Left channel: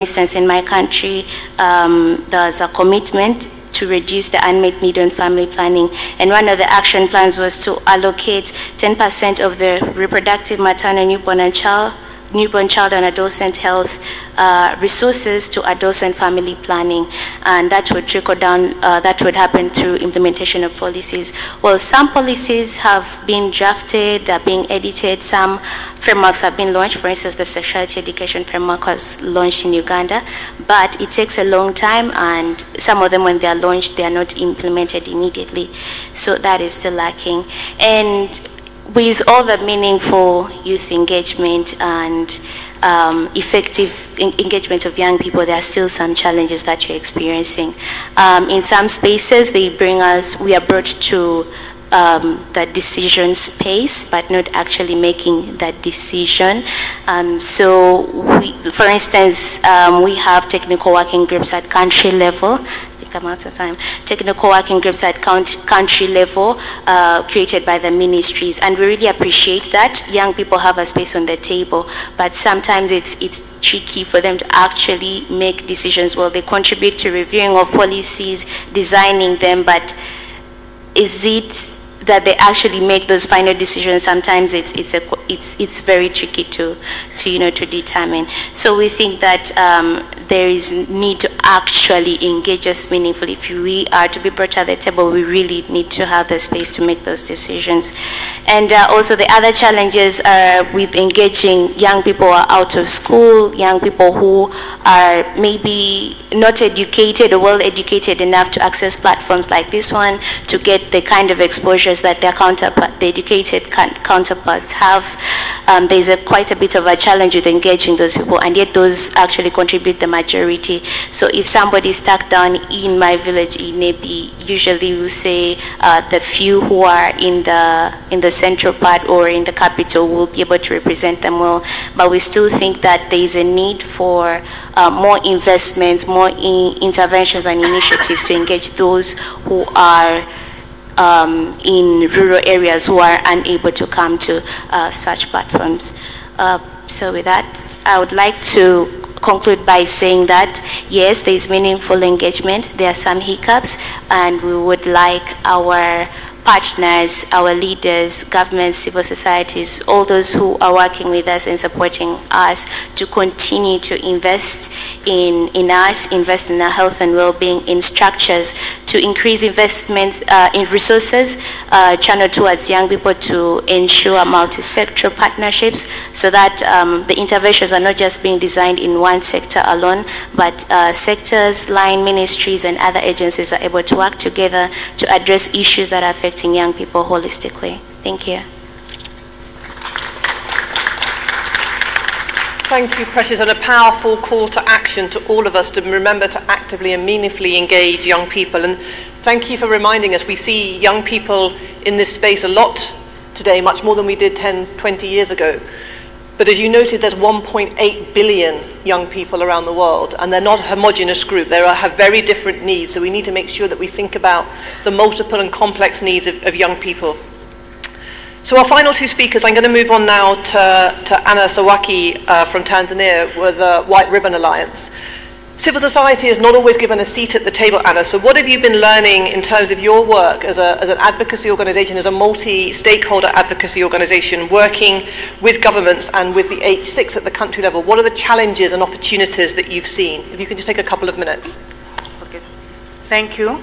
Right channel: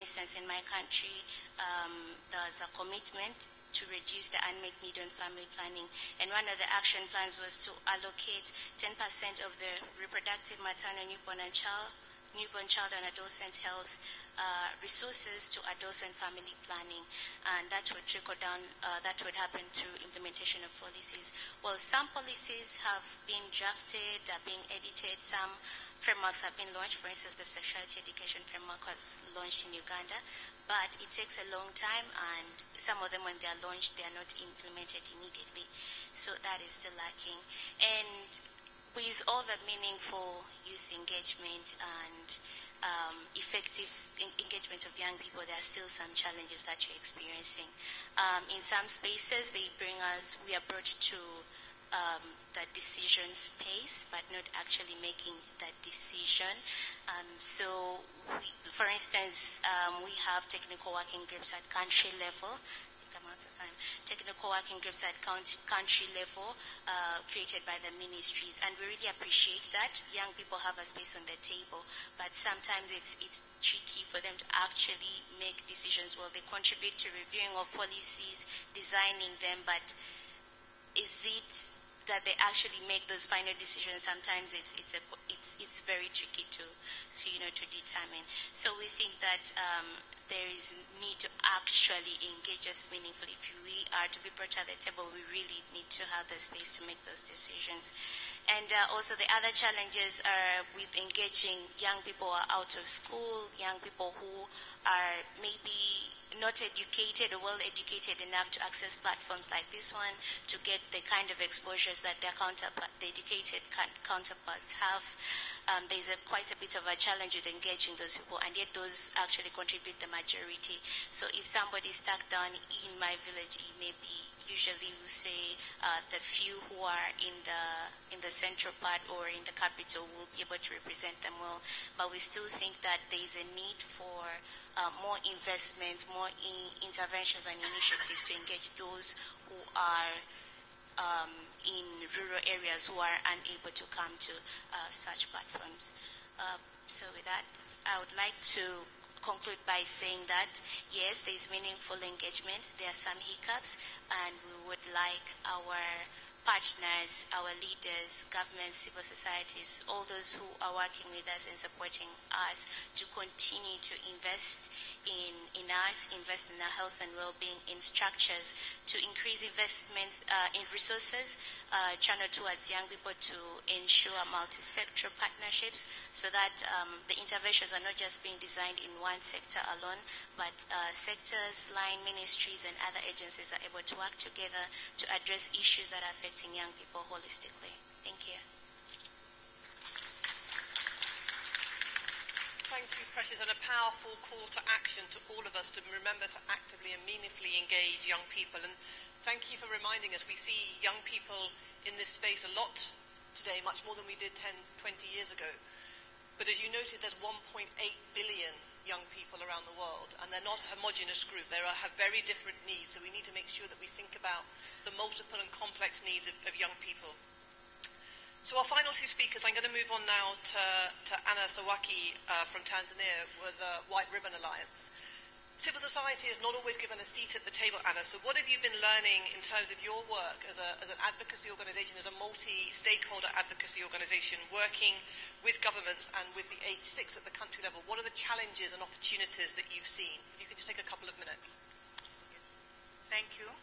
instance, in my country, there's a commitment to reduce the unmet need on family planning. And one of the action plans was to allocate 10% of the reproductive, maternal, newborn child and adolescent health resources to adolescent family planning, and that would trickle down, that would happen through implementation of policies. Well, some policies have been drafted, they're being edited, some frameworks have been launched. For instance, the sexuality education framework was launched in Uganda, but it takes a long time, and some of them, when they are launched, they are not implemented immediately. So that is still lacking. And with all the meaningful youth engagement and effective engagement of young people, there are still some challenges that you're experiencing. In some spaces, we are brought to the decision space, but not actually making that decision. So, for instance, we have technical working groups at country level. I'm out of time. Technical working groups at country level created by the ministries, and we really appreciate that. Young people have a space on the table, but sometimes it's tricky for them to actually make decisions. Well, they contribute to reviewing of policies, designing them, but is it that they actually make those final decisions? Sometimes it's very tricky to determine. So we think that there is need to actually engage us meaningfully. If we are to be brought to the table, we really need to have the space to make those decisions. And also the other challenges are with engaging young people who are out of school, young people who are maybe not educated or well educated enough to access platforms like this one to get the kind of exposures that their the educated counterparts have. There's quite a bit of a challenge with engaging those people, and yet those actually contribute the majority. So if somebody is stuck down in my village in Nebi, usually we say the few who are in the central part or in the capital will be able to represent them well. But we still think that there is a need for more investments, more interventions and initiatives to engage those who are in rural areas who are unable to come to such platforms. So with that, I would like to conclude by saying that, yes, there is meaningful engagement, there are some hiccups, and we would like our partners, our leaders, governments, civil societies, all those who are working with us and supporting us to continue to invest in us, invest in our health and well-being, in structures, to increase investment in resources channeled towards young people to ensure multi-sectoral partnerships so that the interventions are not just being designed in one sector alone, but sectors, line ministries and other agencies are able to work together to address issues that are affecting young people holistically. Thank you. Thank you, Precious, and a powerful call to action to all of us to remember to actively and meaningfully engage young people. And thank you for reminding us. We see young people in this space a lot today, much more than we did 10, 20 years ago. But as you noted, there's 1.8 billion young people around the world, and they're not a homogeneous group. They have very different needs, so we need to make sure that we think about the multiple and complex needs of young people. So our final two speakers, I'm going to move on now to Anna Sawaki from Tanzania with the White Ribbon Alliance. Civil society is not always given a seat at the table, Anna, so what have you been learning in terms of your work as an advocacy organization, as a multi-stakeholder advocacy organization, working with governments and with the H6 at the country level? What are the challenges and opportunities that you've seen? If you can just take a couple of minutes. Okay, thank you.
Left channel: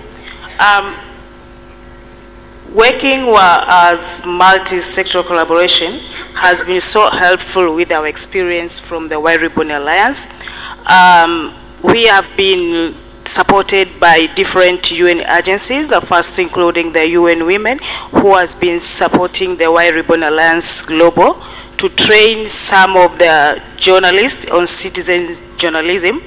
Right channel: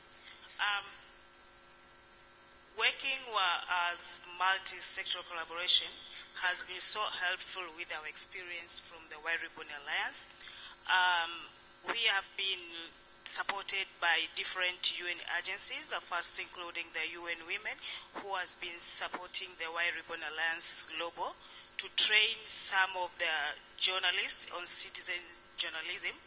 Working as multi-sectoral collaboration has been so helpful with our experience from the White Ribbon Alliance. We have been supported by different UN agencies, the first including the UN Women, who has been supporting the White Ribbon Alliance Global to train some of the journalists on citizen journalism.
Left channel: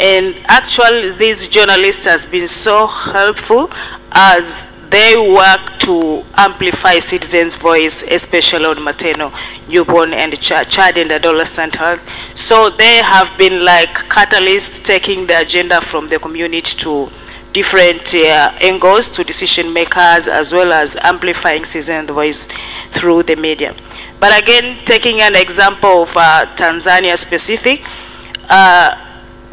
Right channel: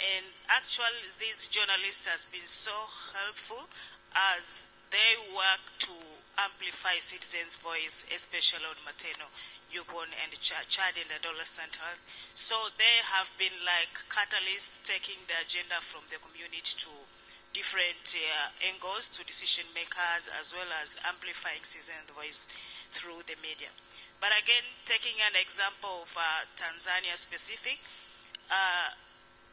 And actually, these journalists has been so helpful as they work to amplify citizens' voice, especially on maternal, newborn, and child and adolescent health. So they have been like catalysts, taking the agenda from the community to different angles, to decision makers, as well as amplifying citizens' voice through the media. But again, taking an example of Tanzania specific,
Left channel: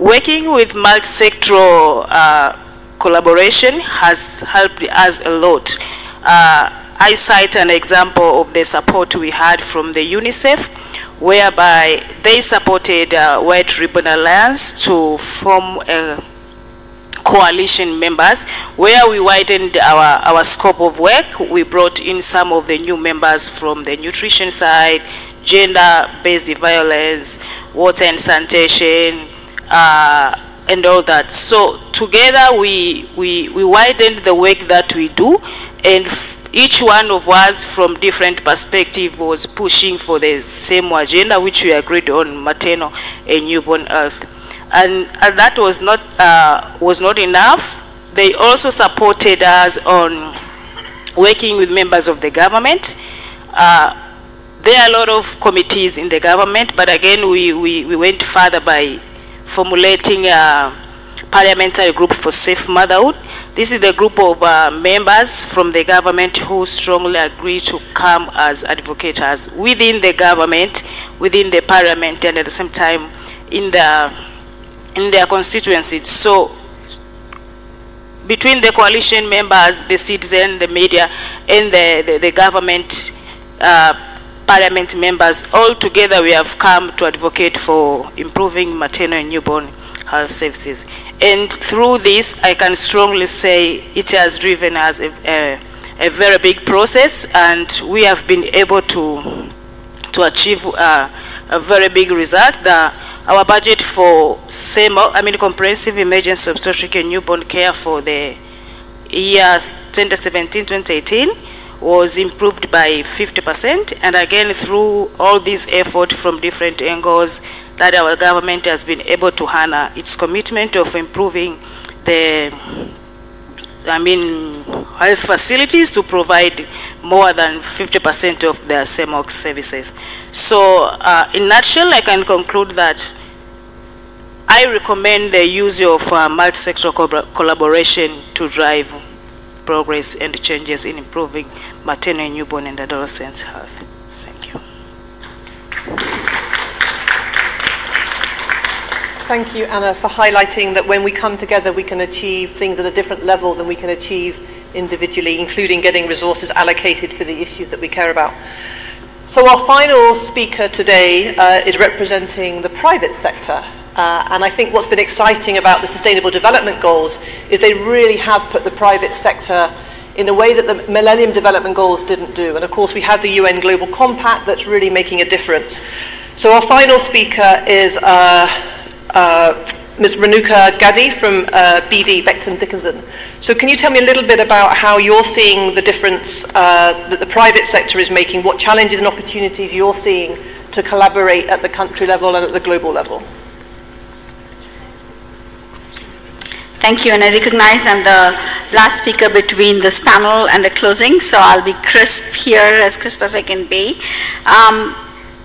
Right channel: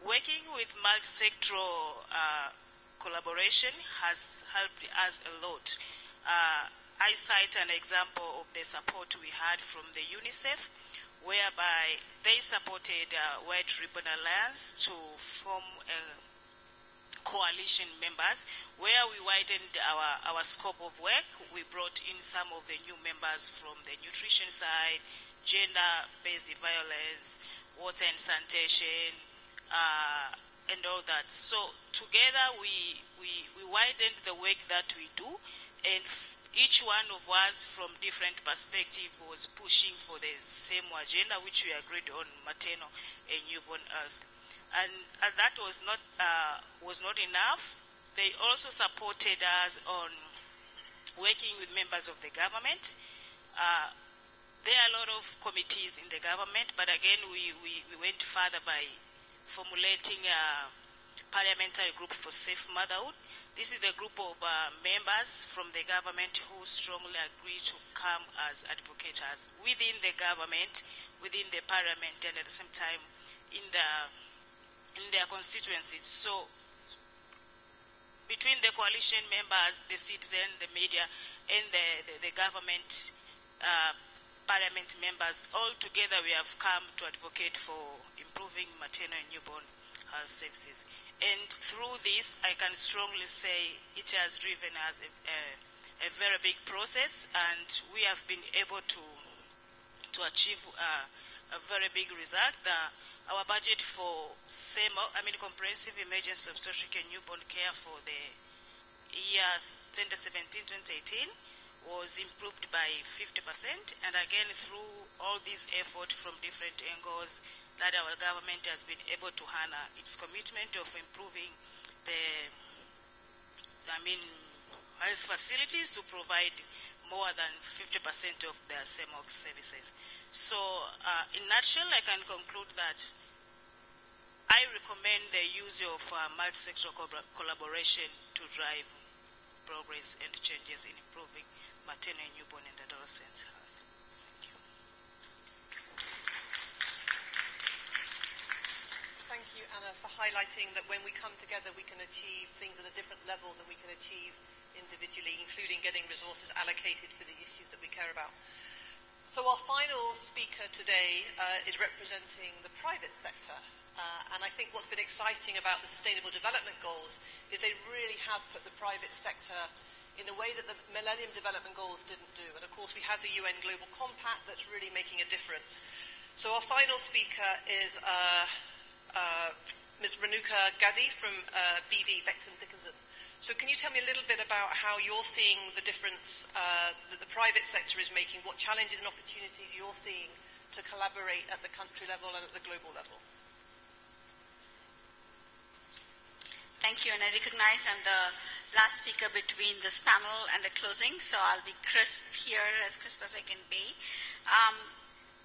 Working with multi-sectoral collaboration has helped us a lot. I cite an example of the support we had from the UNICEF, whereby they supported White Ribbon Alliance to form a coalition members, where we widened our scope of work. We brought in some of the new members from the nutrition side, gender-based violence, water and sanitation, and all that. So together we widened the work that we do, and each one of us from different perspectives was pushing for the same agenda, which we agreed on, maternal and newborn health. And that was not enough. They also supported us on working with members of the government. There are a lot of committees in the government, but again, we went further by formulating a parliamentary group for safe motherhood. This is the group of members from the government who strongly agree to come as advocates within the government, within the parliament, and at the same time in their constituencies. So between the coalition members, the citizen, the media, and the government parliament members, all together we have come to advocate for improving maternal and newborn health services. And through this, I can strongly say it has driven us a very big process, and we have been able to achieve a very big result. Our budget for comprehensive emergency obstetric and newborn care for the year 2017-2018 was improved by 50%, and again through all this effort from different angles that our government has been able to honor its commitment of improving the health facilities to provide more than 50% of their CMOX services. So in a nutshell, I can conclude that I recommend the use of multi-sectoral collaboration to drive progress and changes in improving maternal, newborn, and adolescent health. Thank you. Thank you, Anna, for highlighting that when we come together, we can achieve things at a different level than we can achieve individually, including getting resources allocated for the issues that we care about. So our final speaker today is representing the private sector. And I think what's been exciting about the Sustainable Development Goals is they really have put the private sector in a way that the Millennium Development Goals didn't do. And of course, we have the UN Global Compact that's really making a difference. So our final speaker is Ms. Renuka Gaddy from BD, Becton Dickinson. So can you tell me a little bit about how you're seeing the difference that the private sector is making, what challenges and opportunities you're seeing to collaborate at the country level and at the global level? Thank you, and I recognize I'm the last speaker between this panel and the closing, so I'll be crisp here, as crisp as I can be.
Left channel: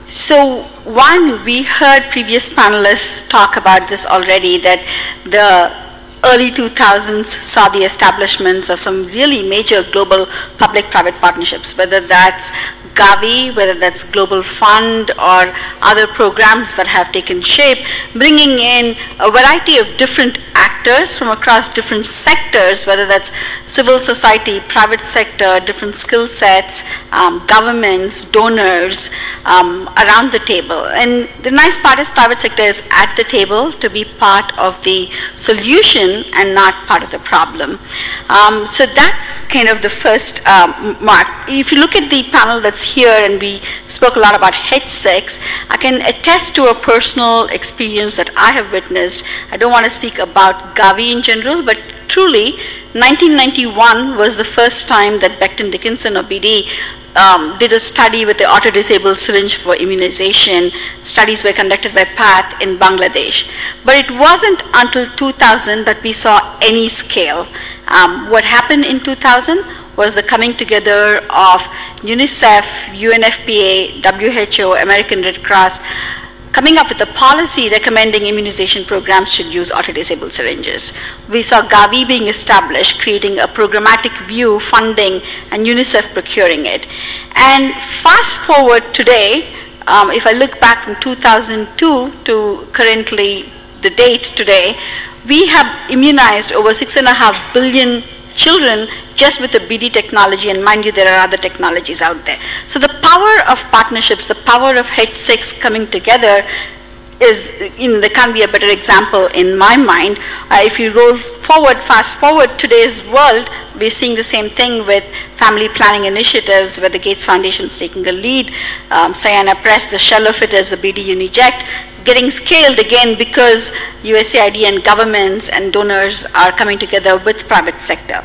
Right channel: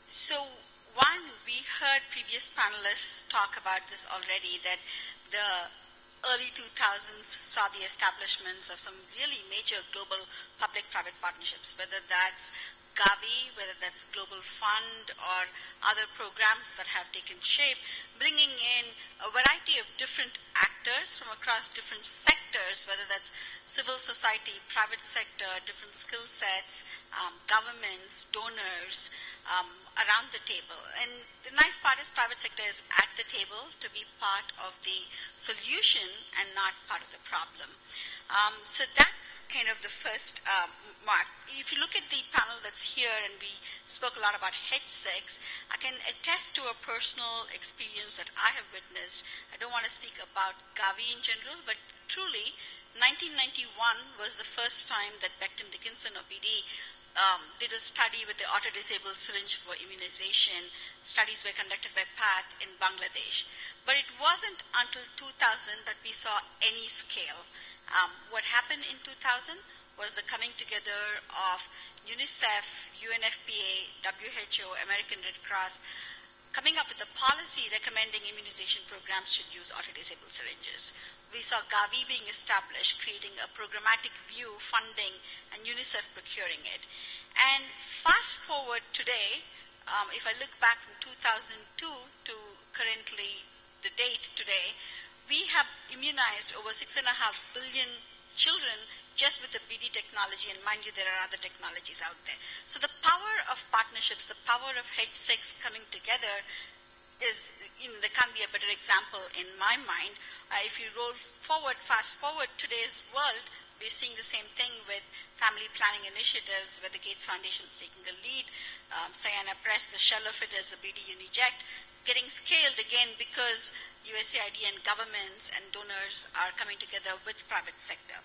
So one, we heard previous panelists talk about this already, that the early 2000s saw the establishments of some really major global public-private partnerships, whether that's Gavi, whether that's Global Fund or other programs that have taken shape, bringing in a variety of different actors from across different sectors, whether that's civil society, private sector, different skill sets, governments, donors, around the table. And the nice part is private sector is at the table to be part of the solution and not part of the problem. So that's kind of the first mark. If you look at the panel that's here, and we spoke a lot about H6, I can attest to a personal experience that I have witnessed. I don't want to speak about Gavi in general, but truly 1991 was the first time that Becton Dickinson or BD did a study with the auto-disabled syringe for immunization. Studies were conducted by PATH in Bangladesh. But it wasn't until 2000 that we saw any scale. What happened in 2000 was the coming together of UNICEF, UNFPA, WHO, American Red Cross, coming up with a policy recommending immunization programs should use auto-disabled syringes. We saw Gavi being established, creating a programmatic view, funding, and UNICEF procuring it. And fast forward today, if I look back from 2002 to currently the date today, we have immunized over 6.5 billion children just with the BD technology, and mind you, there are other technologies out there. So the power of partnerships, the power of H6 coming together is, there can't be a better example in my mind. If you roll forward, fast forward today's world, we're seeing the same thing with family planning initiatives where the Gates Foundation is taking the lead. Sayana Press, the shell of it is the BD Uniject, getting scaled again because USAID and governments and donors are coming together with private sector.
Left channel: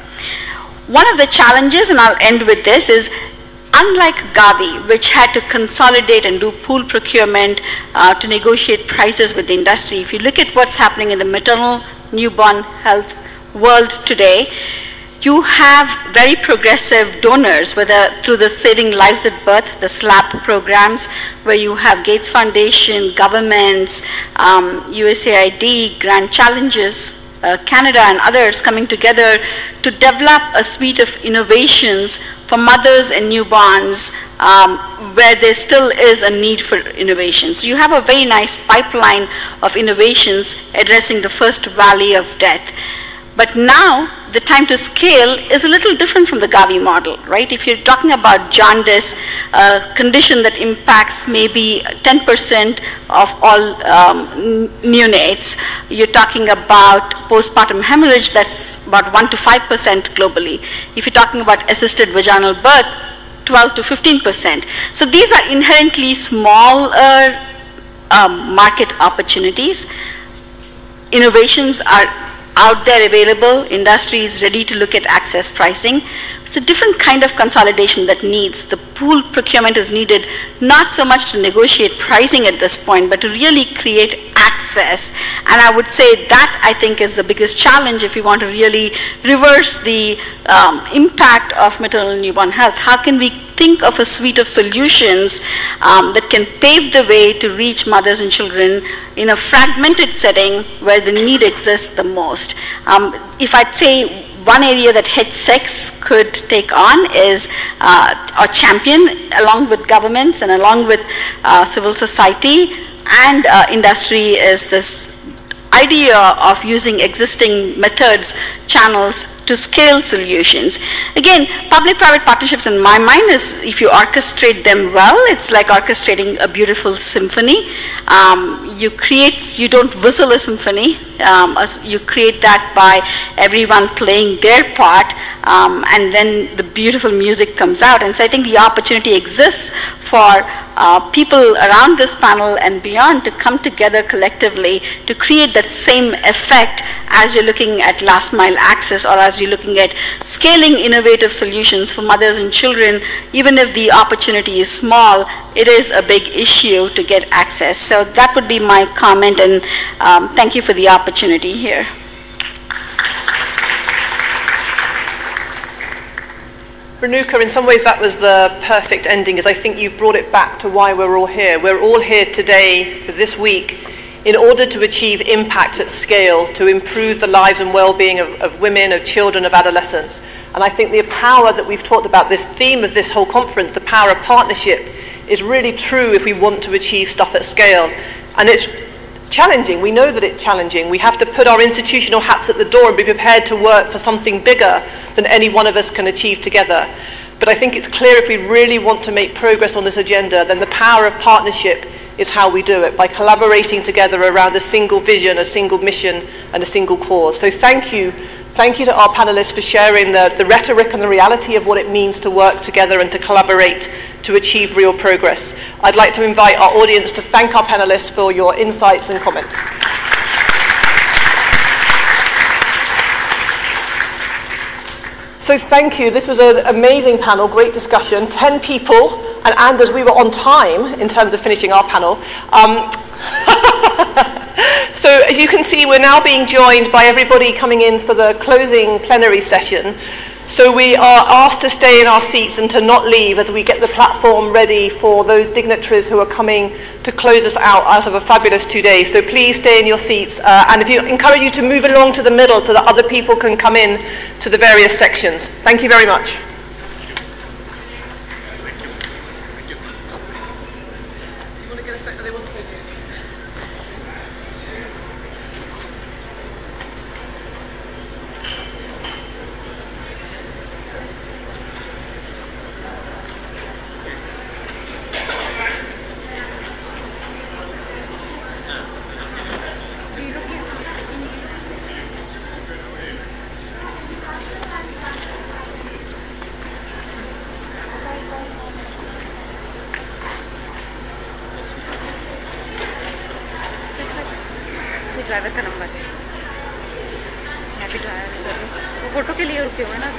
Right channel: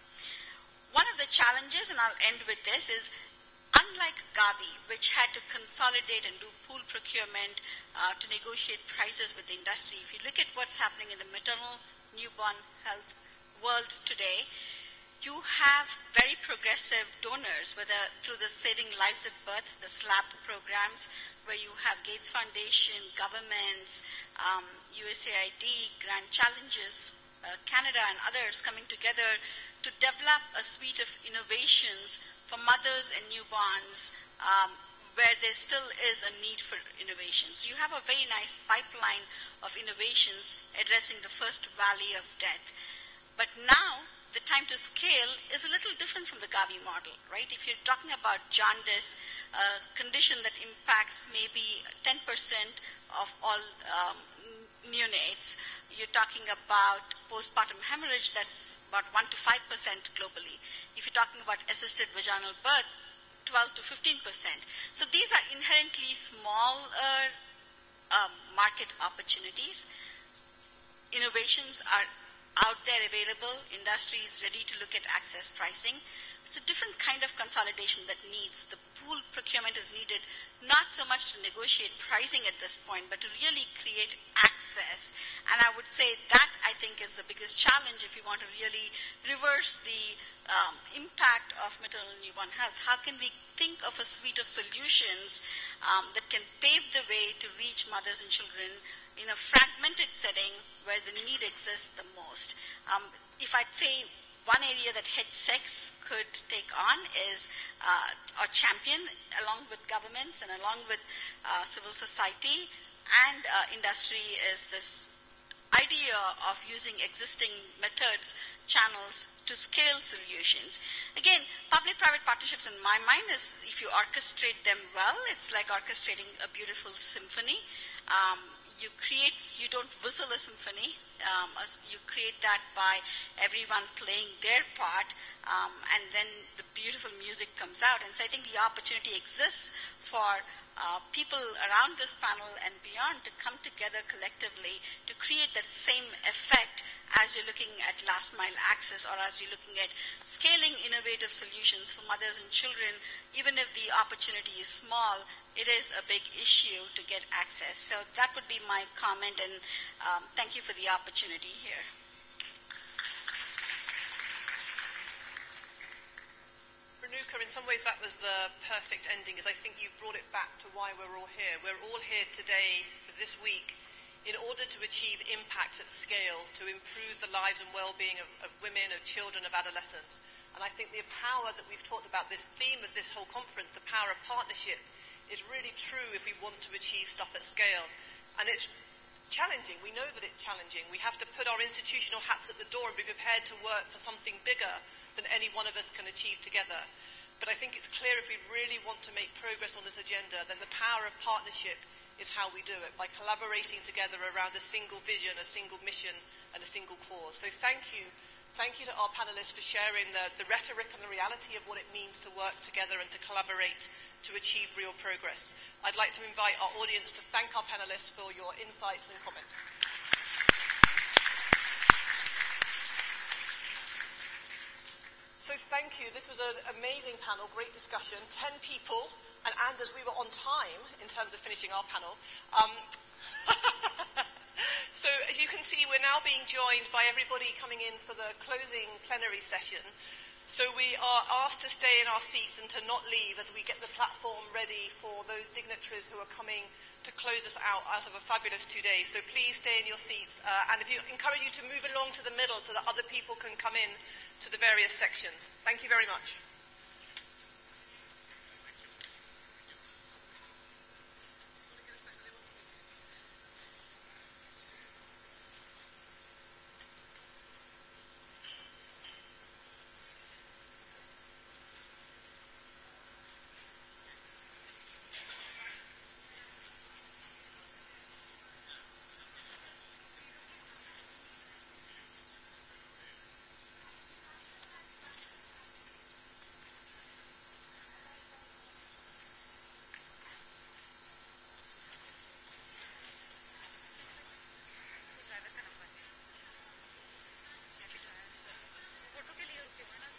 One of the challenges, and I'll end with this, is unlike Gavi, which had to consolidate and do pool procurement to negotiate prices with the industry, if you look at what's happening in the maternal newborn health world today, you have very progressive donors, whether through the Saving Lives at Birth, the SLAP programs, where you have Gates Foundation, governments, USAID, Grand Challenges, Canada and others coming together to develop a suite of innovations for mothers and newborns where there still is a need for innovation. So you have a very nice pipeline of innovations addressing the first valley of death. But now the time to scale is a little different from the Gavi model, right? If you're talking about jaundice, a condition that impacts maybe 10% of all neonates, you're talking about postpartum hemorrhage, that's about 1 to 5% globally. If you're talking about assisted vaginal birth, 12 to 15%. So these are inherently smaller market opportunities. Innovations are out there available, industry is ready to look at access pricing. It's a different kind of consolidation that needs. The pool procurement is needed not so much to negotiate pricing at this point, but to really create access. And I would say that, I think, is the biggest challenge if we want to really reverse the impact of maternal newborn health. How can we think of a suite of solutions that can pave the way to reach mothers and children in a fragmented setting where the need exists the most? If I'd say one area that H6 could take on is, or champion, along with governments and along with civil society and industry, is this idea of using existing methods, channels to scale solutions. Again, public-private partnerships in my mind is, if you orchestrate them well, it's like orchestrating a beautiful symphony. You don't whistle a symphony, you create that by everyone playing their part, and then the beautiful music comes out. And so I think the opportunity exists for people around this panel and beyond to come together collectively to create that same effect as you're looking at last mile access, or as you're looking at scaling innovative solutions for mothers and children. Even if the opportunity is small, it is a big issue to get access. So that would be my comment, and thank you for the opportunity here. Renuka, in some ways that was the perfect ending, as I think you've brought it back to why we're all here. We're all here today for this week in order to achieve impact at scale, to improve the lives and well-being of women, of children, of adolescents. And I think the power that we've talked about, this theme of this whole conference, the power of partnership, is really true if we want to achieve stuff at scale. And it's challenging. We know that it's challenging. We have to put our institutional hats at the door and be prepared to work for something bigger than any one of us can achieve together. But I think it's clear if we really want to make progress on this agenda, then the power of partnership is how we do it, by collaborating together around a single vision, a single mission, and a single cause. So thank you. Thank you to our panelists for sharing the rhetoric and the reality of what it means to work together and to collaborate to achieve real progress. I'd like to invite our audience to thank our panelists for your insights and comments. So thank you. This was an amazing panel, great discussion, 10 people, and Anders, we were on time in terms of finishing our panel. So as you can see, we're now being joined by everybody coming in for the closing plenary session. So we are asked to stay in our seats and to not leave as we get the platform ready for those dignitaries who are coming to close us out of a fabulous 2 days. So please stay in your seats, and if you encourage you to move along to the middle so that other people can come in to the various sections. Thank you very much. Happy to have you. वो photo के लिए रुके हुए ना।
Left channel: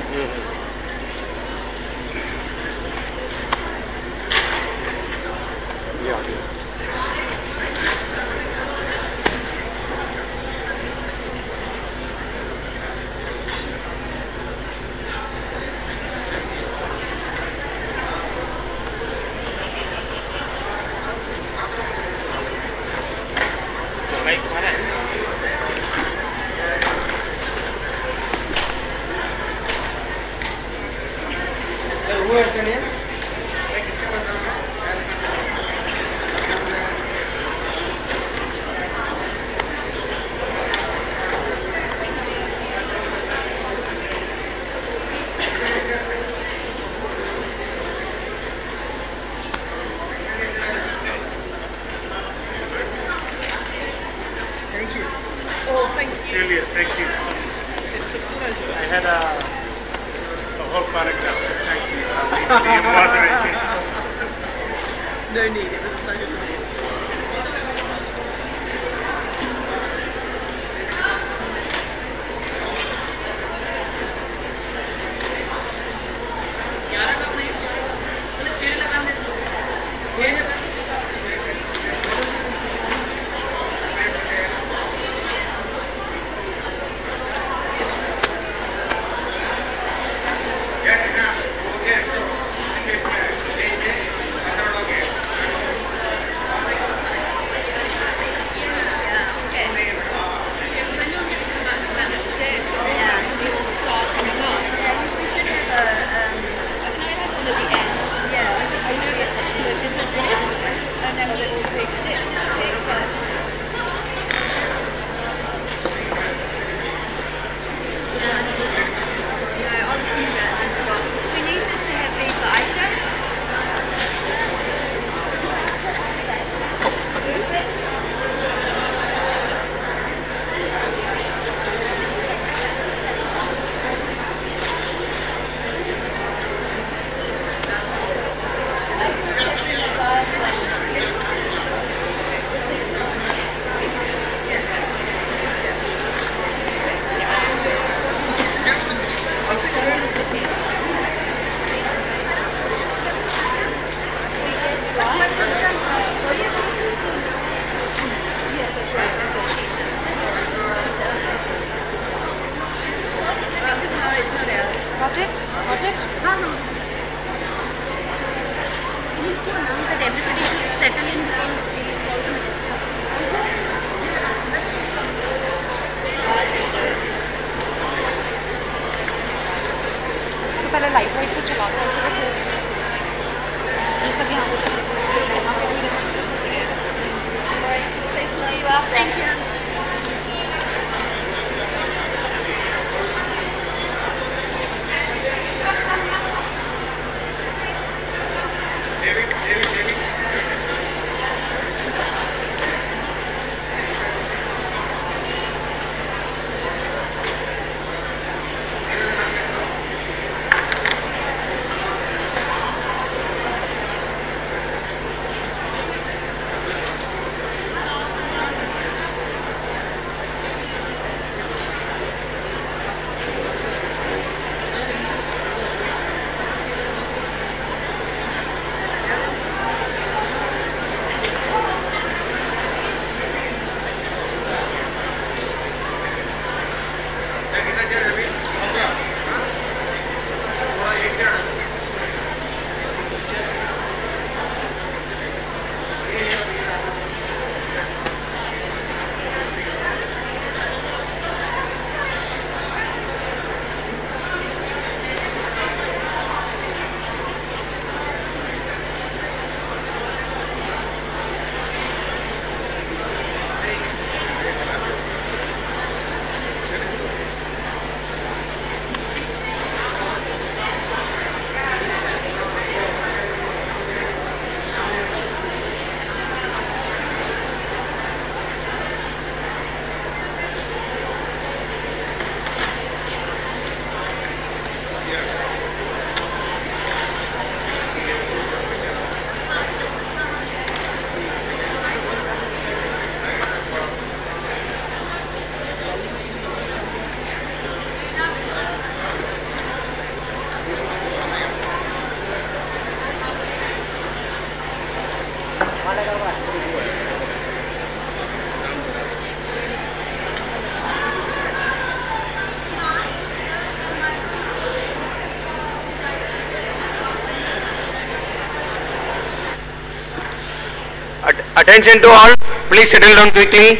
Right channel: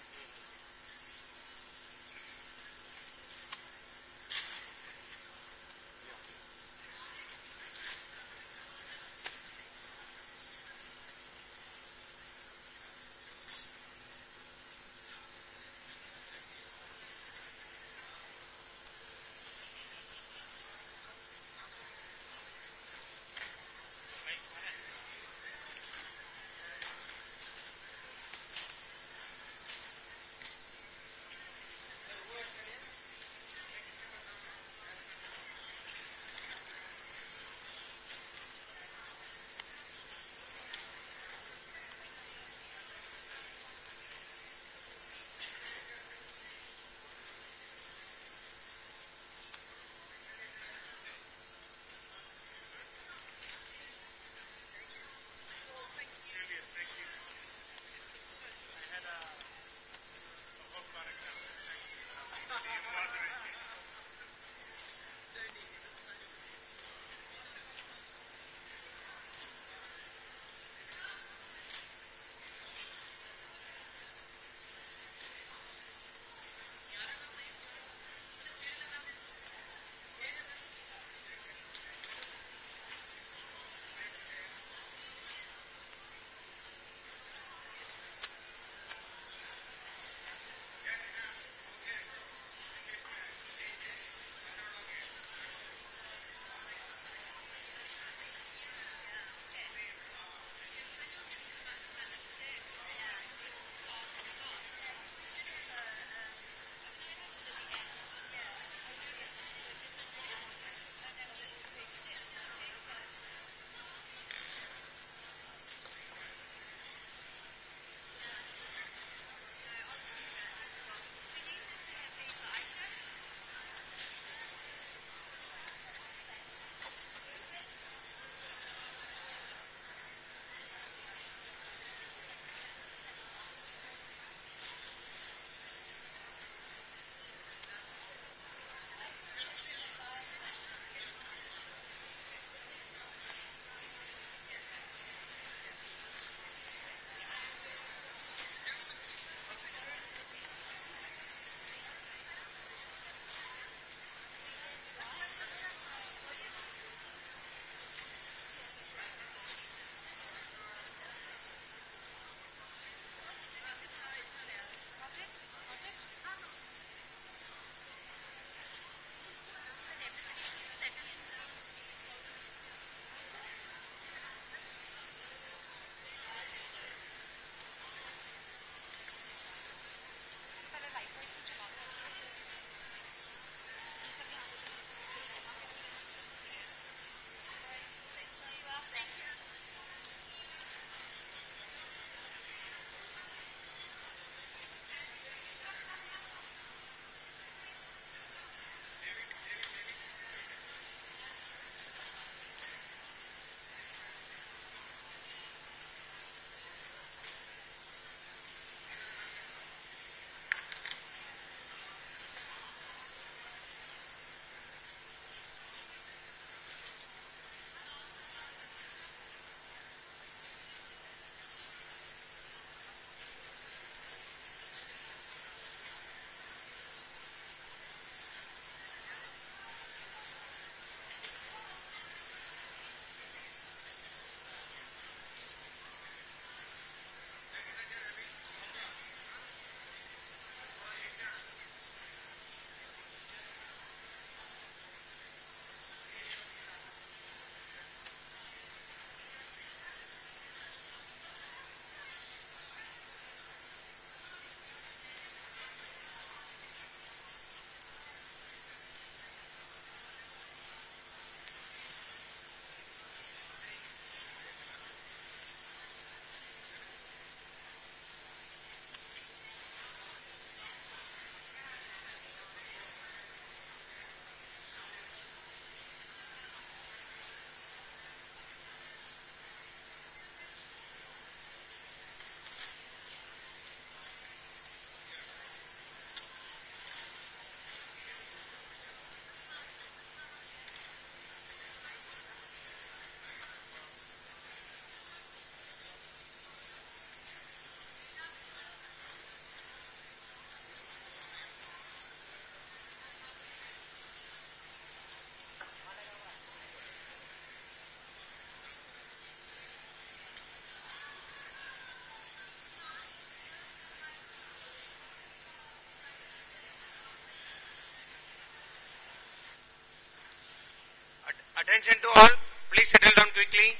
Attention to all, please settle down quickly.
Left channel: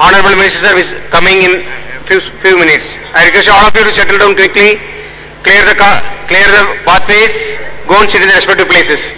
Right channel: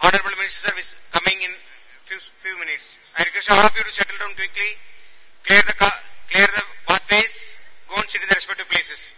Honorable Minister is coming in few minutes. I request all of you to settle down quickly, clear the pathways, go and sit in the respective places.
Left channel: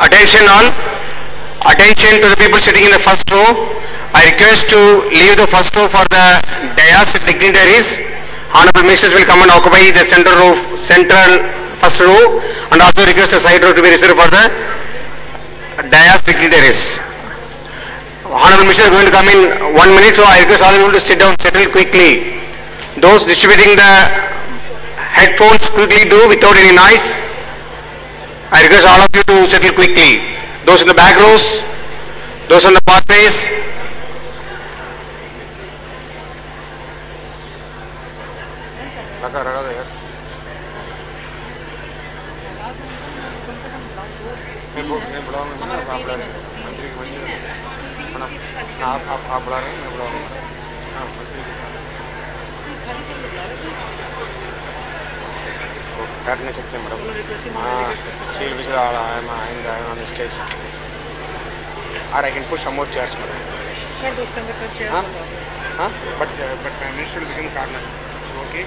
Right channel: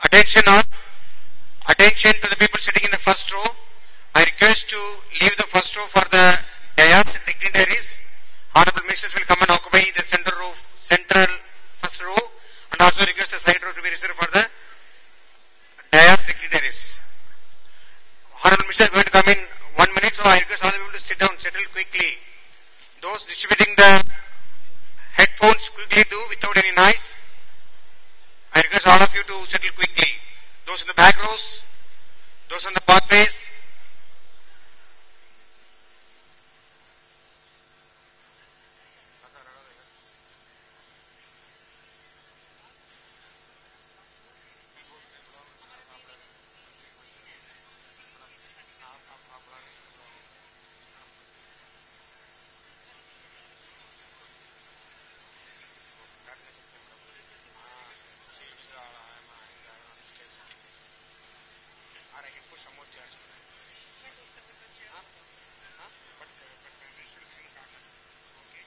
Attention all, attention to the people sitting in the first row. I request to leave the first row for the dais dignitaries. Honorable ministers will come and occupy the central first row, and also request the side row to be reserved for the dais dignitaries. Honorable minister is going to come in 1 minute, so I request all of you to sit down, settle quickly. Those distributing the headphones, quickly do without any noise. I request all of you to settle quickly. Those in the back rows, those on the pathways. आप बुला रहे हैं मैं बुला रहा हूँ कर नहीं सकते मैडम हाँ शील भी चला रहा है मैं आएंगे ऑन स्टेज और I can push some more chairs madam कर दो उसके अंदर कुछ चेयर्स हाँ but prime minister will become corner okay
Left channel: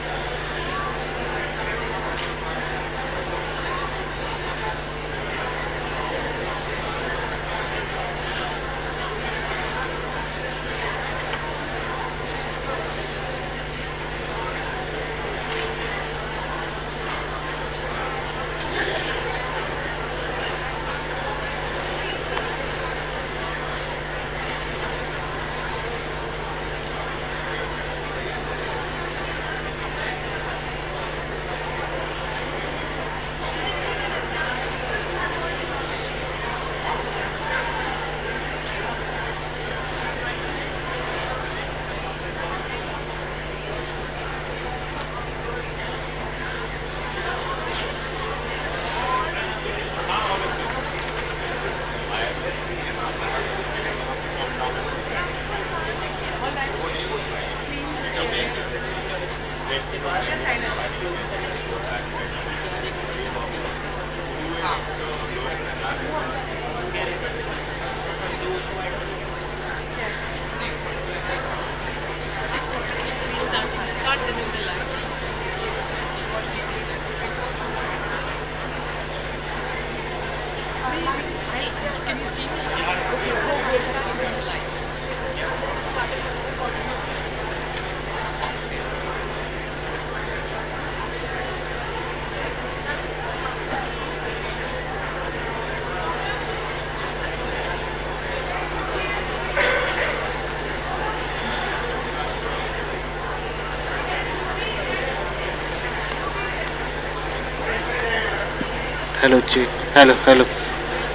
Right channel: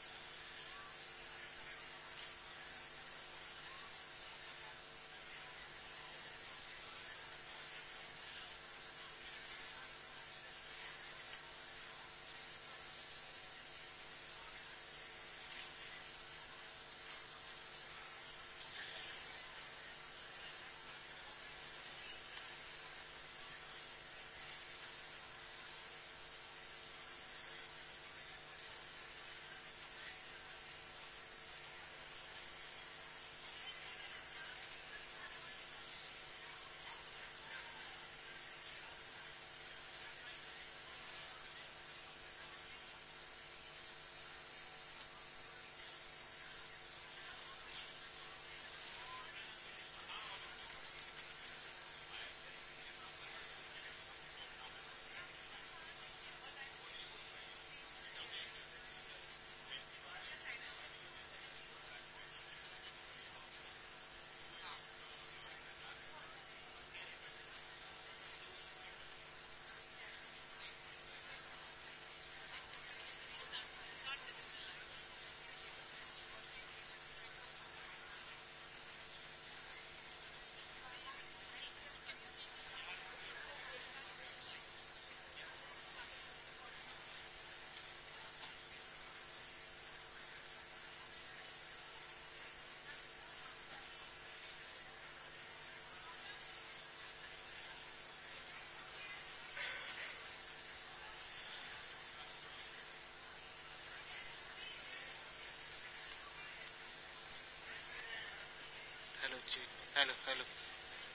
Hello, check. Hello, hello.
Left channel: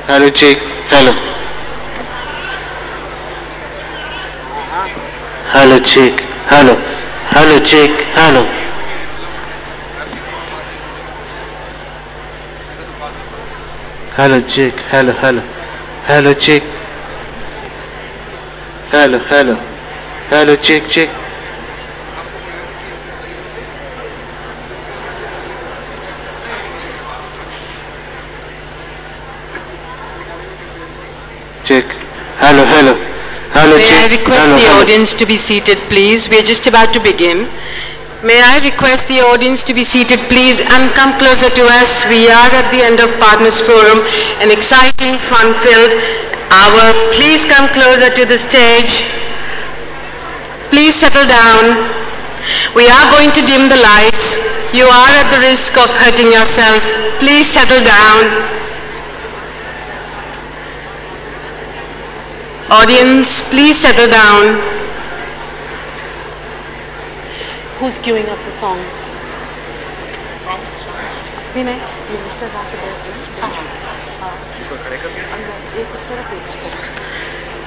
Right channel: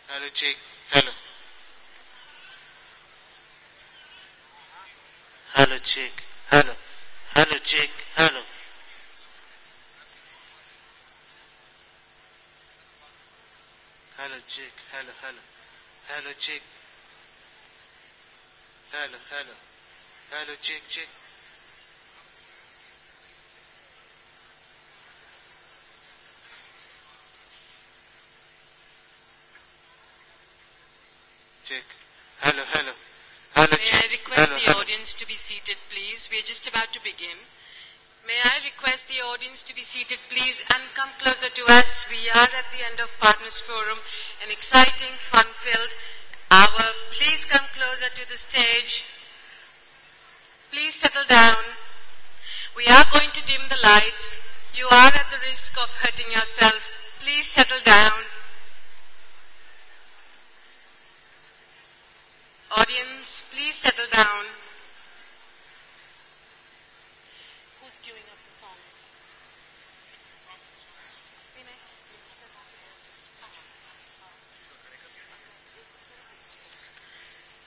Hello, check. Hello. Hello, check. Hello. Hello, check. Hello. Hello, check. Hello, hello. Hello, check. Hello, hello. Hello, check, check. Check. Hello, hello. Hello, May check. I request Hello, the hello. audience to be seated, please? We are just about to begin. May I request the audience to be seated, please, and come closer to us. We are at the end of Partners Forum, an exciting, fun-filled hour. Please come closer to the stage. Please settle down. We are going to dim the lights. You are at the risk of hurting yourself. Please settle down. Audience, please settle down. Who's queuing up the song? Vinay, ministers after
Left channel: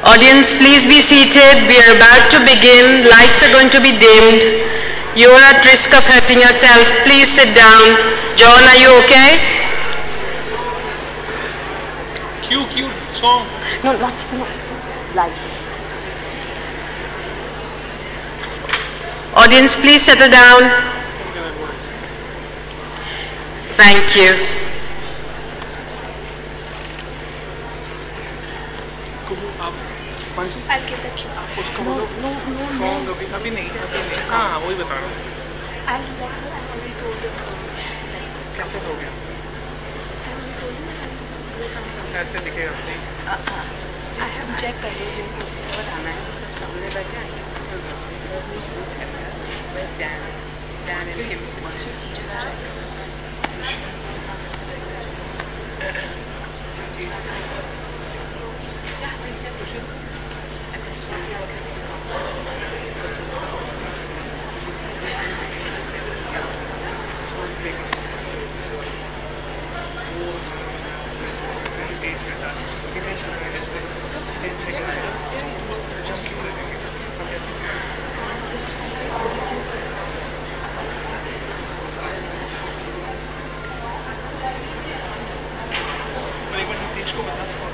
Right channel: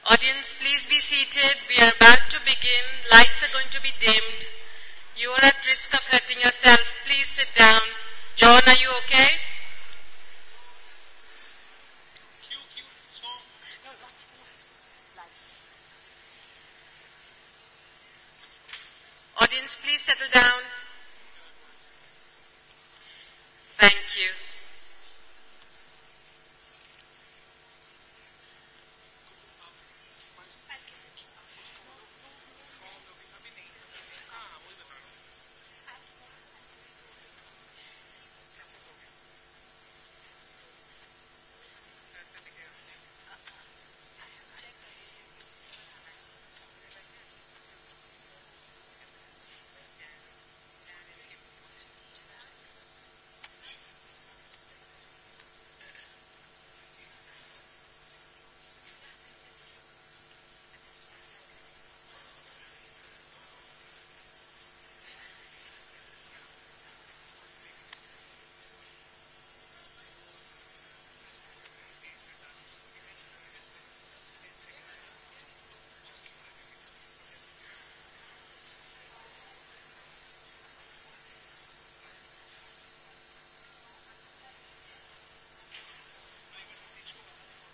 Audience, please be seated. We are about to begin. Lights are going to be dimmed. You are at risk of hurting yourself. Please sit down. John, are you okay? Cue song. No, not lights. Audience, please settle down. Thank you. I'll give the cue. No. अभी नहीं हाँ वही बता रहा हूँ I'll that's what I already told you. कैसे हो गया ऐसे दिखेगा नहीं I have checked कर लिया वो बताना है सब सामने बैठे हैं Where's Dan? Dan and Kim just check. एक बार नीतीश को बता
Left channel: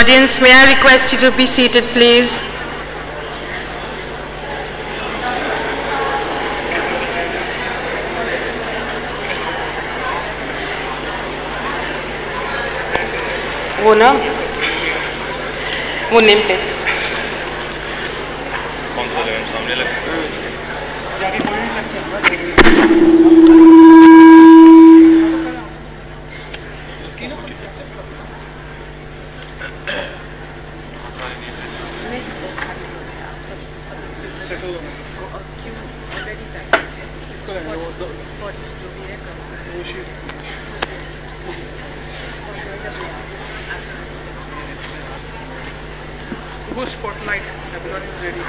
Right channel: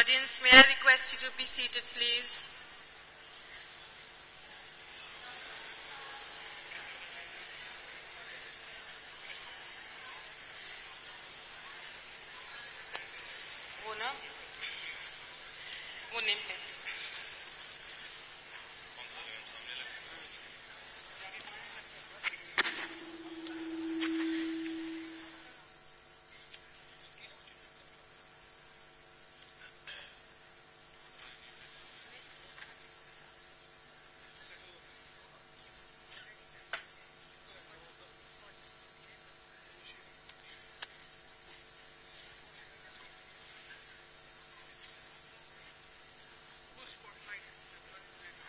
Audience, may I request you to be seated, please? वो नेम प्लेट्स कौन सा लेवल सामने लगे Spotlight, everyone is ready.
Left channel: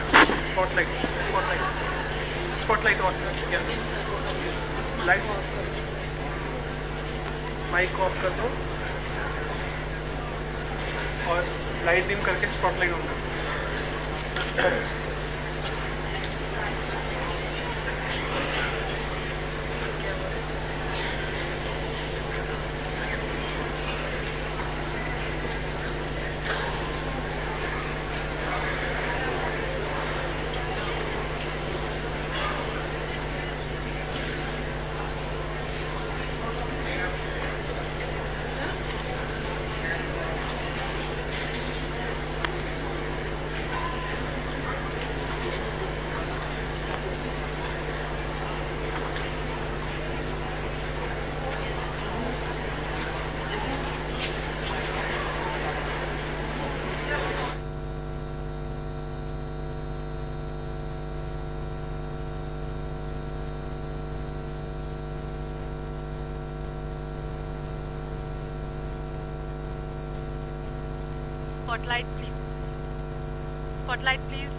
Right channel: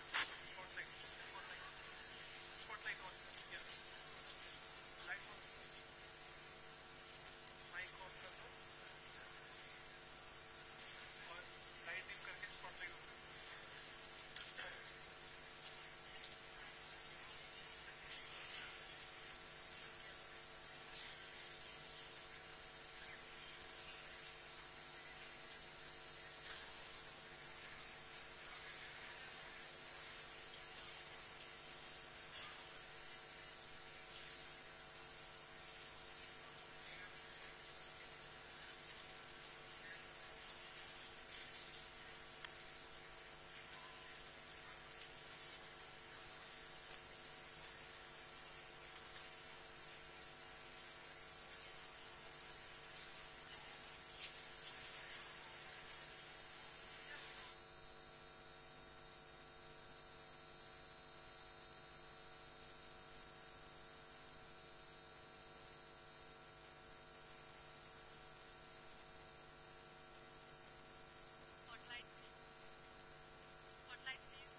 Spotlight on. Yeah. Lights. Mic off कर दो और लाइट डिम करके स्पॉटलाइट ऑन कर दो. Spotlight, please. Spotlight, please.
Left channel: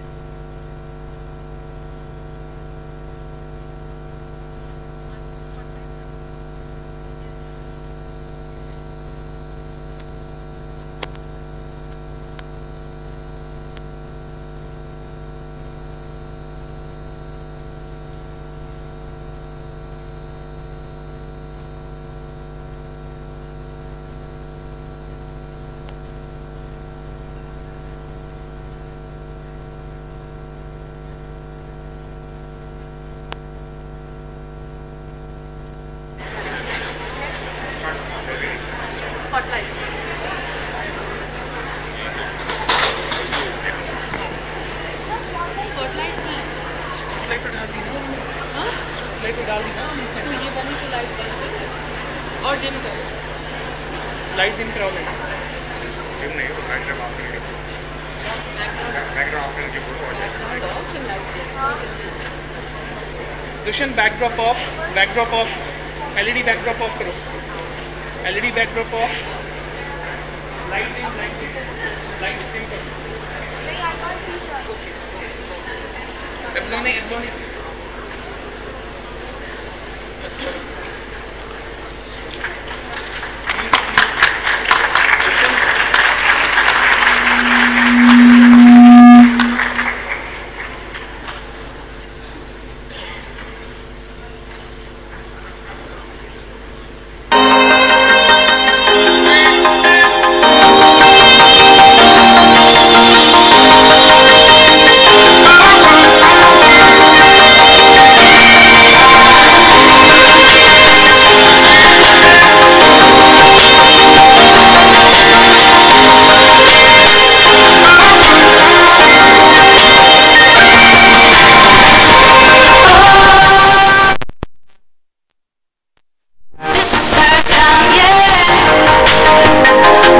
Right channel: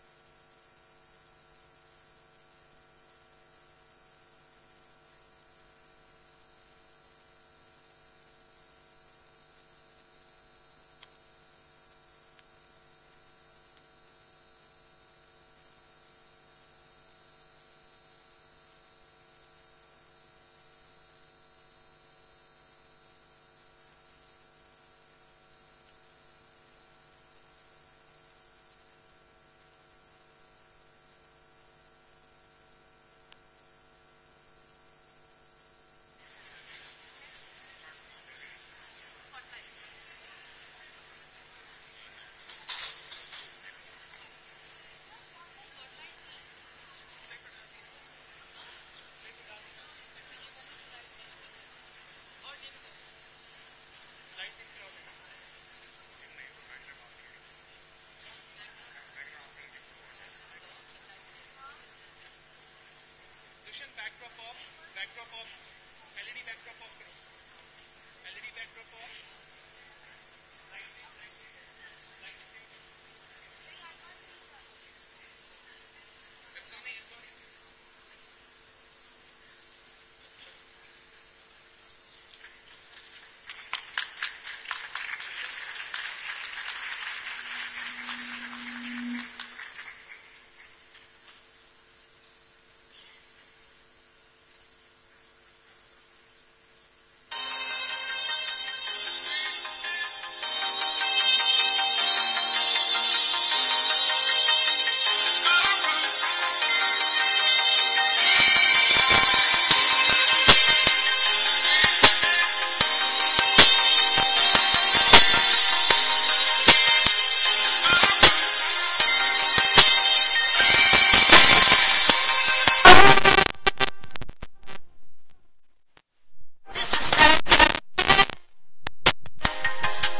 Light dim कराओ नहीं डिम नहीं तो बैकग्राउंड ऑफ करके बैकग्राउंड ऑफ करके फोटो आ जाएगा. Dushyant backdrop off LED backdrop off करो. LED backdrop off. Light dim करो. नहीं I can't see shot. Okay नहीं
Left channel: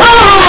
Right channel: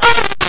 Oh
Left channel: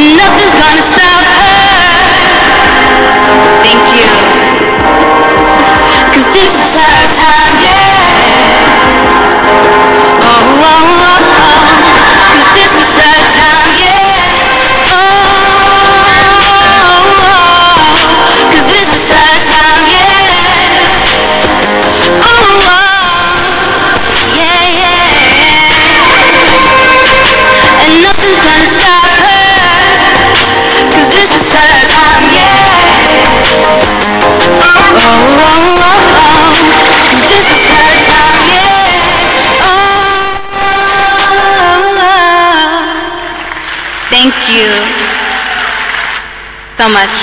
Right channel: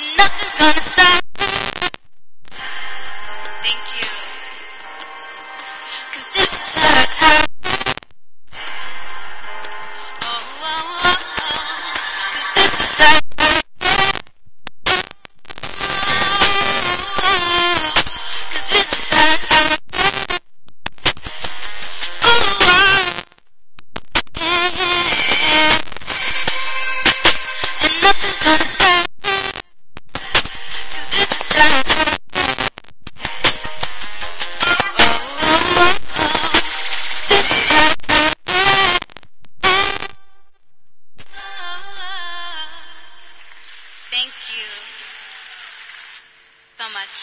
and nothing's gonna stop her. Thank you. 'Cause this is her time, yeah. Oh, oh, oh, oh. 'Cause this is her time, yeah. Oh, oh, oh. 'Cause this is her time, yeah. Oh, oh. Yeah, yeah. And nothing's gonna stop her. 'Cause this is her time, yeah. Oh, oh, oh, oh. 'Cause this is her time, yeah. Oh, oh, oh. Thank you so much.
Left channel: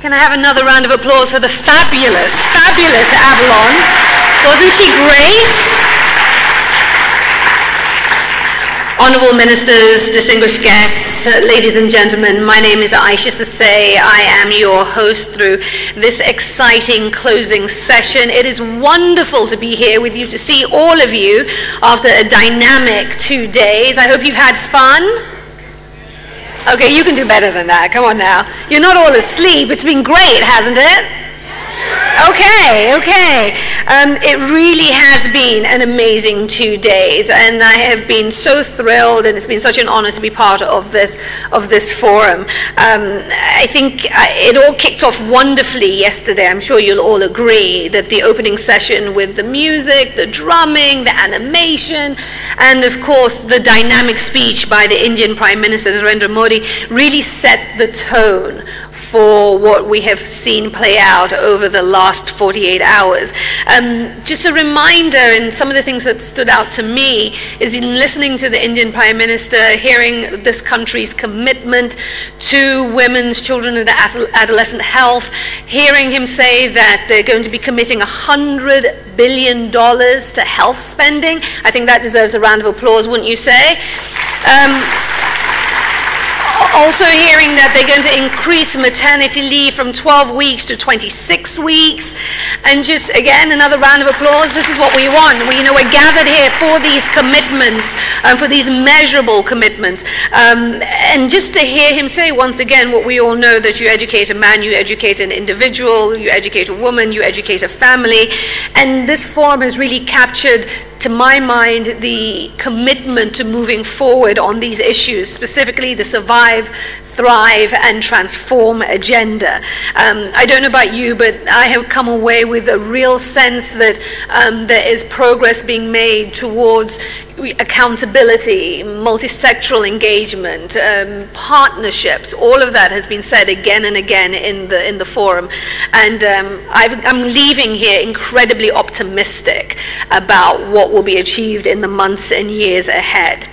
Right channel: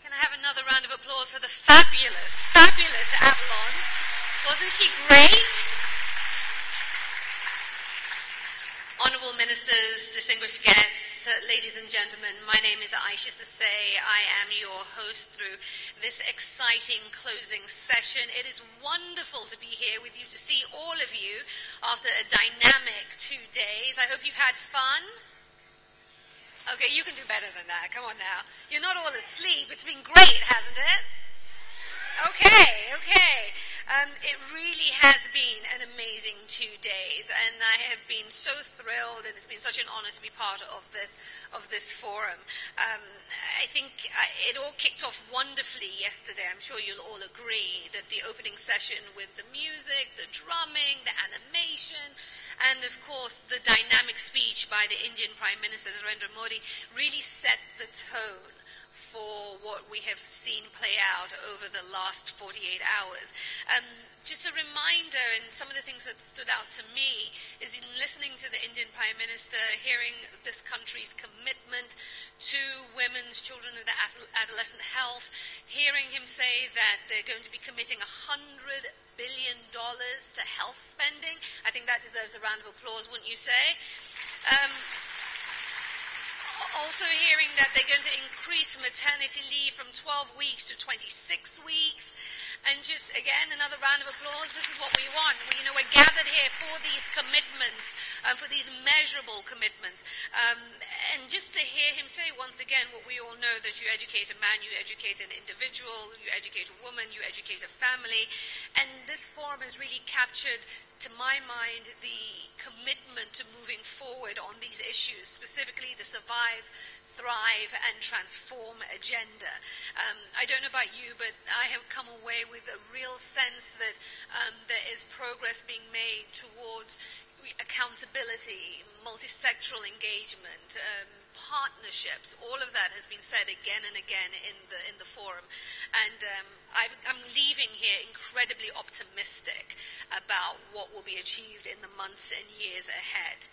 Can I have another round of applause for the fabulous, fabulous Avalon? Wasn't she great? Honourable Ministers, distinguished guests, ladies and gentlemen, my name is Aisha Sasay. I am your host through this exciting closing session. It is wonderful to be here with you, to see all of you after a dynamic 2 days. I hope you've had fun. Okay, you can do better than that. Come on now. You're not all asleep. It's been great, hasn't it? Okay, okay. It really has been an amazing 2 days, and I have been so thrilled, and it's been such an honor to be part of this forum. I think it all kicked off wonderfully yesterday. I'm sure you'll all agree that the opening session with the music, the drumming, the animation, and of course the dynamic speech by the Indian Prime Minister Narendra Modi really set the tone for what we have seen play out over the last 48 hours. Just a reminder, and some of the things that stood out to me is in listening to the Indian Prime Minister, hearing this country's commitment to women's, children, and adolescent health, hearing him say that they're going to be committing $100 billion to health spending. I think that deserves a round of applause, wouldn't you say? Also hearing that they're going to increase maternity leave from 12 weeks to 26 weeks. And just, again, another round of applause. This is what we want. We're gathered here for these commitments, for these measurable commitments. And just to hear him say once again what we all know, that you educate a man, you educate an individual, you educate a woman, you educate a family. And this forum has really captured, to my mind, the commitment to moving forward on these issues, specifically the survive, thrive, and transform agenda. I don't know about you, but I have come away with a real sense that there is progress being made towards accountability, multisectoral engagement, partnerships. All of that has been said again and again in the forum, and I'm leaving here incredibly optimistic about what will be achieved in the months and years ahead.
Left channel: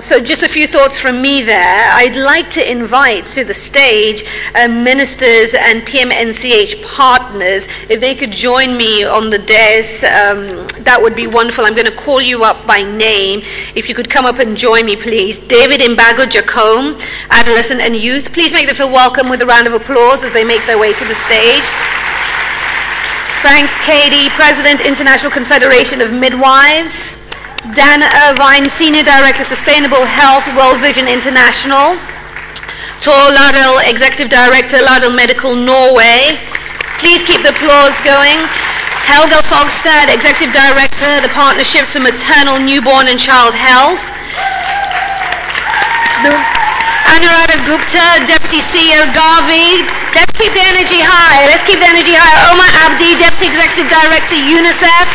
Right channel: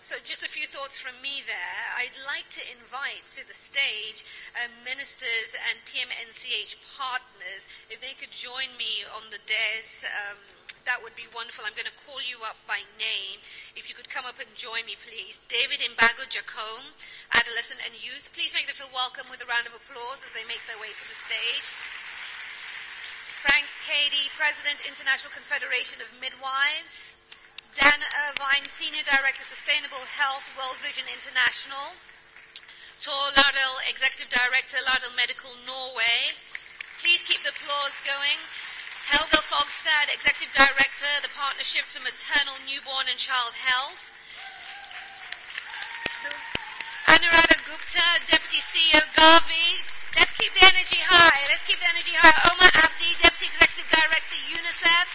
So just a few thoughts from me there. I'd like to invite to the stage ministers and PMNCH partners. If they could join me on the dais, that would be wonderful. I'm going to call you up by name. If you could come up and join me, please. David Imbago Jacome, Adolescent and Youth. Please make them feel welcome with a round of applause as they make their way to the stage. Frank Cady, President, International Confederation of Midwives. Dan Irvine, Senior Director, Sustainable Health, World Vision International. Tor Lardal, Executive Director, Lardal Medical Norway. Please keep the applause going. Helga Fogstad, Executive Director, the Partnerships for Maternal, Newborn and Child Health. Anuradha Gupta, Deputy CEO, Garvey. Let's keep the energy high. Let's keep the energy high. Omar Abdi, Deputy Executive Director, UNICEF.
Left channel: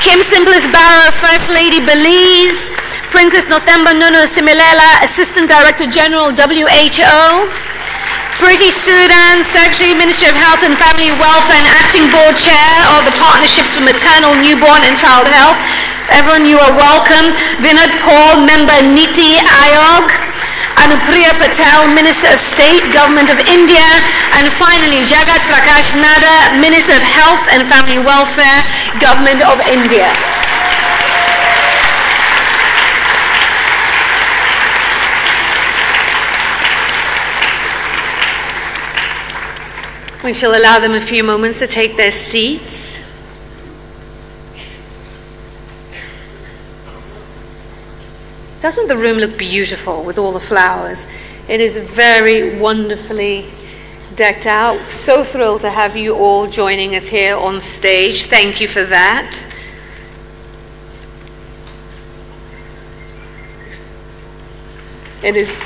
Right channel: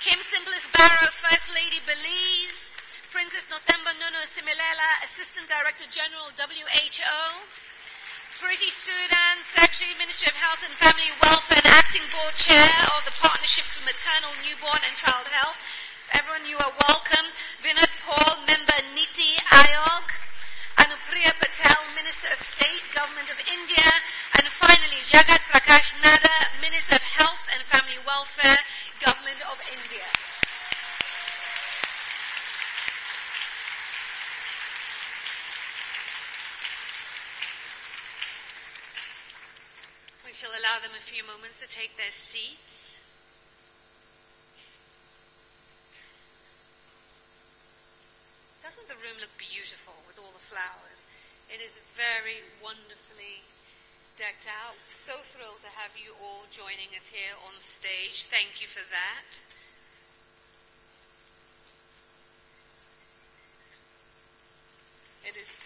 Kim Simplis Barrow, First Lady, Belize. Princess Nothemba Nunu Similela, Assistant Director General, WHO. Priti Sudan, Secretary, Ministry of Health and Family Welfare and Acting Board Chair of the Partnerships for Maternal, Newborn and Child Health. Everyone, you are welcome. Vinod Paul, Member Niti Ayog. Anupriya Patel, Minister of State, Government of India. And finally, Jagat Prakash Nada, Minister of Health and Family Welfare, Government of India. We shall allow them a few moments to take their seats. Doesn't the room look beautiful with all the flowers? It is very wonderfully decked out. So thrilled to have you all joining us here on stage. Thank you for that. It is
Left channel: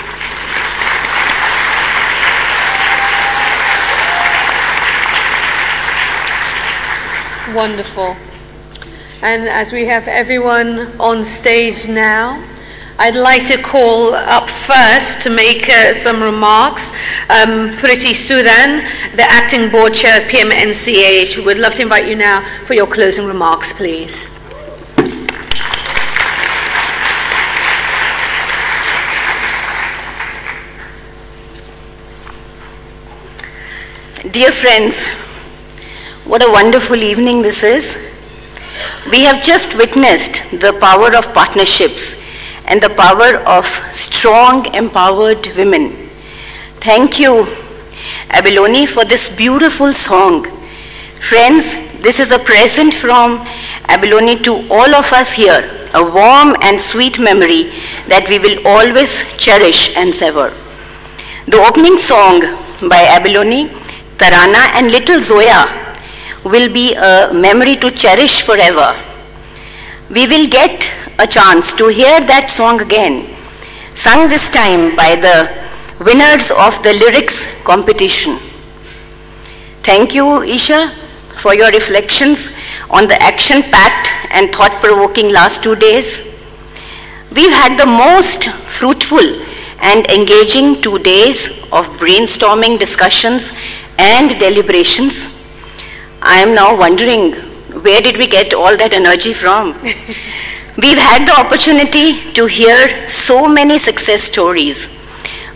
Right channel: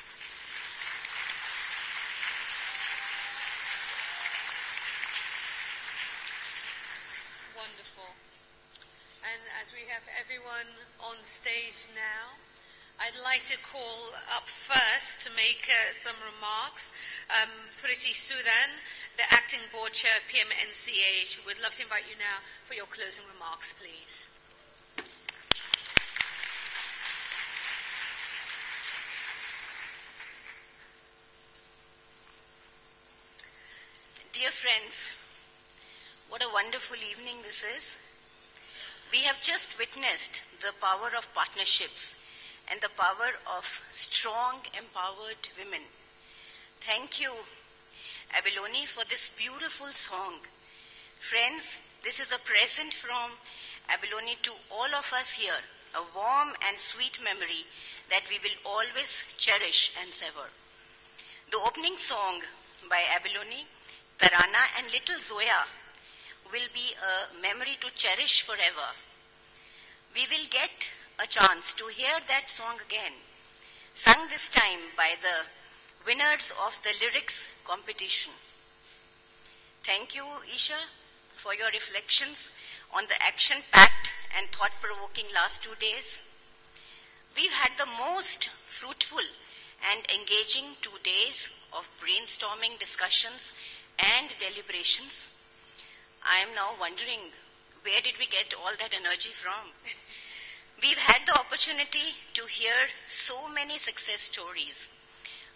wonderful. And as we have everyone on stage now, I'd like to call up first to make some remarks Priti Sudan, the Acting Board Chair of PMNCH. We would love to invite you now for your closing remarks, please. Dear friends, what a wonderful evening this is. We have just witnessed the power of partnerships and the power of strong, empowered women. Thank you, Abalone, for this beautiful song. Friends, this is a present from Abalone to all of us here, a warm and sweet memory that we will always cherish and savor. The opening song by Abalone, Tarana and little Zoya will be a memory to cherish forever. We will get a chance to hear that song again, sung this time by the winners of the lyrics competition. Thank you, Isha, for your reflections on the action-packed and thought-provoking last 2 days. We've had the most fruitful and engaging 2 days of brainstorming discussions and deliberations. I am now wondering, where did we get all that energy from? We've had the opportunity to hear so many success stories,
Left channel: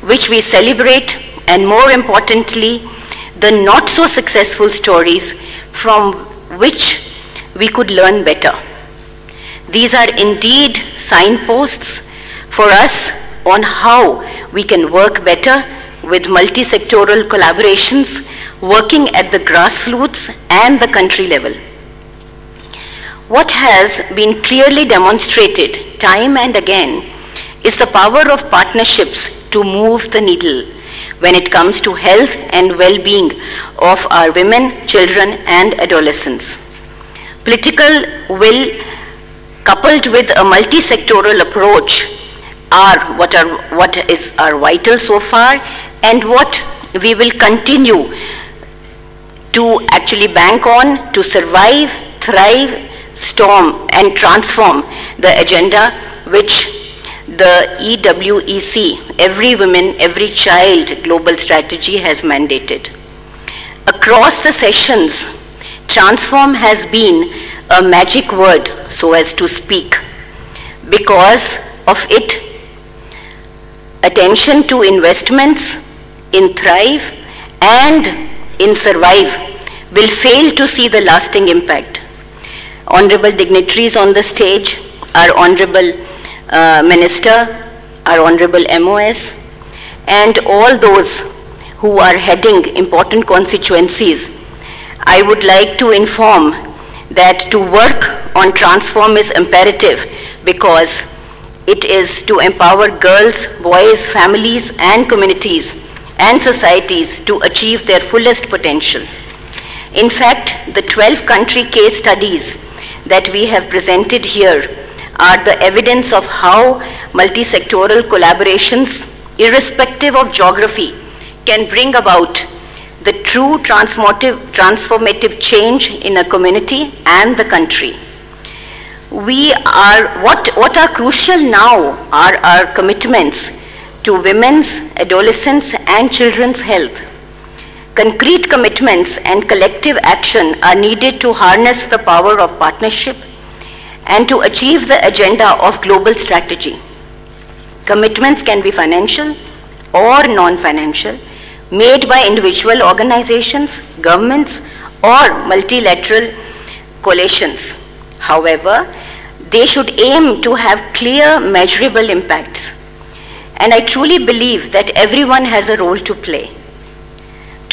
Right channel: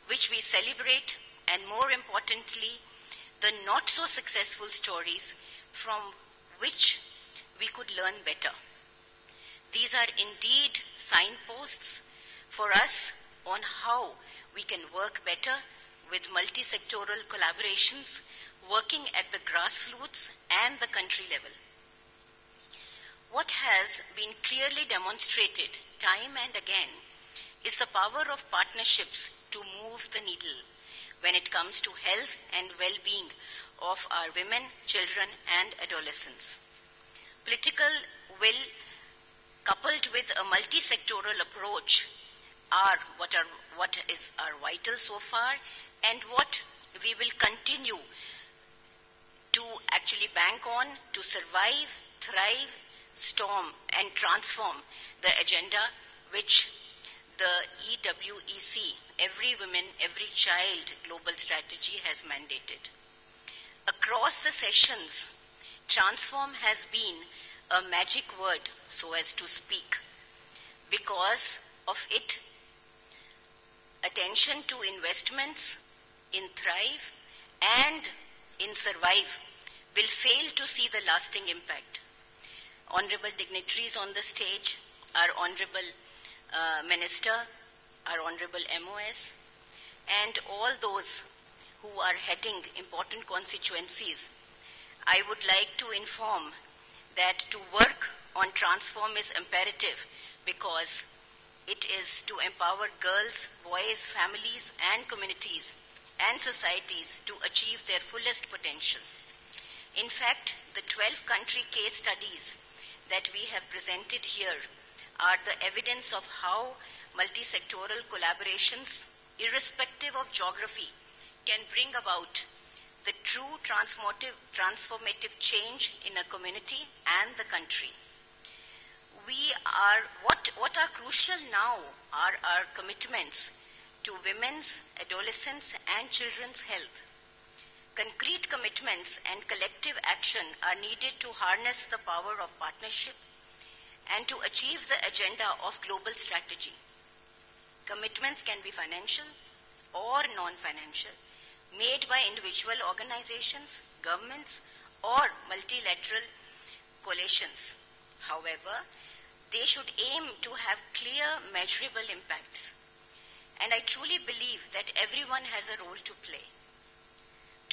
which we celebrate, and more importantly, the not so successful stories from which we could learn better. These are indeed signposts for us on how we can work better with multi-sectoral collaborations, working at the grassroots and the country level. What has been clearly demonstrated time and again is the power of partnerships to move the needle when it comes to health and well-being of our women, children, and adolescents. Political will coupled with a multi-sectoral approach are what is our vital so far, and what we will continue to actually bank on to survive, thrive, storm, and transform the agenda which the EWEC, Every Woman, Every Child global strategy has mandated. Across the sessions, transform has been a magic word, so as to speak. Because of it, attention to investments in thrive and in survive will fail to see the lasting impact. Honorable dignitaries on the stage, our Honorable Minister, our Honorable MOS, and all those who are heading important constituencies, I would like to inform that to work on transform is imperative, because it is to empower girls, boys, families, and communities and societies to achieve their fullest potential. In fact, the 12 country case studies that we have presented here are the evidence of how multi-sectoral collaborations, irrespective of geography, can bring about the true transformative change in a community and the country. What are crucial now are our commitments to women's, adolescents, and children's health. Concrete commitments and collective action are needed to harness the power of partnership and to achieve the agenda of global strategy. Commitments can be financial or non-financial, made by individual organizations, governments, or multilateral coalitions. However, they should aim to have clear, measurable impacts. And I truly believe that everyone has a role to play.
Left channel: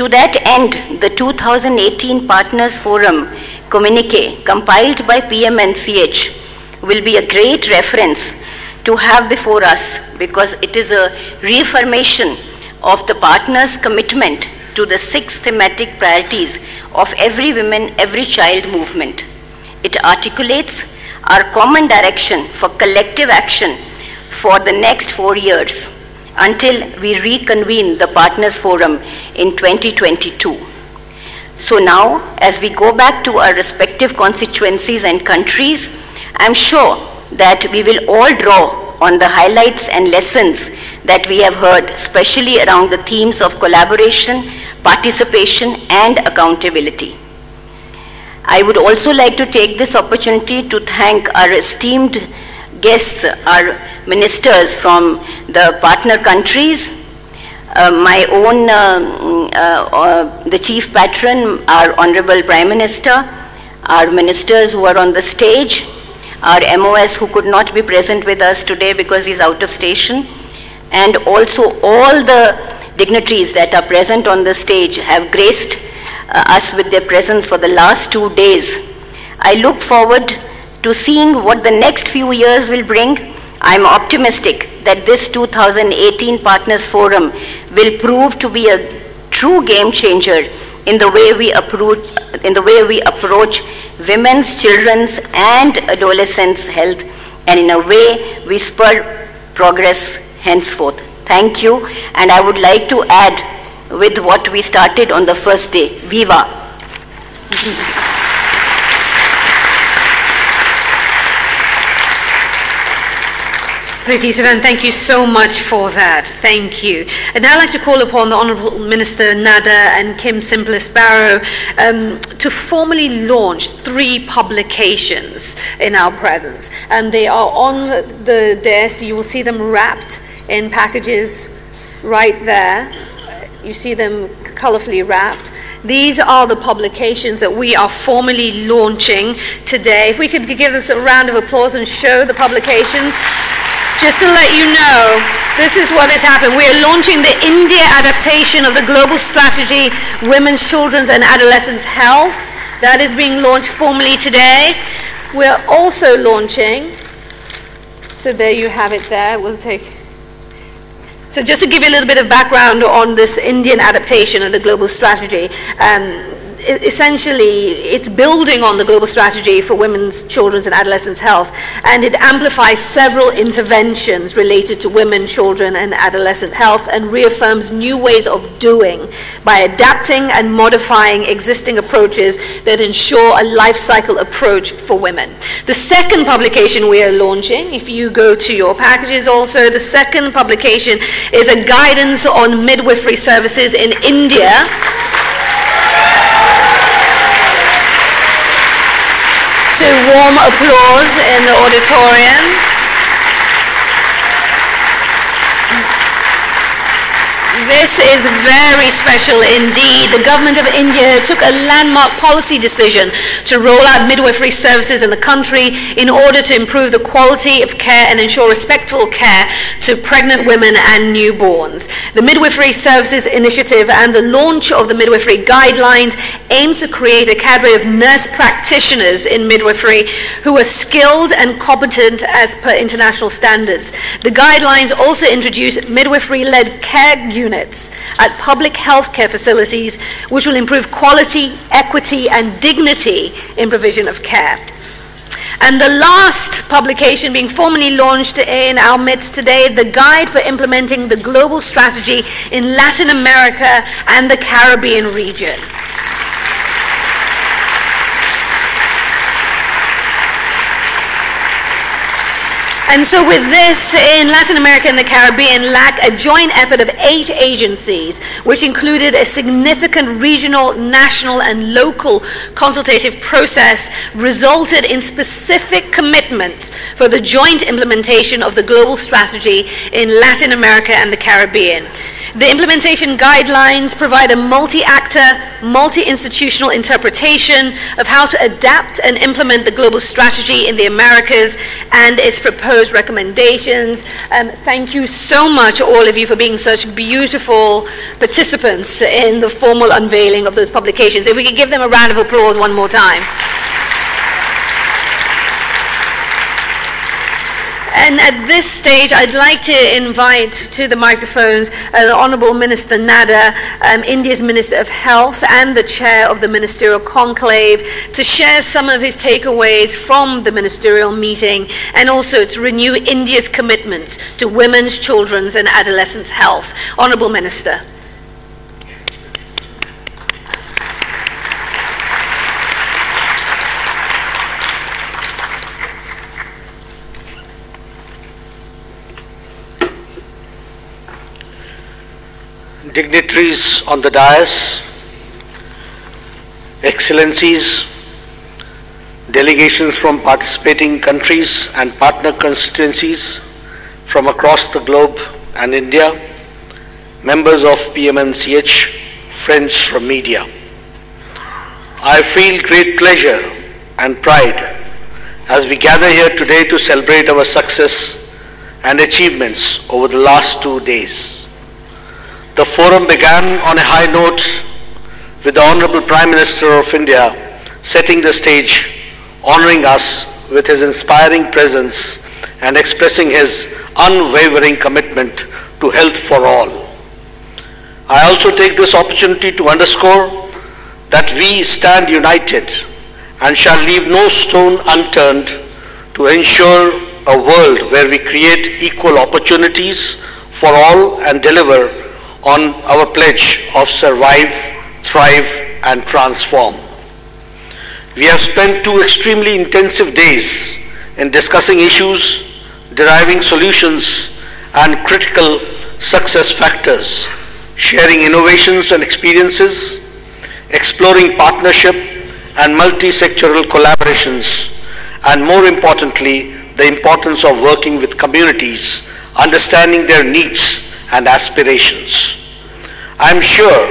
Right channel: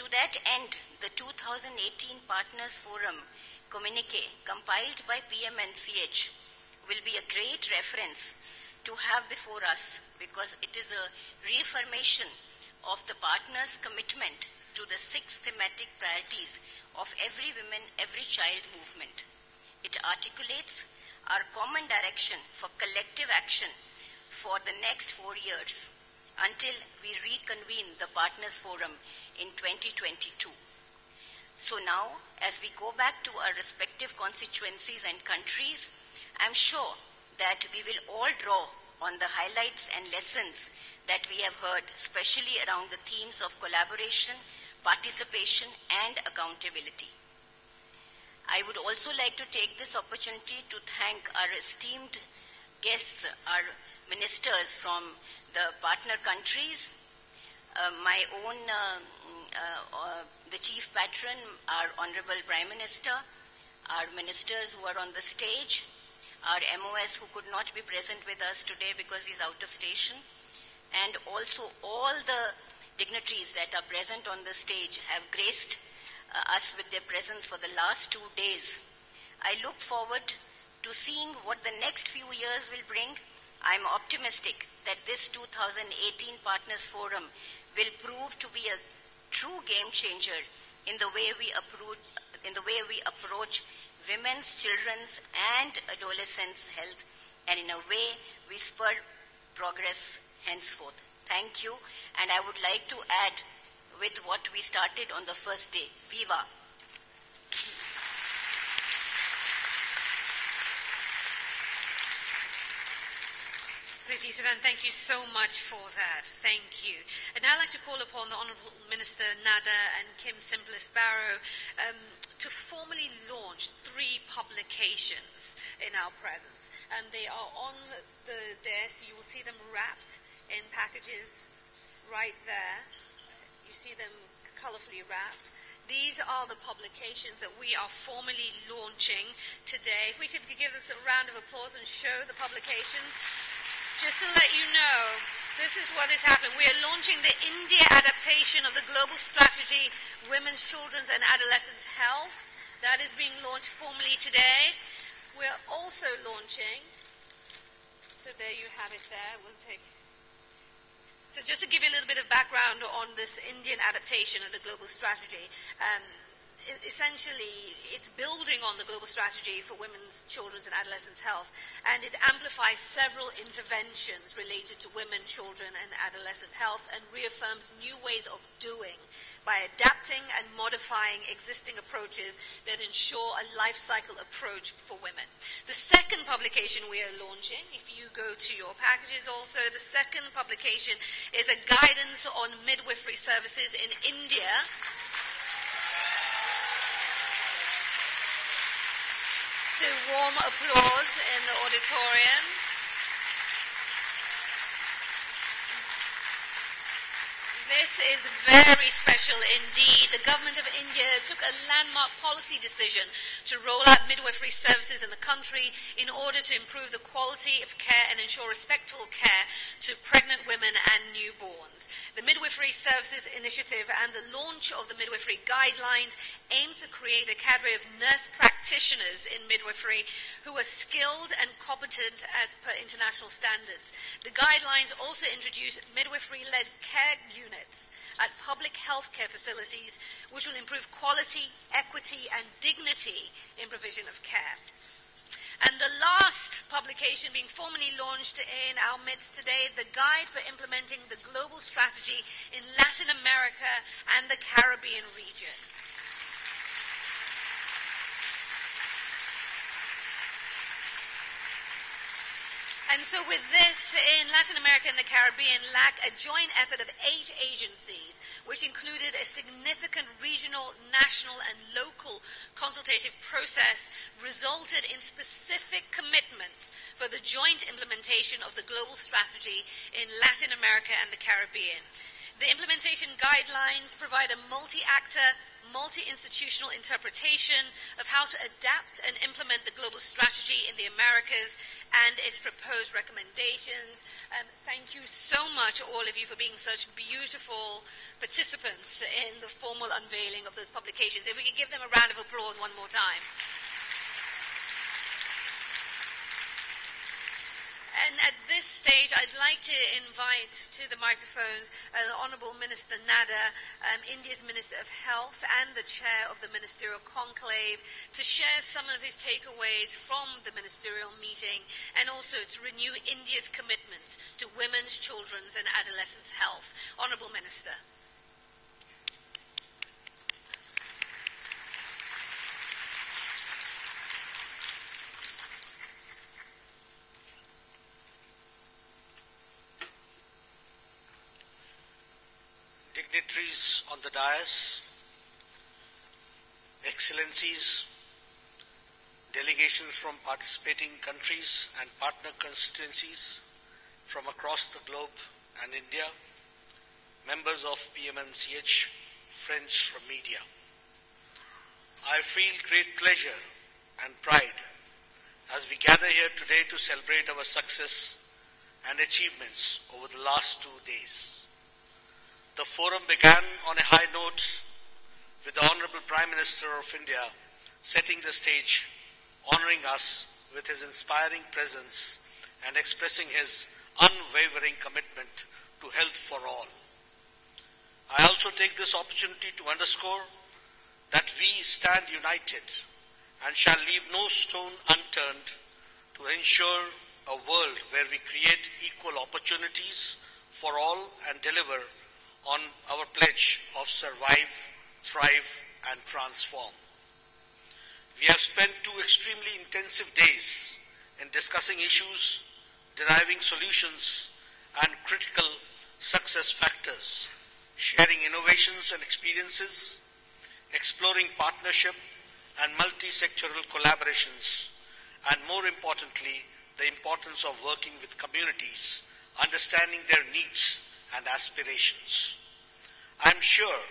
To that end, the 2018 Partners Forum communique compiled by PMNCH will be a great reference to have before us, because it is a reaffirmation of the partners' commitment to the 6 thematic priorities of Every Woman, Every Child movement. It articulates our common direction for collective action for the next 4 years until we reconvene the Partners Forum in 2022. So now, as we go back to our respective constituencies and countries, I'm sure that we will all draw on the highlights and lessons that we have heard, especially around the themes of collaboration, participation, and accountability. I would also like to take this opportunity to thank our esteemed guests, our ministers from the partner countries, my own, the chief patron, our Honorable Prime Minister, our ministers who are on the stage, our MOS who could not be present with us today because he's out of station, and also all the dignitaries that are present on the stage have graced us with their presence for the last 2 days. I look forward to seeing what the next few years will bring. I'm optimistic that this 2018 Partners Forum will prove to be a true game changer in the way we approach women's, children's, and adolescents' health, and in a way we spur progress henceforth. Thank you, and I would like to add with what we started on the first day, Viva! Priti Sudan, thank you so much for that. Thank you. And now I'd like to call upon the Honourable Minister Nada and Kim Simplice Barrow to formally launch 3 publications in our presence. And they are on the desk. You will see them wrapped in packages right there. You see them colourfully wrapped. These are the publications that we are formally launching today. If we could give us a round of applause and show the publications. Just to let you know, this is what has happened. We are launching the India adaptation of the global strategy, Women's, Children's and Adolescents' Health. That is being launched formally today. We're also launching, so there you have it there. We'll take. So just to give you a little bit of background on this Indian adaptation of the global strategy, essentially it's building on the global strategy for women's, children's and adolescents' health, and it amplifies several interventions related to women, children and adolescent health, and reaffirms new ways of doing by adapting and modifying existing approaches that ensure a life cycle approach for women. The second publication we are launching, if you go to your packages also, the second publication is a guidance on midwifery services in India. To warm applause in the auditorium. This is very special indeed. The government of India took a landmark policy decision to roll out midwifery services in the country in order to improve the quality of care and ensure respectful care to pregnant women and newborns. The Midwifery Services Initiative and the launch of the midwifery guidelines aims to create a cadre of nurse practitioners in midwifery who are skilled and competent as per international standards. The guidelines also introduce midwifery-led care units at public healthcare facilities, which will improve quality, equity, and dignity in provision of care. And the last publication being formally launched in our midst today, the Guide for Implementing the Global Strategy in Latin America and the Caribbean region. And so with this, in Latin America and the Caribbean, LAC, a joint effort of 8 agencies, which included a significant regional, national, and local consultative process, resulted in specific commitments for the joint implementation of the global strategy in Latin America and the Caribbean. The implementation guidelines provide a multi-actor, multi-institutional interpretation of how to adapt and implement the global strategy in the Americas and its proposed recommendations. Thank you so much, all of you, for being such beautiful participants in the formal unveiling of those publications. If we could give them a round of applause one more time. And at this stage, I'd like to invite to the microphones the Honorable Minister Nada, India's Minister of Health and the Chair of the Ministerial Conclave, to share some of his takeaways from the ministerial meeting and also to renew India's commitments to women's, children's and adolescents' health. Honorable Minister. Dignitaries on the dais, excellencies, delegations from participating countries and partner constituencies from across the globe and India, members of PMNCH, friends from media. I feel great pleasure and pride as we gather here today to celebrate our success and achievements over the last 2 days. The forum began on a high note with the Honorable Prime Minister of India setting the stage, honoring us with his inspiring presence and expressing his unwavering commitment to health for all. I also take this opportunity to underscore that we stand united and shall leave no stone unturned to ensure a world where we create equal opportunities for all and deliver on our pledge of survive, thrive and transform. We have spent 2 extremely intensive days in discussing issues, deriving solutions and critical success factors, sharing innovations and experiences, exploring partnership and multi-sectoral collaborations, and more importantly, the importance of working with communities, understanding their needs and aspirations. I am sure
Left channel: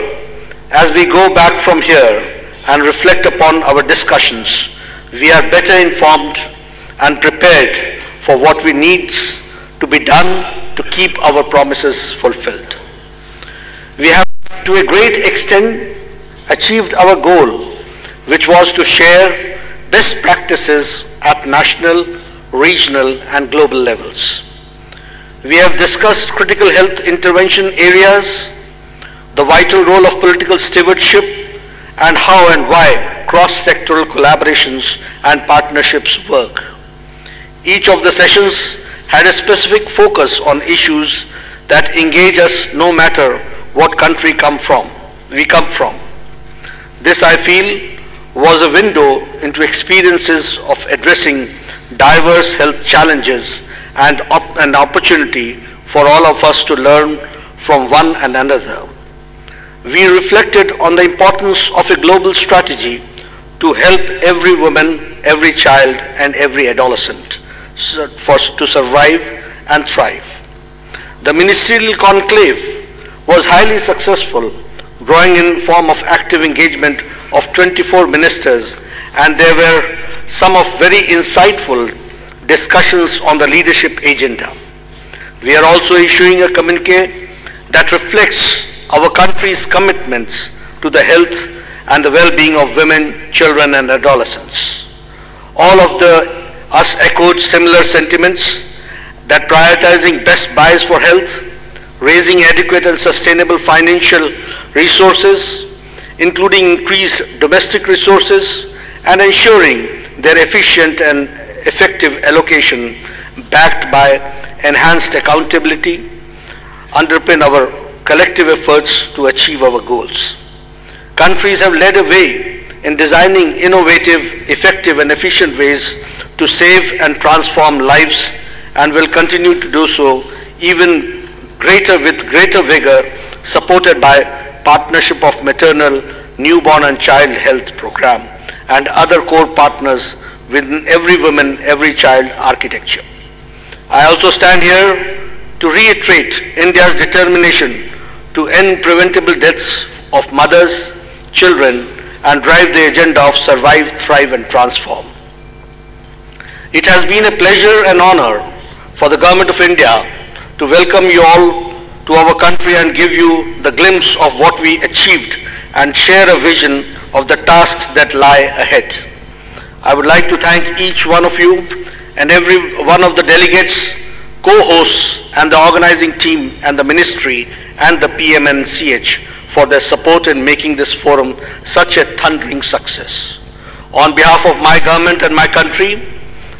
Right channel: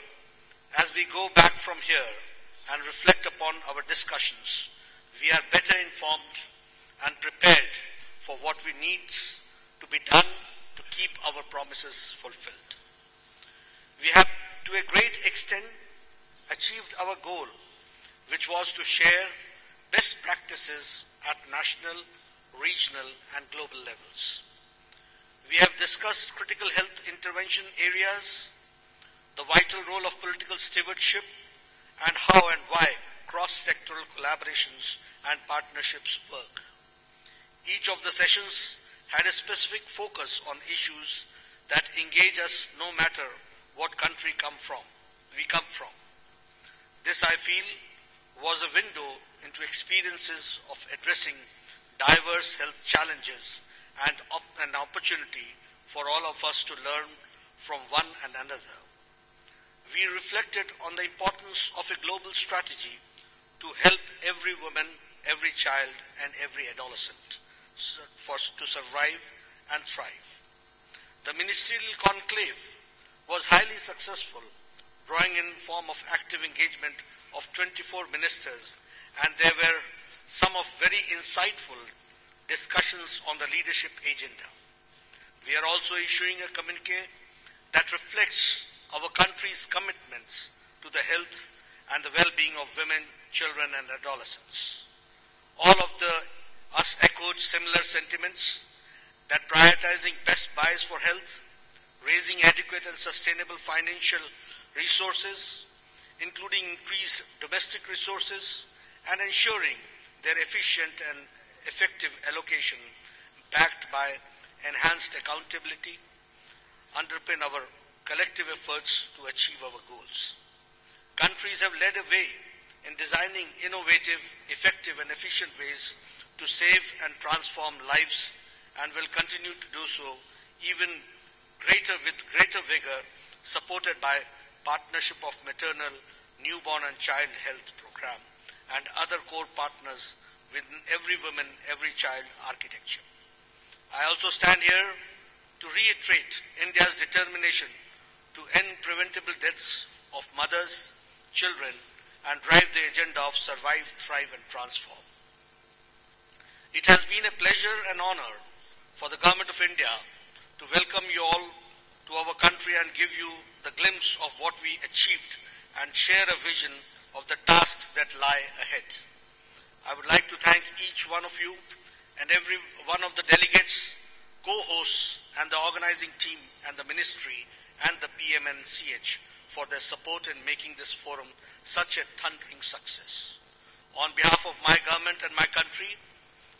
as we go back from here and reflect upon our discussions, we are better informed and prepared for what we need to be done to keep our promises fulfilled. We have to a great extent achieved our goal, which was to share best practices at national, regional and global levels. We have discussed critical health intervention areas, the vital role of political stewardship, and how and why cross-sectoral collaborations and partnerships work. Each of the sessions had a specific focus on issues that engage us no matter what country we come from. This, I feel, was a window into experiences of addressing diverse health challenges and an opportunity for all of us to learn from one another. We reflected on the importance of a global strategy to help every woman, every child, and every adolescent to survive and thrive. The ministerial conclave was highly successful, drawing in form of active engagement of 24 ministers, and there were some of very insightful discussions on the leadership agenda. We are also issuing a communiqué that reflects our country's commitments to the health and the well-being of women, children and adolescents. All of us echoed similar sentiments that prioritizing best buys for health, raising adequate and sustainable financial resources, including increased domestic resources, and ensuring their efficient and effective allocation backed by enhanced accountability underpin our collective efforts to achieve our goals. Countries have led a way in designing innovative, effective and efficient ways to save and transform lives and will continue to do so even with greater vigor, supported by partnership of maternal, newborn and child health program and other core partners within every woman, every child architecture. I also stand here to reiterate India's determination to end preventable deaths of mothers, children, and drive the agenda of survive, thrive, and transform. It has been a pleasure and honor for the Government of India to welcome you all to our country and give you the glimpse of what we achieved and share a vision of the tasks that lie ahead. I would like to thank each one of you and every one of the delegates, co-hosts, and the organizing team and the ministry and the PMNCH for their support in making this forum such a thundering success. On behalf of my government and my country,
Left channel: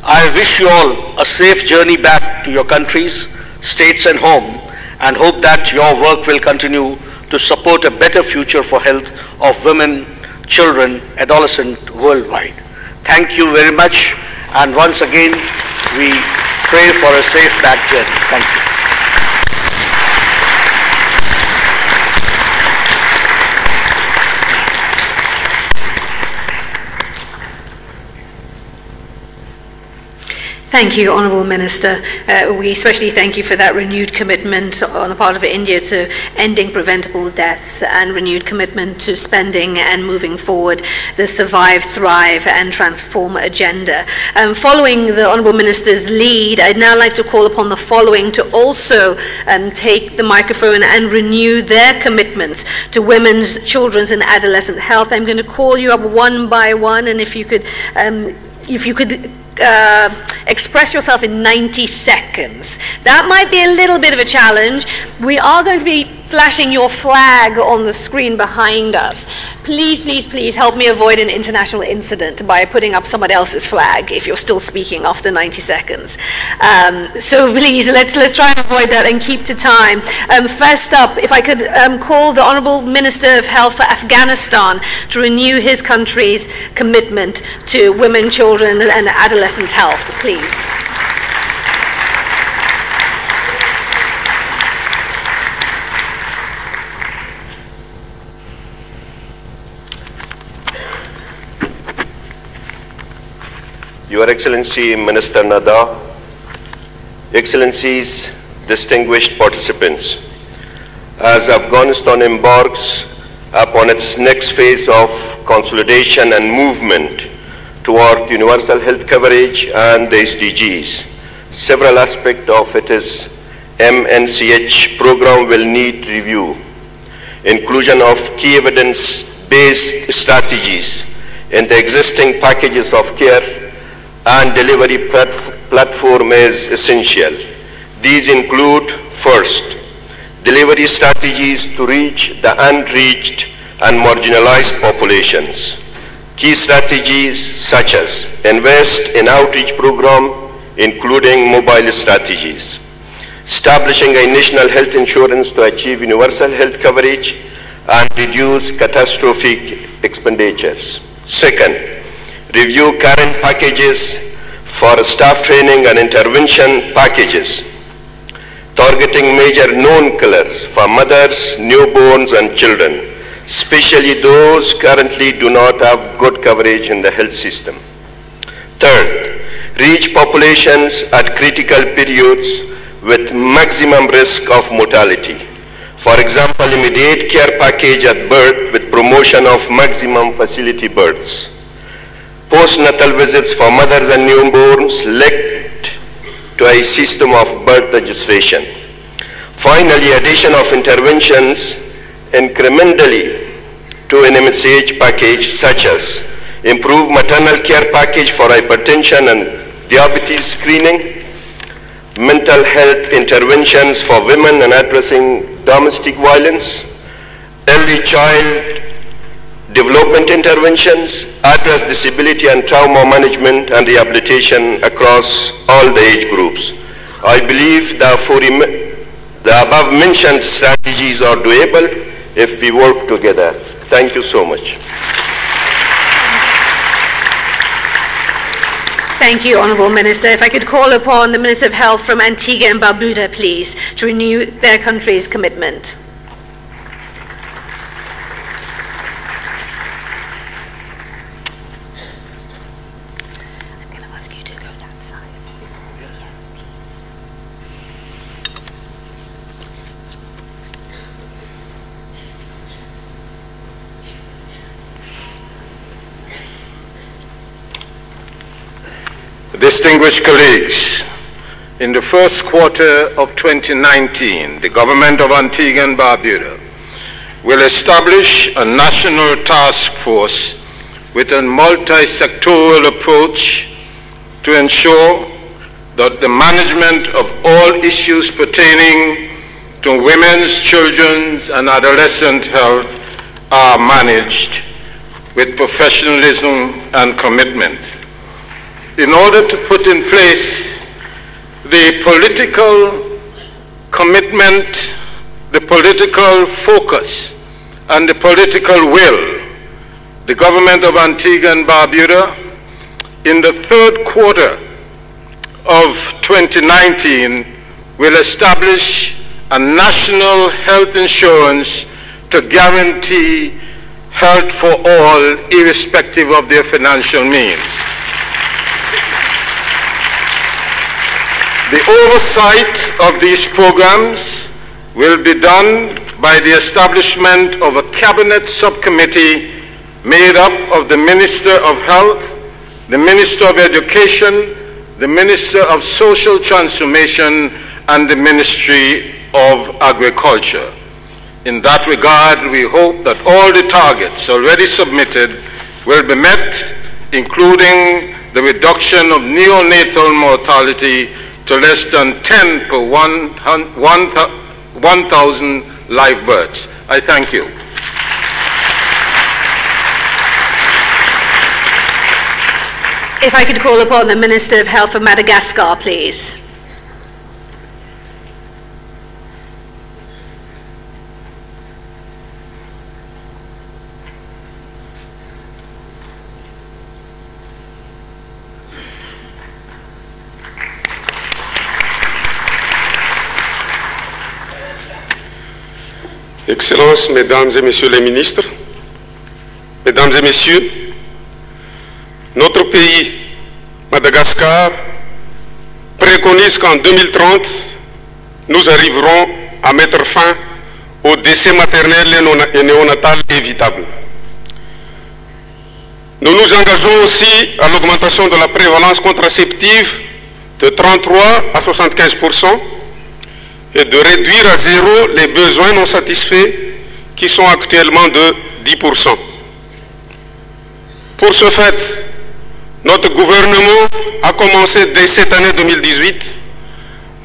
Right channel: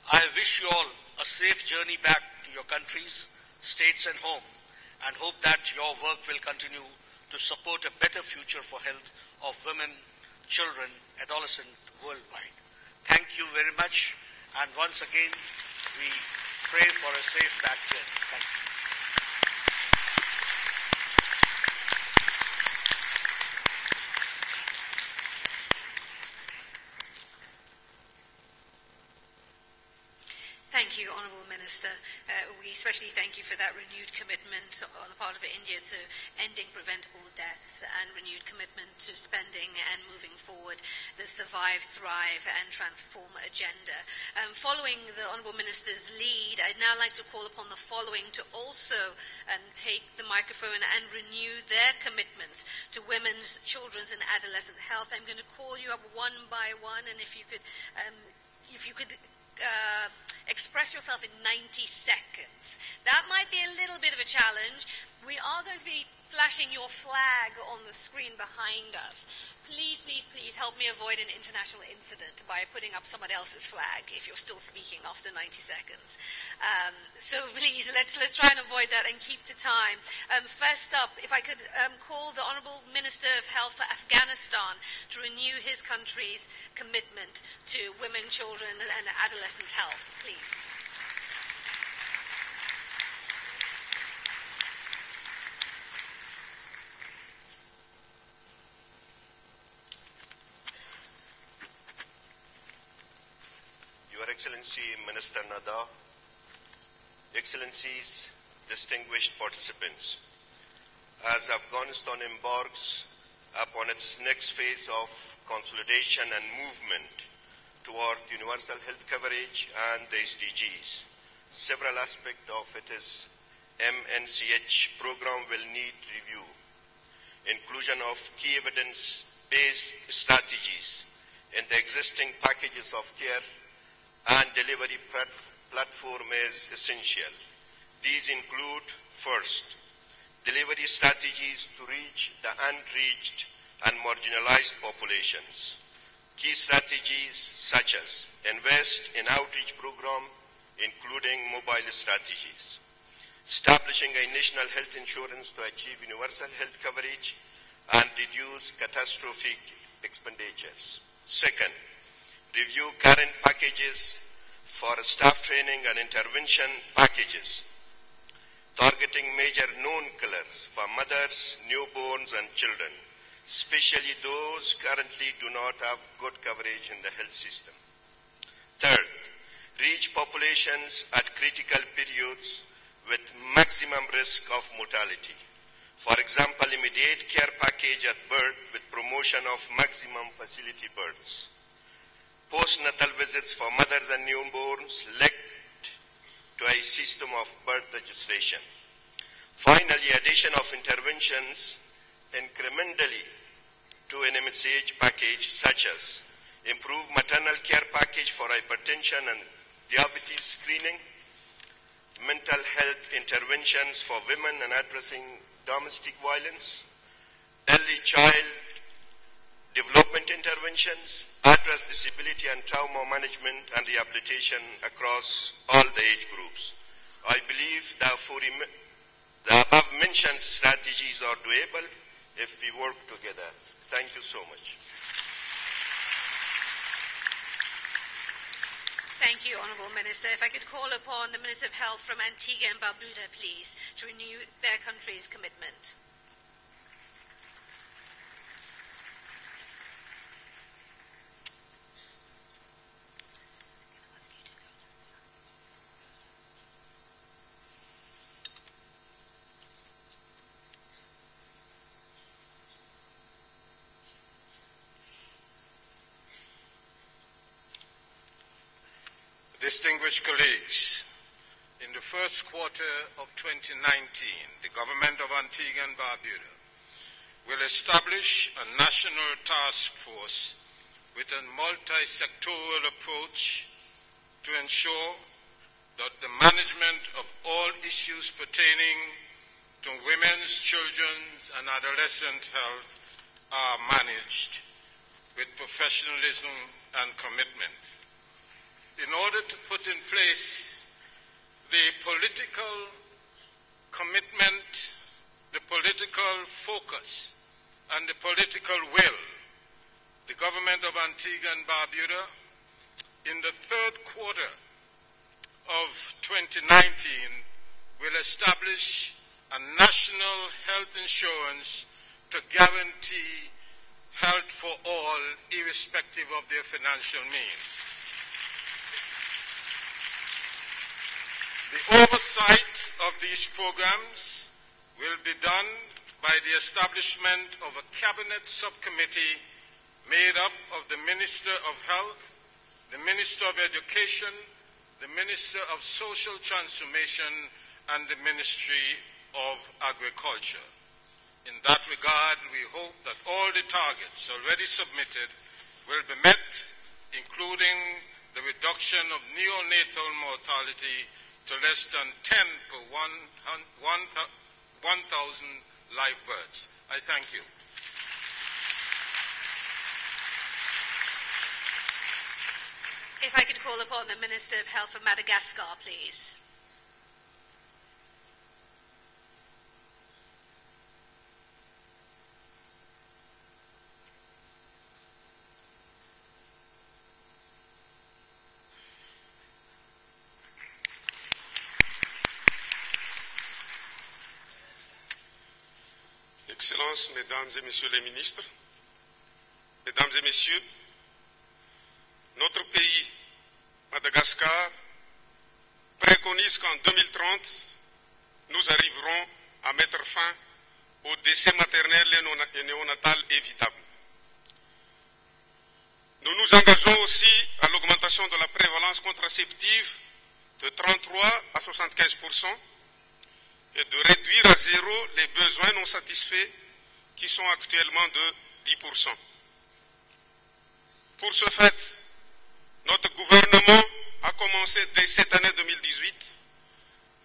I wish you all a safe journey back to your countries, states, and home, and hope that your work will continue to support a better future for health of women, children, adolescents worldwide. Thank you very much, and once again, we pray for a safe back journey. Thank you. Thank you, Honourable Minister. We especially thank you for that renewed commitment on the part of India to ending preventable deaths and renewed commitment to spending and moving forward the survive, thrive and transform agenda. Following the Honourable Minister's lead, I'd now like to call upon the following to also take the microphone and renew their commitments to women's, children's and adolescent health. I'm going to call you up one by one, and if you could express yourself in 90 seconds. That might be a little bit of a challenge. We are going to be flashing your flag on the screen behind us. Please, please, please help me avoid an international incident by putting up someone else's flag if you're still speaking after 90 seconds. So please, let's try and avoid that and keep to time. First up, if I could call the Honourable Minister of Health for Afghanistan to renew his country's commitment to women, children and adolescents' health, please. Your Excellency Minister Nada, Excellencies, distinguished participants, as Afghanistan embarks upon its next phase of consolidation and movement toward universal health coverage and the SDGs, several aspects of its MNCH program will need review. Inclusion of key evidence-based strategies in the existing packages of care and delivery platform is essential. These include, first, delivery strategies to reach the unreached and marginalized populations. Key strategies such as invest in outreach program, including mobile strategies, establishing a national health insurance to achieve universal health coverage and reduce catastrophic expenditures. Second, review current packages for staff training and intervention packages, targeting major known killers for mothers, newborns and children, especially those currently do not have good coverage in the health system. Third, reach populations at critical periods with maximum risk of mortality. For example, immediate care package at birth with promotion of maximum facility births. Postnatal visits for mothers and newborns linked to a system of birth registration. Finally, addition of interventions incrementally to an MCH package such as improved maternal care package for hypertension and diabetes screening, mental health interventions for women and addressing domestic violence, early child development interventions, address disability and trauma management and rehabilitation across all the age groups. I believe the above mentioned strategies are doable if we work together. Thank you so much. Thank you, Honourable Minister. If I could call upon the Minister of Health from Antigua and Barbuda, please, to renew their country's commitment. Distinguished colleagues, in the first quarter of 2019, the government of Antigua and Barbuda will establish a national task force with a multi-sectoral approach to ensure that the management of all issues pertaining to women's, children's, and adolescent health are managed with professionalism and commitment. In order to put in place the political commitment, the political focus, and the political will, the government of Antigua and Barbuda, in the third quarter of 2019, will establish a national health insurance to guarantee health for all, irrespective of their financial means. The oversight of these programs will be done by the establishment of a cabinet subcommittee made up of the Minister of Health, the Minister of Education, the Minister of Social Transformation, and the Ministry of Agriculture. In that regard, we hope that all the targets already submitted will be met, including the reduction of neonatal mortality to less than 10 per 1,000 live births. I thank you. If I could call upon the Minister of Health of Madagascar, please. Excellences, Mesdames et Messieurs les ministres, Mesdames et Messieurs, notre pays, Madagascar, préconise qu'en 2030, nous arriverons à mettre fin au décès maternel et néonatal évitable. Nous nous engageons aussi à l'augmentation de la prévalence contraceptive de 33 à 75%, et de réduire à zéro les besoins non satisfaits qui sont actuellement de 10%. Pour ce fait, notre gouvernement a commencé dès cette année 2018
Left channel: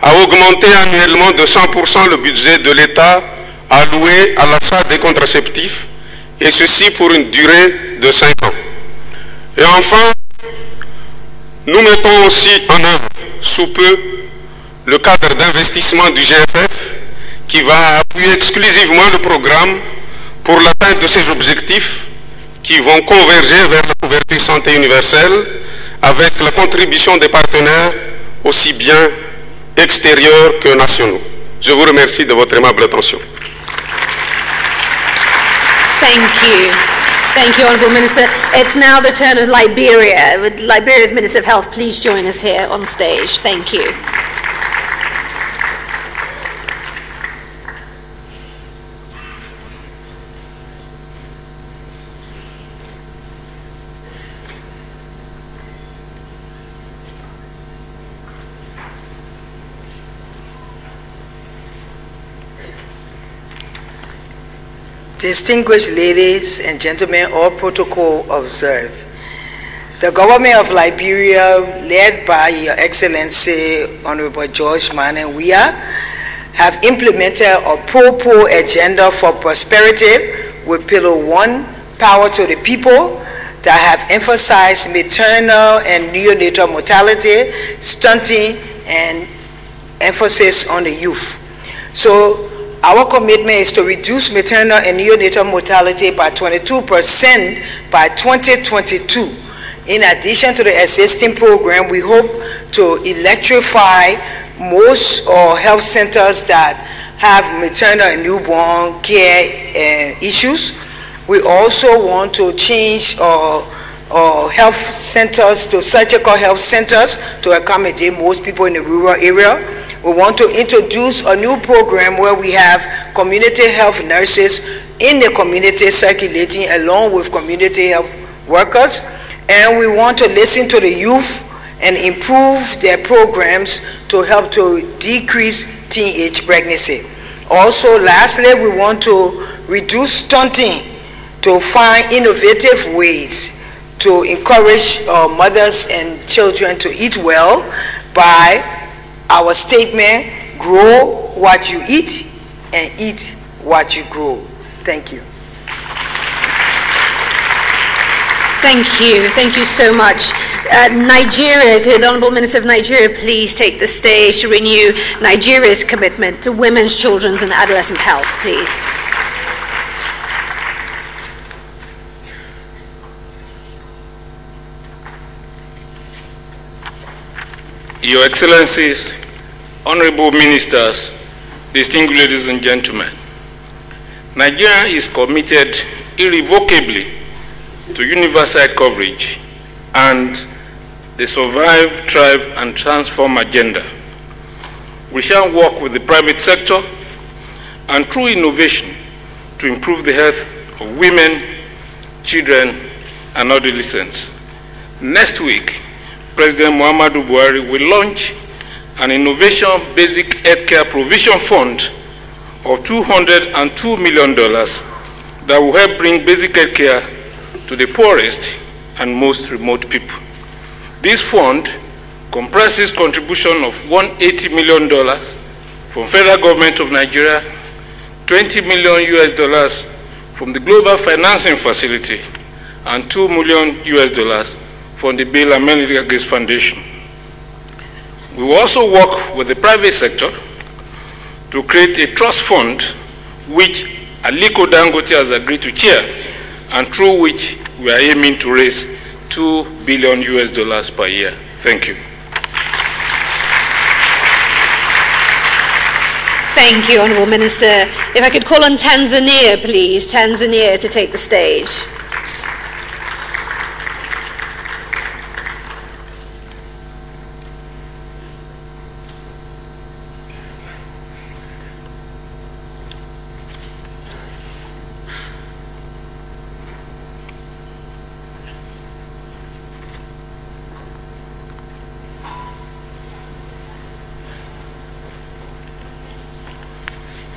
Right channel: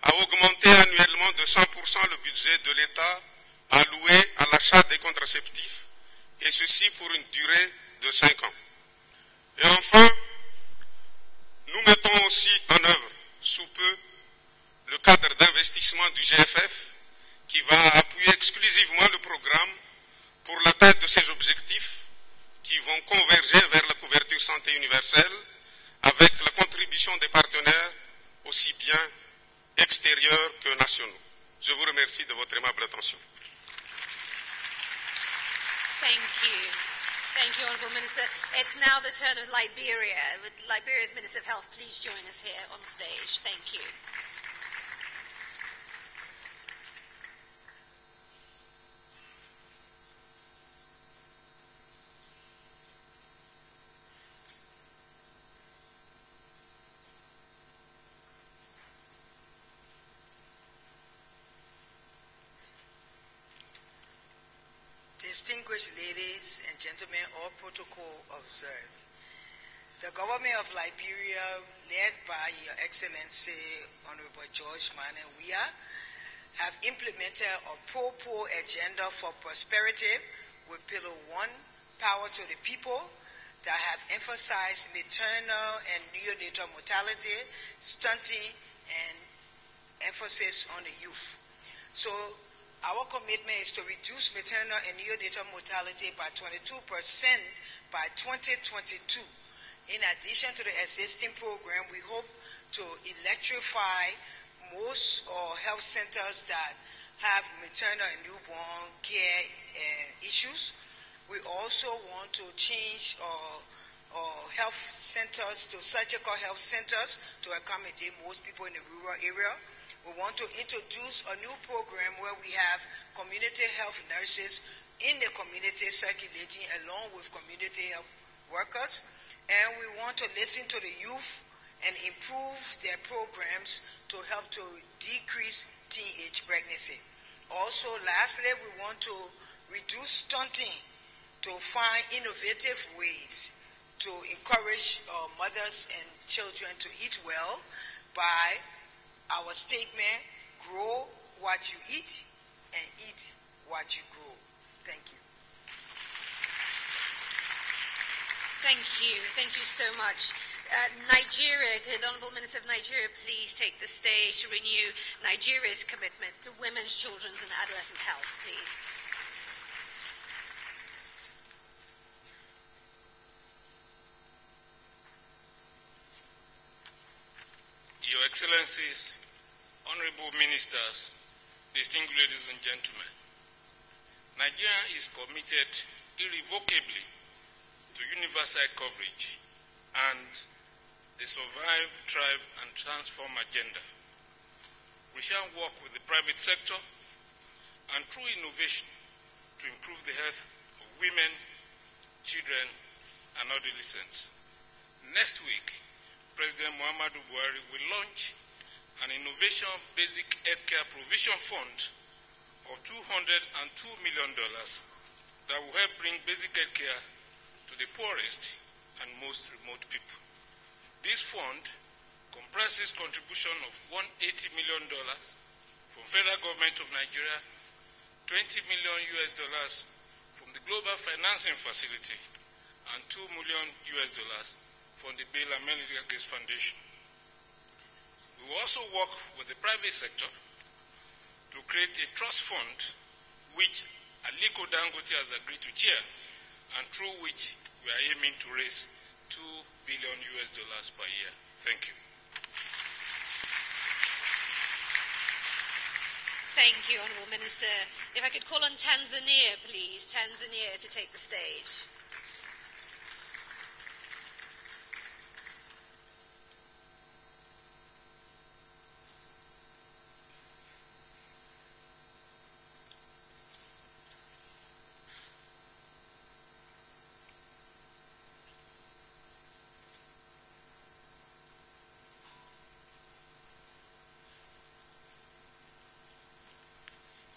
à augmenter annuellement de 100% le budget de l'État alloué à l'achat des contraceptifs, et ceci pour une durée de 5 ans. Et enfin, nous mettons aussi en œuvre sous peu le cadre d'investissement du GFF qui va appuyer exclusivement le programme pour l'atteinte de ces objectifs qui vont converger vers la couverture santé universelle avec la contribution des partenaires aussi bien extérieurs que nationaux. Je vous remercie de votre aimable attention. Thank you. Thank you, Honourable Minister. It's now the turn of Liberia. Would Liberia's Minister of Health please join us here on stage? Thank you. Distinguished ladies and gentlemen, all protocol observed. The government of Liberia, led by Your Excellency Honorable George Manneh Weah, have implemented a pro-poor agenda for prosperity with Pillar 1, power to the people, that have emphasized maternal and neonatal mortality, stunting, and emphasis on the youth. So our commitment is to reduce maternal and neonatal mortality by 22% by 2022. In addition to the existing program, we hope to electrify most health centers that have maternal and newborn care issues. We also want to change health centers to surgical health centers to accommodate most people in the rural area. We want to introduce a new program where we have community health nurses in the community circulating along with community health workers. And we want to listen to the youth and improve their programs to help to decrease teenage pregnancy. Also, lastly, we want to reduce stunting to find innovative ways to encourage mothers and children to eat well by our statement, grow what you eat and eat what you grow. Thank you. Thank you so much. Nigeria, could the Honorable Minister of Nigeria please take the stage to renew Nigeria's commitment to women's, children's and adolescent health, please. Your Excellencies, Honorable Ministers, distinguished ladies and gentlemen, Nigeria is committed irrevocably to universal coverage and the Survive, Thrive and Transform agenda. We shall work with the private sector and through innovation to improve the health of women, children and adolescents. Next week, President Muhammadu Buhari will launch an innovation basic healthcare provision fund of $202 million that will help bring basic healthcare to the poorest and most remote people. This fund comprises contribution of $180 million from federal government of Nigeria, $20 million from the Global Financing Facility, and $2 million from the Bill and Melinda Gates Foundation. We will also work with the private sector to create a trust fund which Aliko Dangote has agreed to chair and through which we are aiming to raise $2 billion per year. Thank you. Thank you, Honourable Minister. If I could call on Tanzania, please. Tanzania to take the stage.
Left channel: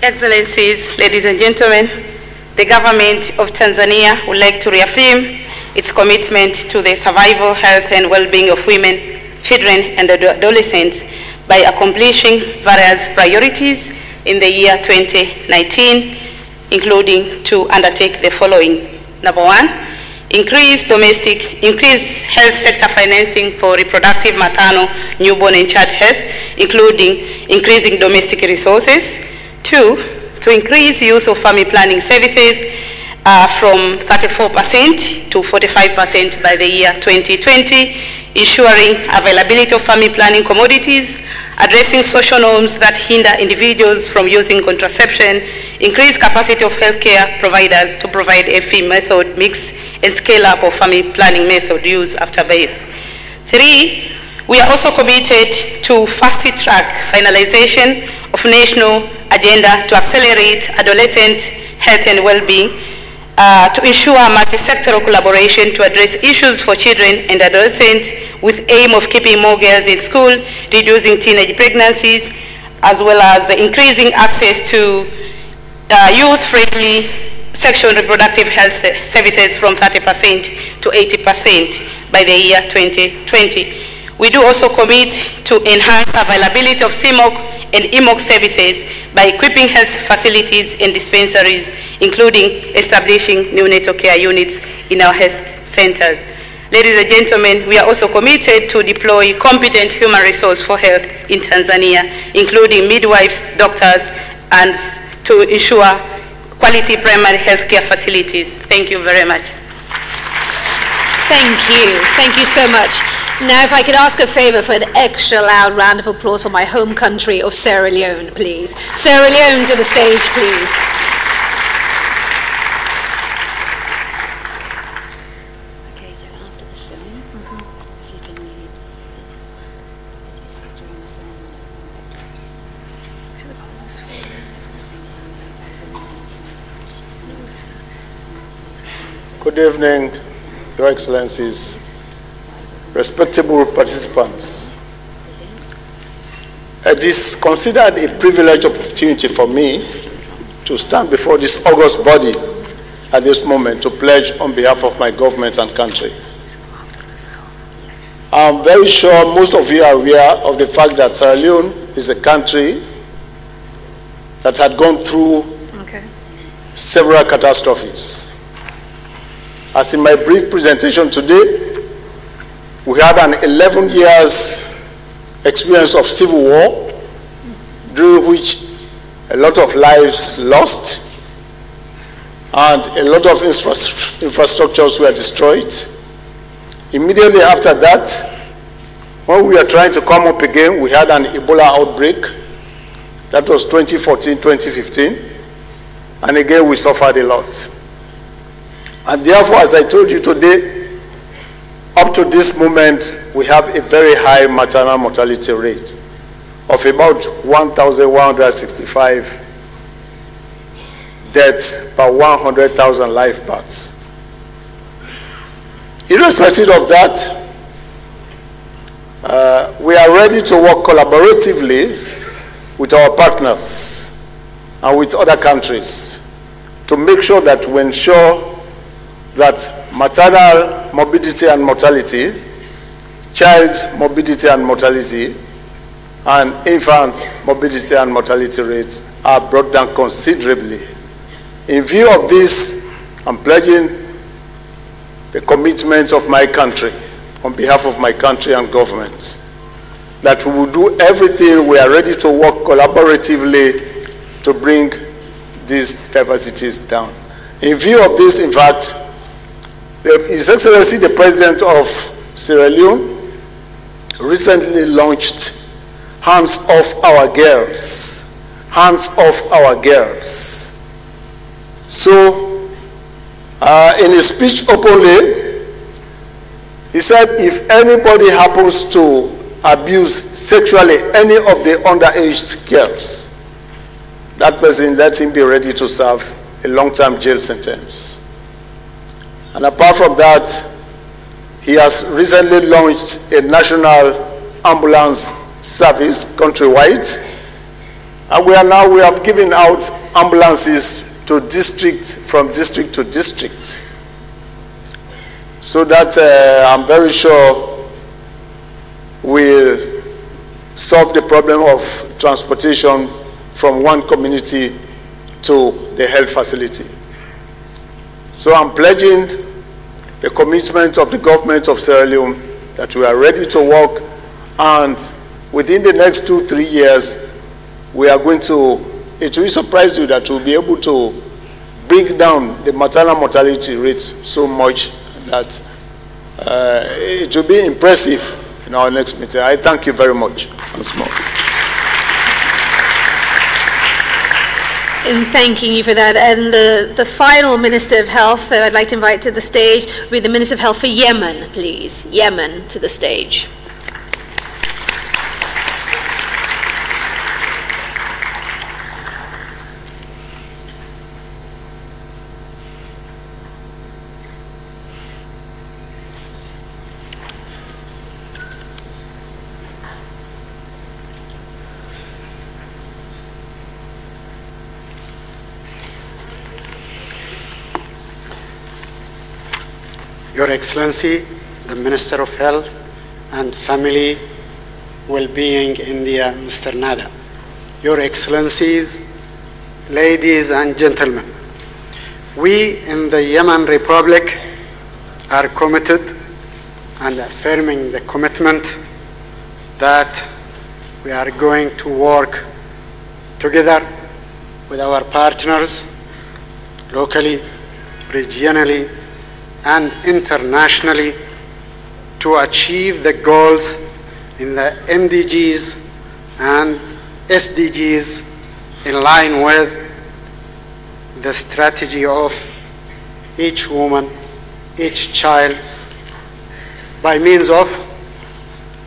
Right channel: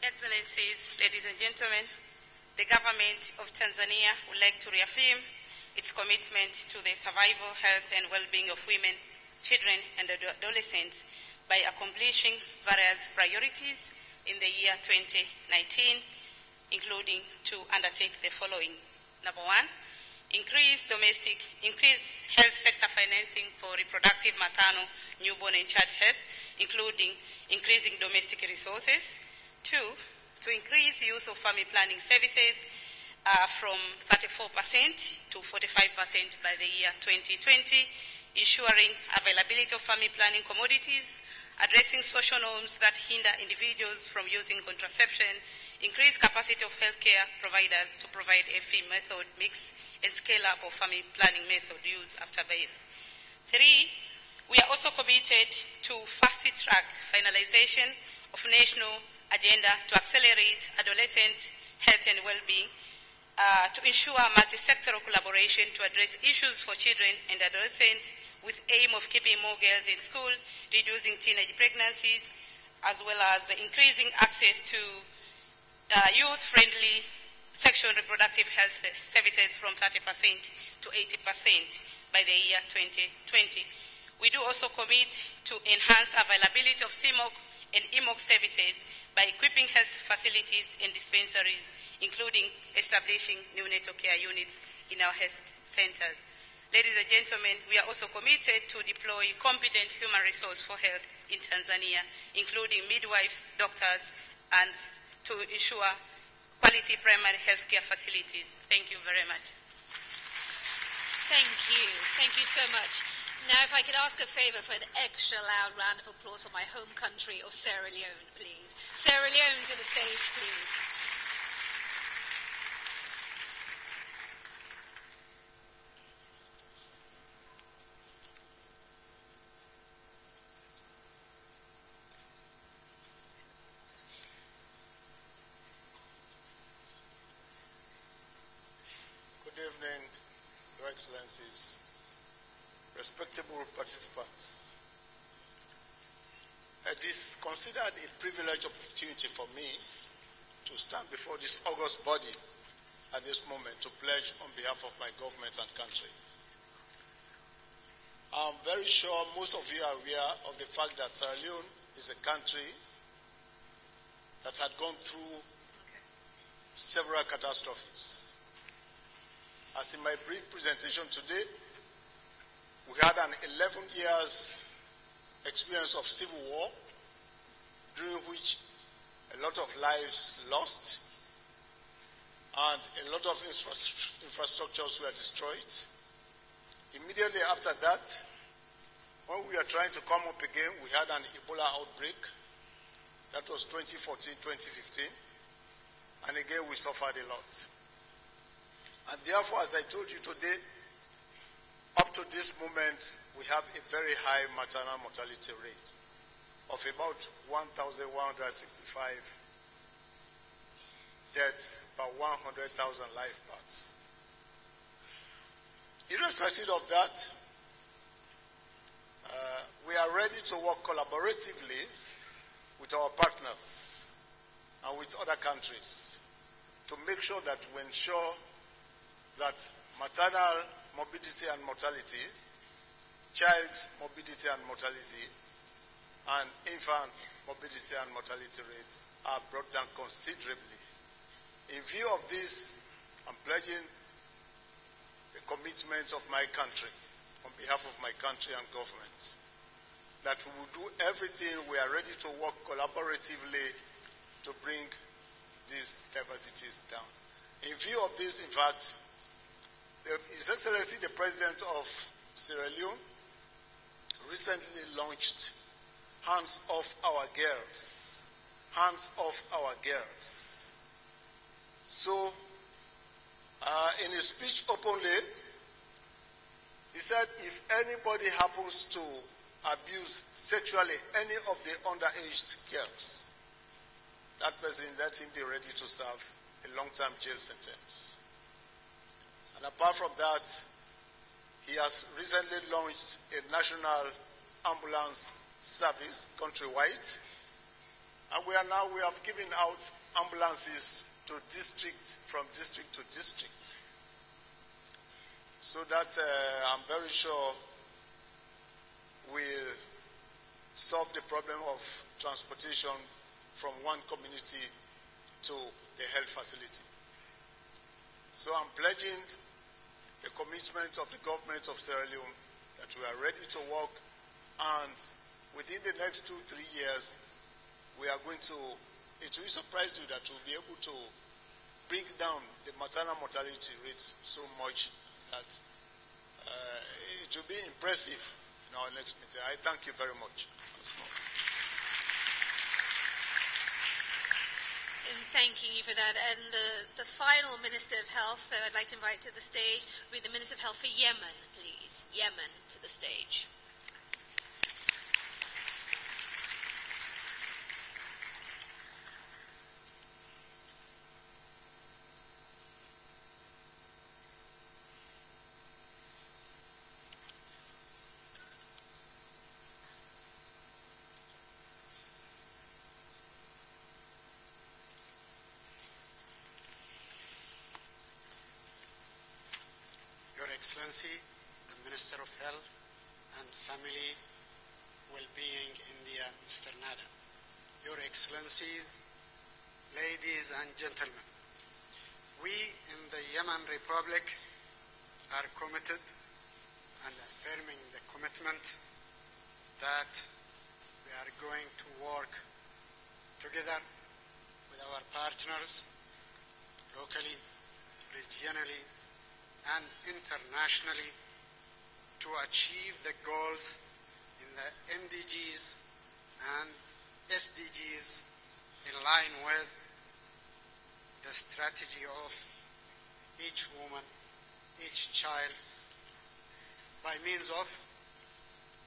Excellencies, ladies and gentlemen, the government of Tanzania would like to reaffirm its commitment to the survival, health and well-being of women, children and adolescents by accomplishing various priorities in the year 2019, including to undertake the following. Number one, increase health sector financing for reproductive, maternal, newborn and child health, including increasing domestic resources. Two, to increase use of family planning services from 34% to 45% by the year 2020, ensuring availability of family planning commodities, addressing social norms that hinder individuals from using contraception, increase capacity of healthcare providers to provide a FE method mix and scale up of family planning method use after birth. Three, we are also committed to fast-track finalization of national agenda to accelerate adolescent health and well-being, to ensure multi-sectoral collaboration to address issues for children and adolescents with aim of keeping more girls in school, reducing teenage pregnancies, as well as increasing access to youth-friendly sexual and reproductive health services from 30% to 80% by the year 2020. We do also commit to enhance availability of CMOC and EMOC services by equipping health facilities and dispensaries, including establishing neonatal care units in our health centers. Ladies and gentlemen, we are also committed to deploy competent human resource for health in Tanzania, including midwives, doctors, and to ensure quality primary health care facilities. Thank you very much. Thank you. Thank you so much. Now, if I could ask a favor for an extra loud round of applause for my home country of Sierra Leone, please. Sierra Leone to the stage, please. Okay, so after the film, if you can read this, as we start during the film, Good evening, Your Excellencies, respectable participants, it is considered a privileged opportunity for me to stand before this august body at this moment to pledge on behalf of my government and country. I'm very sure most of you are aware of the fact that Sierra Leone is a country that had gone through several catastrophes. As in my brief presentation today, we had an 11 years experience of civil war, during which a lot of lives lost and a lot of infrastructures were destroyed. Immediately after that, when we were trying to come up again, we had an Ebola outbreak. That was 2014, 2015. And again, we suffered a lot. And therefore, as I told you today, up to this moment, we have a very high maternal mortality rate of about 1,165 deaths per 100,000 live births. Irrespective of that, we are ready to work collaboratively with our partners and with other countries to make sure that we ensure that maternal morbidity and mortality, child morbidity and mortality, and infant morbidity and mortality rates are brought down considerably. In view of this, I'm pledging the commitment of my country, on behalf of my country and government, that we will do everything we are ready to work collaboratively to bring these diversities down. In view of this, in fact, His Excellency the President of Sierra Leone recently launched Hands Off Our Girls. Hands Off Our Girls. So, in his speech openly, he said if anybody happens to abuse sexually any of the underage girls, that person, let him be ready to serve a long-term jail sentence. And apart from that, he has recently launched a national ambulance service countrywide. And we have given out ambulances to from district to district. So that I'm very sure will solve the problem of transportation from one community to the health facility. So I'm pledging the commitment of the government of Sierra Leone that we are ready to work, and within the next 2-3 years, we are going to, it will surprise you that we'll be able to bring down the maternal mortality rate so much that it will be impressive in our next meeting. I thank you very much once more. In thanking you for that. And the final Minister of Health that I'd like to invite to the stage will be the Minister of Health for Yemen, please. Yemen to the stage. Your Excellency, the Minister of Health and Family Well-being India, Mr. Nada. Your Excellencies, ladies and gentlemen, we in the Yemen Republic are committed and affirming the commitment that we are going to work together with our partners locally, regionally, and internationally to achieve the goals in the MDGs and SDGs in line with the strategy of each woman, each child, by means of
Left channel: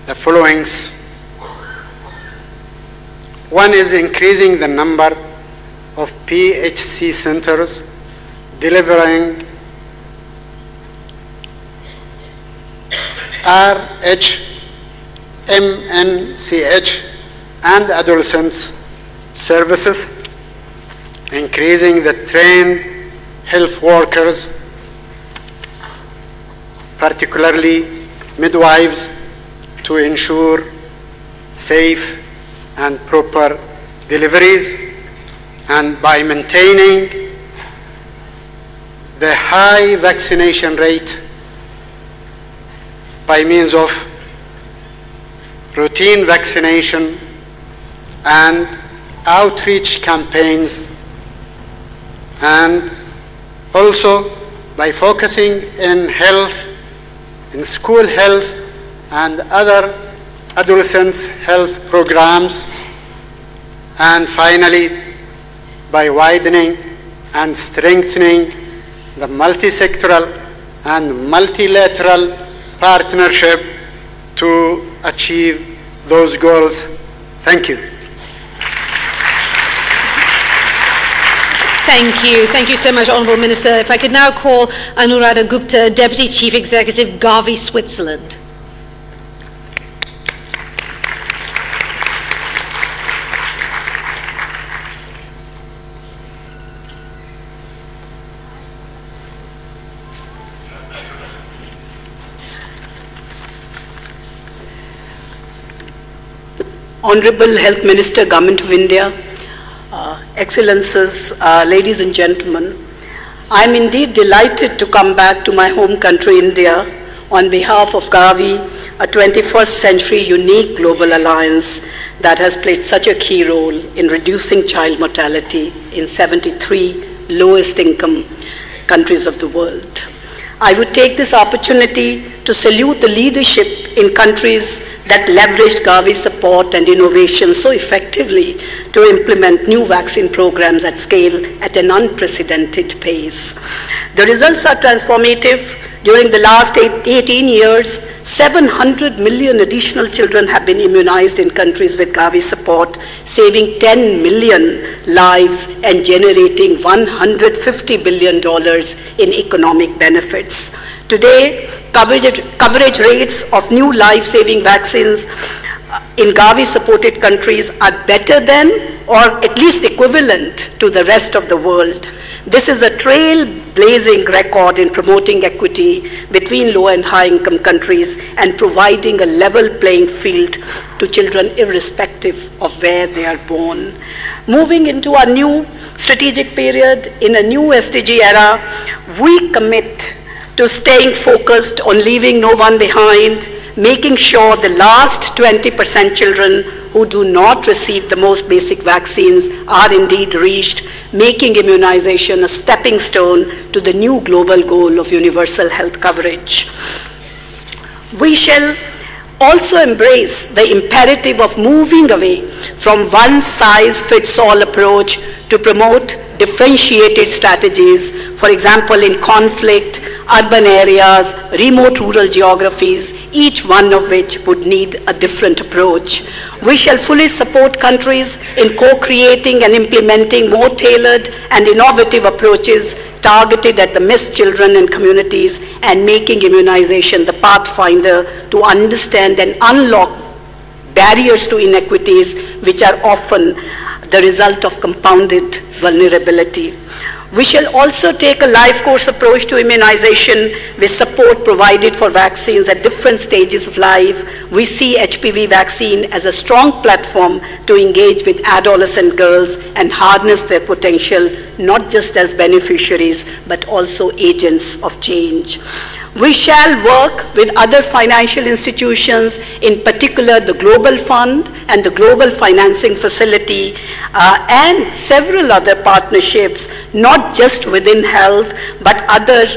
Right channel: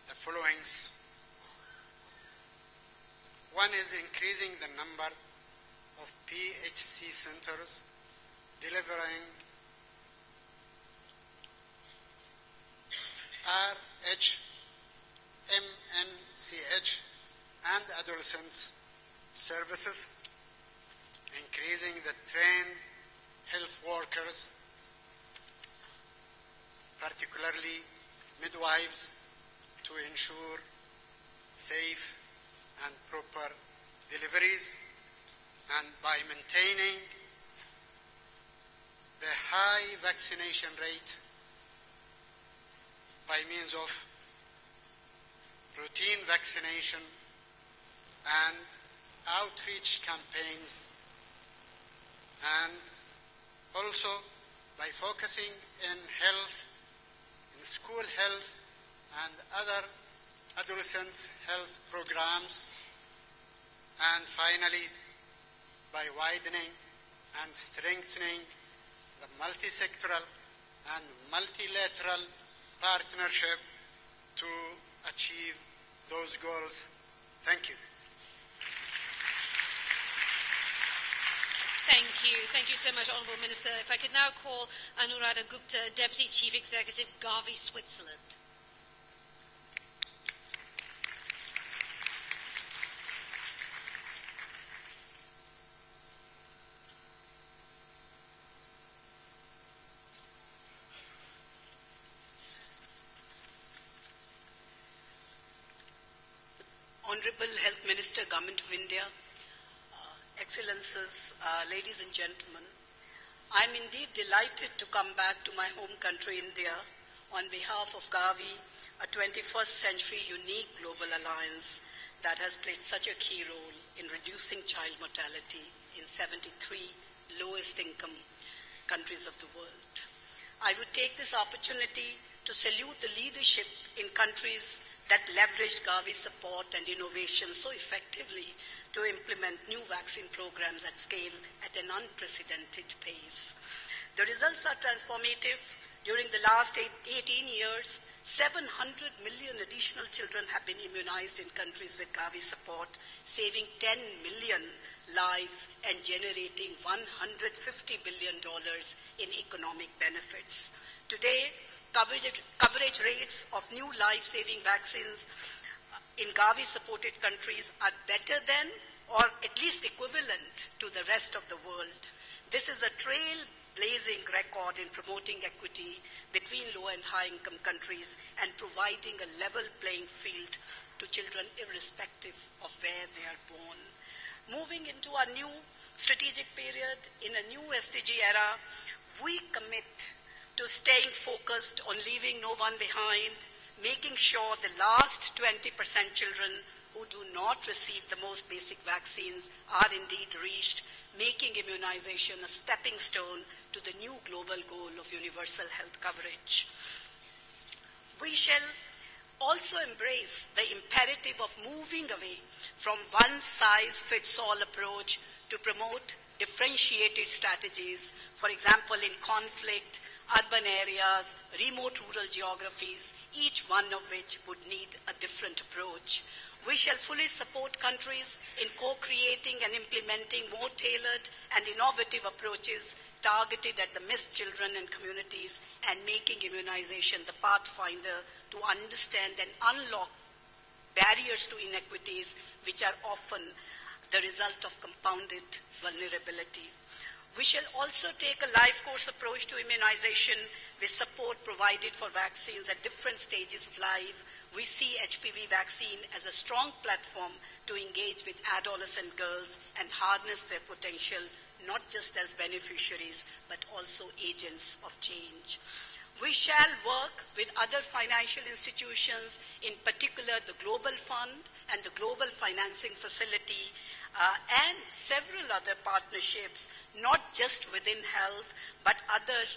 the followings. One is increasing the number of PHC centers RH, MNCH, and adolescents services, increasing the trained health workers, particularly midwives, to ensure safe and proper deliveries, and by maintaining the high vaccination rate by means of routine vaccination and outreach campaigns, and also by focusing in health, in school health and other adolescents' health programs, and finally by widening and strengthening the multi-sectoral and multilateral partnership to achieve those goals. Thank you. Thank you. Thank you so much, Honourable Minister. If I could now call Anuradha Gupta, Deputy Chief Executive, Gavi, Switzerland. Honorable Health Minister, Government of India, Excellences, ladies and gentlemen, I am indeed delighted to come back to my home country, India, on behalf of Gavi, a 21st century unique global alliance that has played such a key role in reducing child mortality in 73 lowest income countries of the world. I would take this opportunity to salute the leadership in countries that leveraged Gavi's support and innovation so effectively to implement new vaccine programs at scale at an unprecedented pace. The results are transformative. During the last 18 years, 700 million additional children have been immunized in countries with Gavi support, saving 10 million lives and generating $150 billion in economic benefits. Today, coverage rates of new life-saving vaccines in Gavi-supported countries are better than or at least equivalent to the rest of the world. This is a trailblazing record in promoting equity between low and high-income countries and providing a level playing field to children irrespective of where they are born. Moving into our new strategic period, in a new SDG era, we commit to staying focused on leaving no one behind, making sure the last 20% children who do not receive the most basic vaccines are indeed reached, making immunization a stepping stone to the new global goal of universal health coverage. We shall also embrace the imperative of moving away from one-size-fits-all approach to promote differentiated strategies, for example, in conflict, urban areas, remote rural geographies, each one of which would need a different approach. We shall fully support countries in co-creating and implementing more tailored and innovative approaches targeted at the missed children and communities, and making immunization the pathfinder to understand and unlock barriers to inequities which are often the result of compounded vulnerability. We shall also take a life course approach to immunization with support provided for vaccines at different stages of life. We see HPV vaccine as a strong platform to engage with adolescent girls and harness their potential, not just as beneficiaries, but also agents of change. We shall work with other financial institutions, in particular the Global Fund and the Global Financing Facility, and several other partnerships, not just within health, but other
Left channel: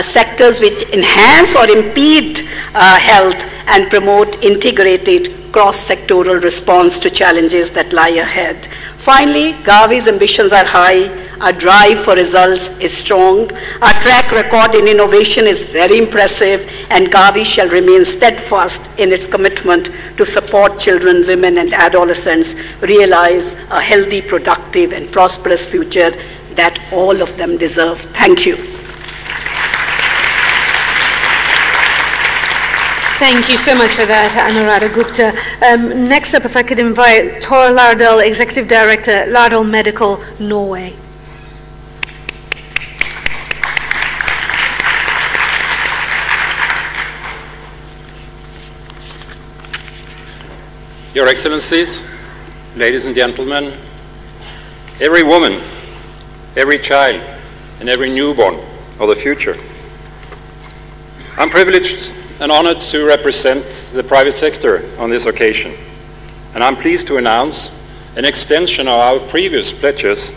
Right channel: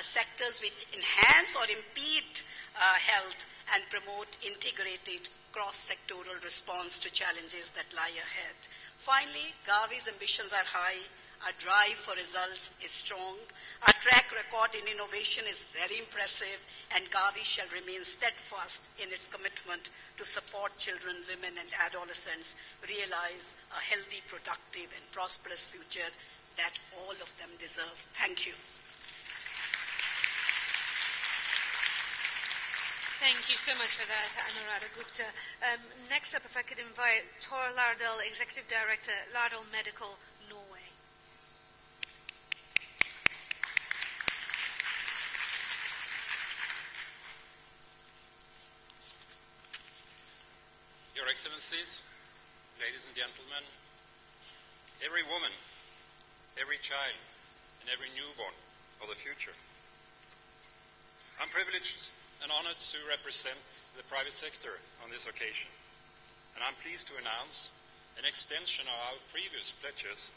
sectors which enhance or impede health and promote integrated cross-sectoral response to challenges that lie ahead. Finally, Gavi's ambitions are high. Our drive for results is strong. Our track record in innovation is very impressive, and Gavi shall remain steadfast in its commitment to support children, women, and adolescents realize a healthy, productive, and prosperous future that all of them deserve. Thank you. Thank you so much for that, Anuradha Gupta. Next up, if I could invite Tor Lardal, Executive Director, Lardal Medical, Norway. Your Excellencies, ladies and gentlemen, every woman, every child, and every newborn of the future. I'm privileged and honored to represent the private sector on this occasion, and I'm pleased to announce an extension of our previous pledges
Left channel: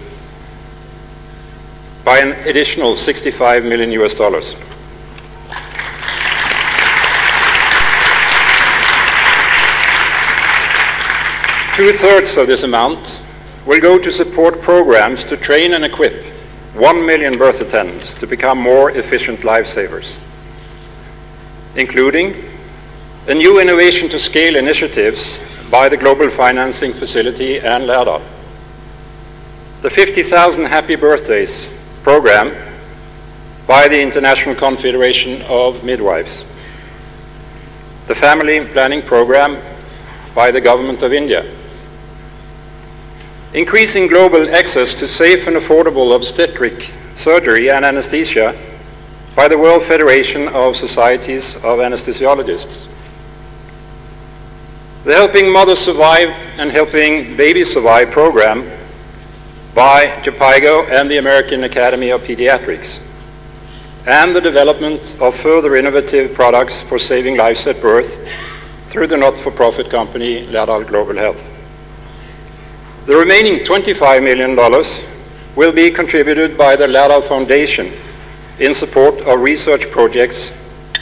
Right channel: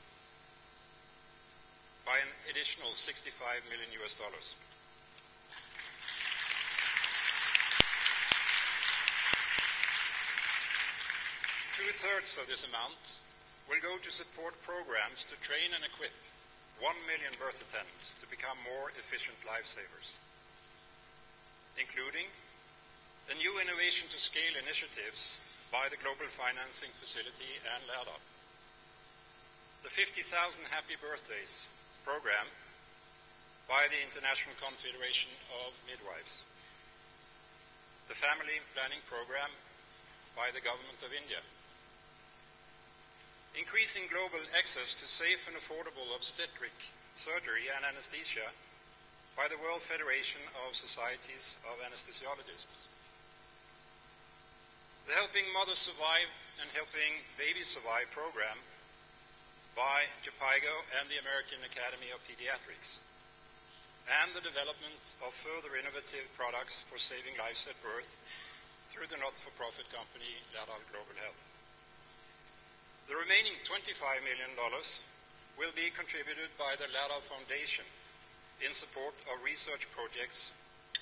by an additional $65 million. 2/3 of this amount will go to support programs to train and equip 1 million birth attendants to become more efficient lifesavers, including a new innovation to scale initiatives by the Global Financing Facility and Lærdal, the 50,000 Happy Birthdays program by the International Confederation of Midwives, the Family Planning Program by the Government of India, increasing global access to safe and affordable obstetric surgery and anesthesia by the World Federation of Societies of Anesthesiologists, the Helping Mothers Survive and Helping Babies Survive program by JPIGO and the American Academy of Pediatrics, and the development of further innovative products for saving lives at birth through the not-for-profit company Lærdal Global Health. The remaining $25 million will be contributed by the Lærdal Foundation in support of research projects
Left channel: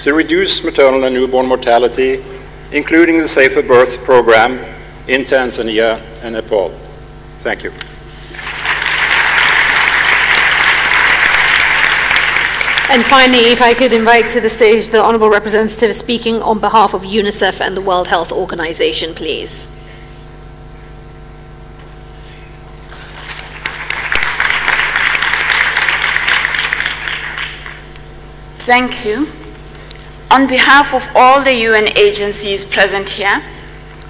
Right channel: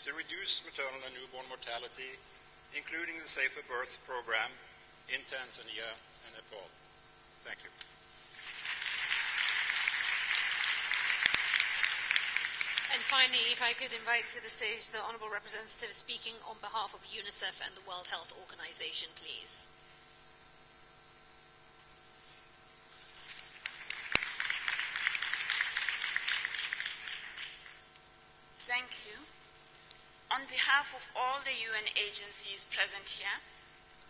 to reduce maternal and newborn mortality, including the Safer Birth program in Tanzania and Nepal. Thank you. And finally, if I could invite to the stage the Honourable Representative speaking on behalf of UNICEF and the World Health Organization, please. Thank you. On behalf of all the UN agencies present here,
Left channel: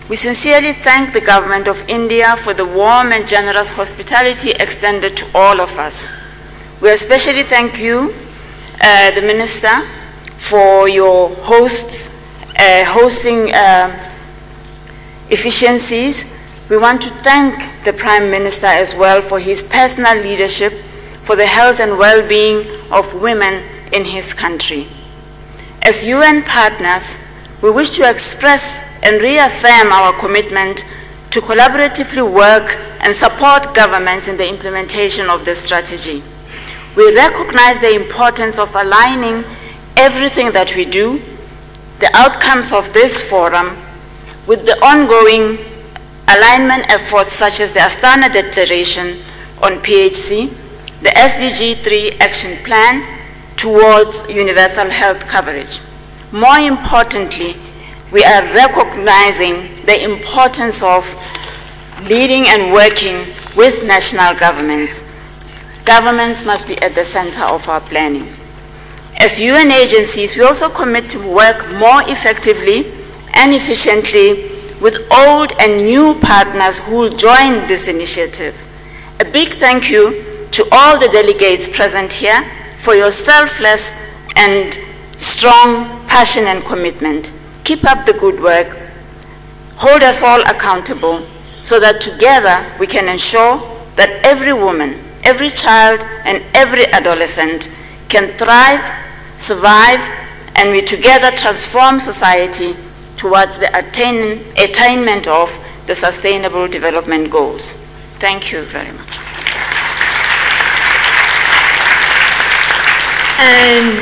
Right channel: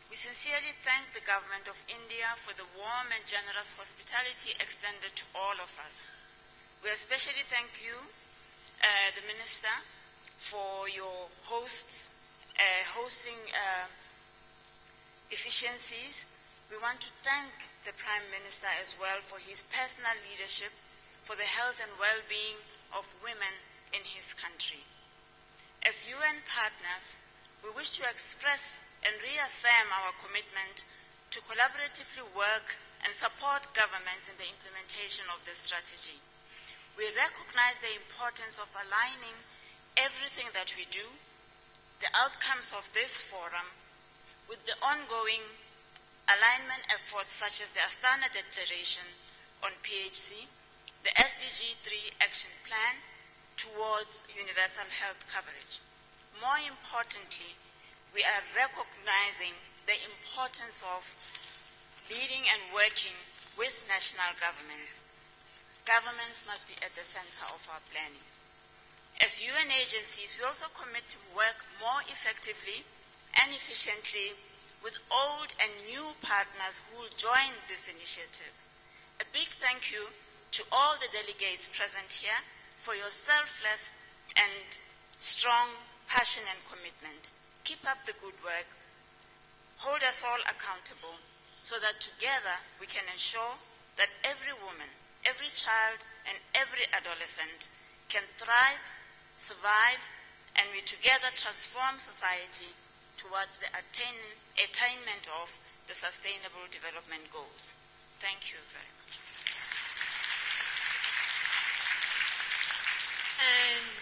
we sincerely thank the Government of India for the warm and generous hospitality extended to all of us. We especially thank you, the Minister, for your hosting efficiencies. We want to thank the Prime Minister as well for his personal leadership for the health and well-being of women in his country. As UN partners, we wish to express and reaffirm our commitment to collaboratively work and support governments in the implementation of this strategy. We recognize the importance of aligning everything that we do, the outcomes of this forum, with the ongoing alignment efforts such as the Astana Declaration on PHC, the SDG 3 Action Plan, towards universal health coverage. More importantly, we are recognizing the importance of leading and working with national governments. Governments must be at the center of our planning. As UN agencies, we also commit to work more effectively and efficiently with old and new partners who will join this initiative. A big thank you to all the delegates present here for your selfless and strong passion and commitment. Keep up the good work. Hold us all accountable so that together we can ensure that every woman, every child, and every adolescent can thrive, survive, and we together transform society towards the attainment of the Sustainable Development Goals. Thank you very much. And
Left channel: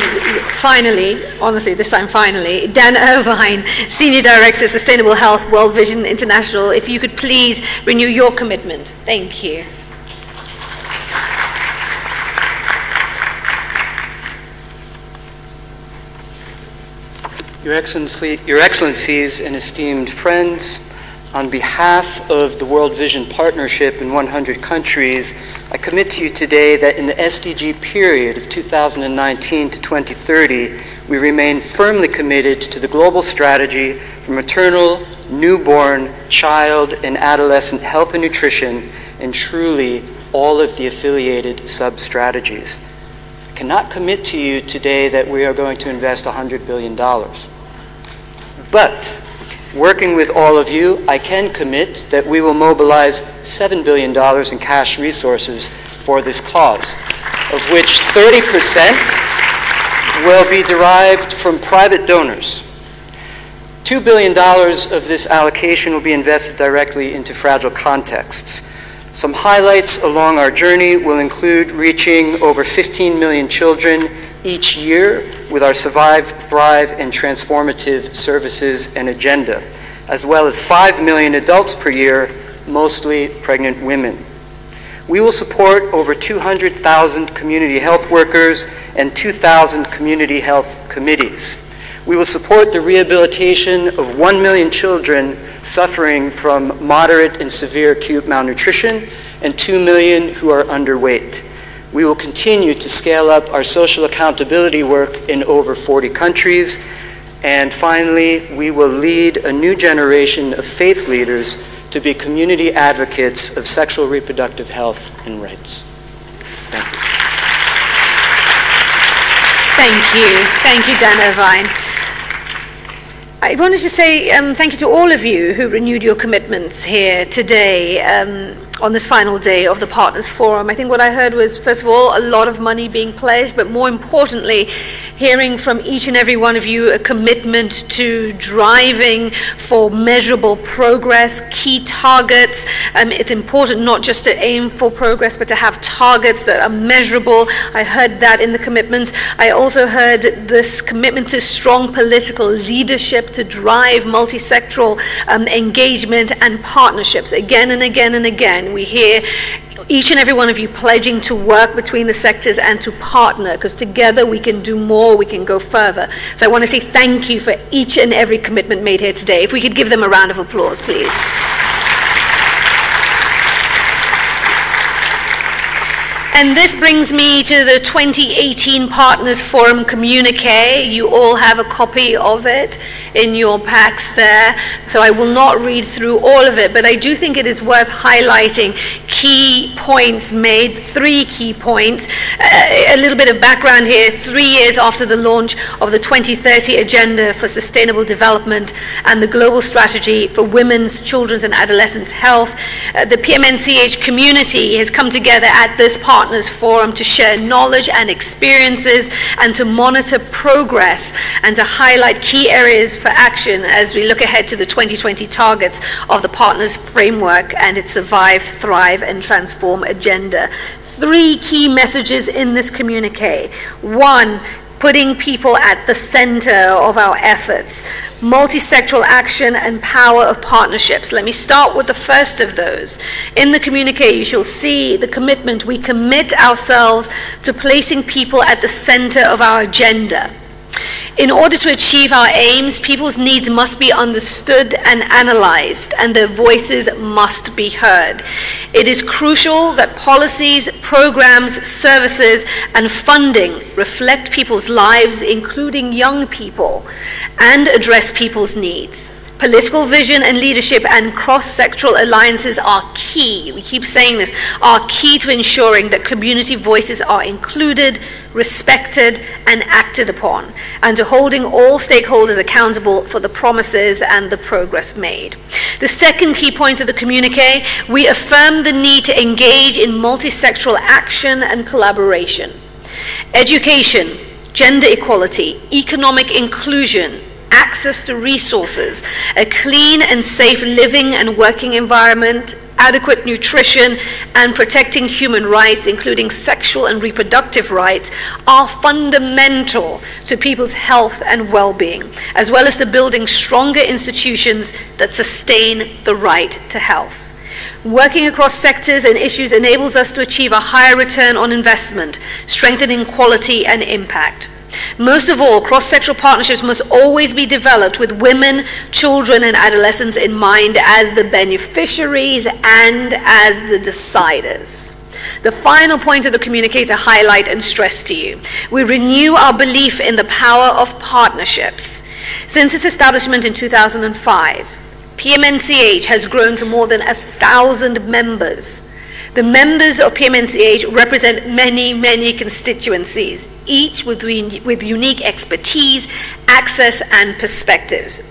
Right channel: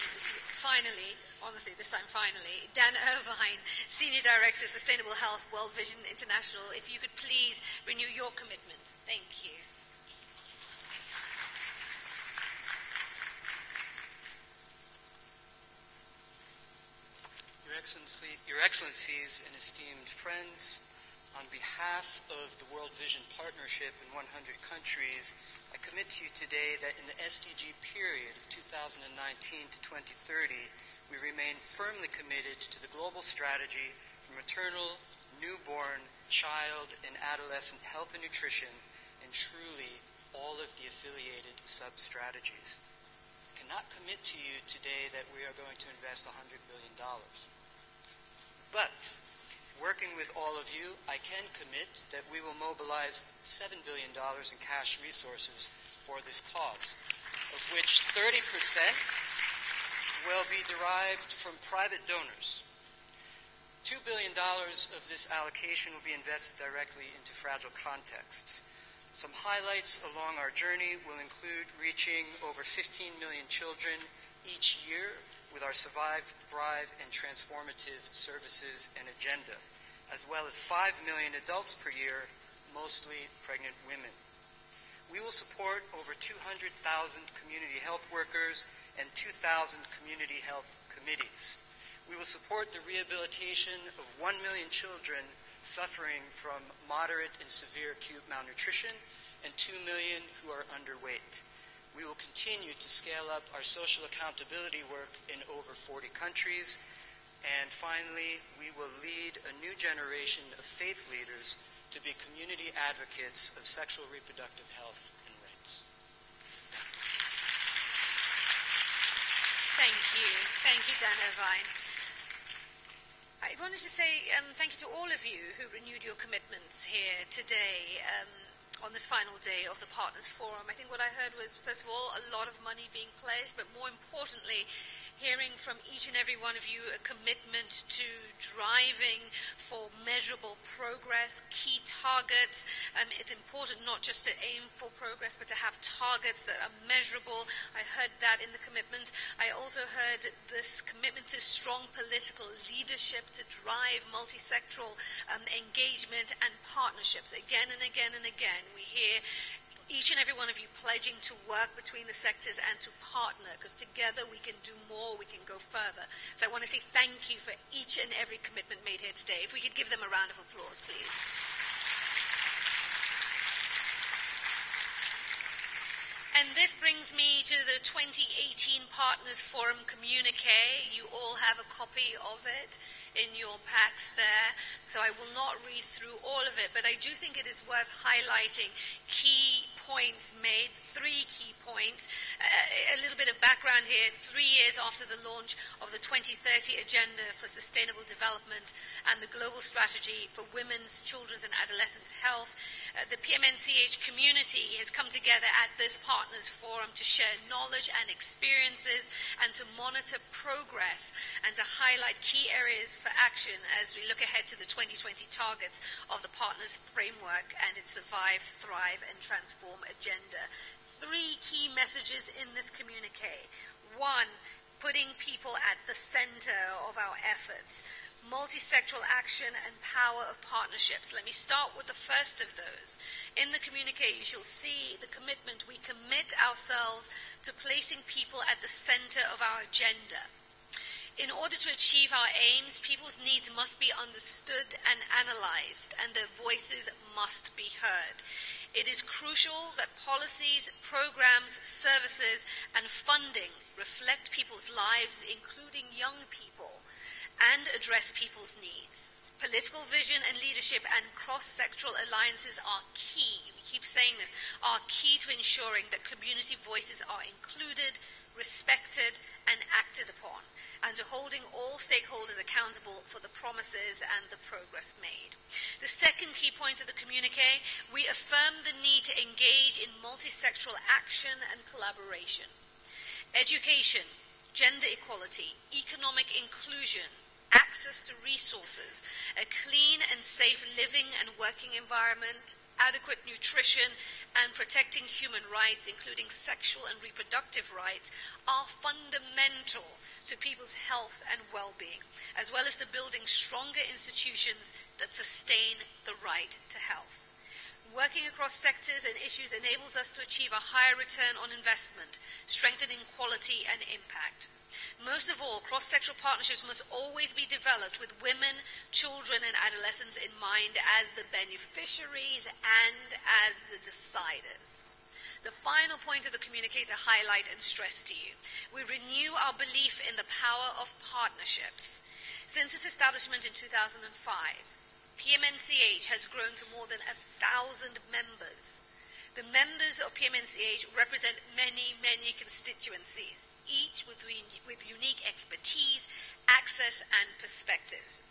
finally, honestly, this time finally, Dan Irvine, Senior Director, Sustainable Health, World Vision International, if you could please renew your commitment. Thank you. Your Excellencies and esteemed friends, on behalf of the World Vision Partnership in 100 countries, I commit to you today that in the SDG period of 2019 to 2030, we remain firmly committed to the global strategy for maternal, newborn, child, and adolescent health and nutrition, and truly all of the affiliated sub-strategies. I cannot commit to you today that we are going to invest $100 billion. But working with all of you, I can commit that we will mobilize $7 billion in cash resources for this cause, of which 30% will be derived from private donors. $2 billion of this allocation will be invested directly into fragile contexts. Some highlights along our journey will include reaching over 15 million children each year with our Survive, Thrive, and Transformative Services and Agenda, as well as 5 million adults per year, mostly pregnant women. We will support over 200,000 community health workers and 2,000 community health committees. We will support the rehabilitation of 1 million children suffering from moderate and severe acute malnutrition and 2 million who are underweight. We will continue to scale up our social accountability work in over 40 countries. And finally, we will lead a new generation of faith leaders to be community advocates of sexual reproductive health and rights. Thank you. Thank you. Thank you, Dan Irvine. I wanted to say thank you to all of you who renewed your commitments here today on this final day of the Partners Forum. I think what I heard was, first of all, a lot of money being pledged, but more importantly, hearing from each and every one of you a commitment to driving for measurable progress, key targets. It's important not just to aim for progress, but to have targets that are measurable. I heard that in the commitments. I also heard this commitment to strong political leadership to drive multi-sectoral engagement and partnerships. Again and again and again, we hear each and every one of you pledging to work between the sectors and to partner, because together we can do more, we can go further. So I want to say thank you for each and every commitment made here today. If we could give them a round of applause, please. And this brings me to the 2018 Partners Forum communique. You all have a copy of it in your packs there, so I will not read through all of it, but I do think it is worth highlighting key points made, 3 key points. A little bit of background here: 3 years after the launch of the 2030 Agenda for Sustainable Development and the Global Strategy for Women's, Children's and Adolescents' Health, the PMNCH community has come together at this Partners Forum to share knowledge and experiences and to monitor progress and to highlight key areas for action as we look ahead to the 2020 targets of the Partners Framework and its Survive, Thrive and Transform agenda. 3 key messages in this communique. 1, putting people at the center of our efforts. Multi-sectoral action and power of partnerships. Let me start with the first of those. In the communique, you shall see the commitment. We commit ourselves to placing people at the center of our agenda. In order to achieve our aims, people's needs must be understood and analyzed, and their voices must be heard. It is crucial that policies, programs, services, and funding reflect people's lives, including young people, and address people's needs. Political vision and leadership and cross-sectoral alliances are key. We keep saying this, are key to ensuring that community voices are included, respected, and acted upon, and to holding all stakeholders accountable for the promises and the progress made. The second key point of the communique, we affirm the need to engage in multi-sectoral action and collaboration. Education, gender equality, economic inclusion, access to resources, a clean and safe living and working environment, adequate nutrition, and protecting human rights, including sexual and reproductive rights, are fundamental to people's health and well-being, as well as to building stronger institutions that sustain the right to health. Working across sectors and issues enables us to achieve a higher return on investment, strengthening quality and impact. Most of all, cross-sectoral partnerships must always be developed with women, children, and adolescents in mind as the beneficiaries and as the deciders. the final point of the communique to highlight and stress to you. We renew our belief in the power of partnerships. Since its establishment in 2005, PMNCH has grown to more than 1,000 members. The members of PMNCH represent many, many constituencies, each with unique expertise, access, and perspectives.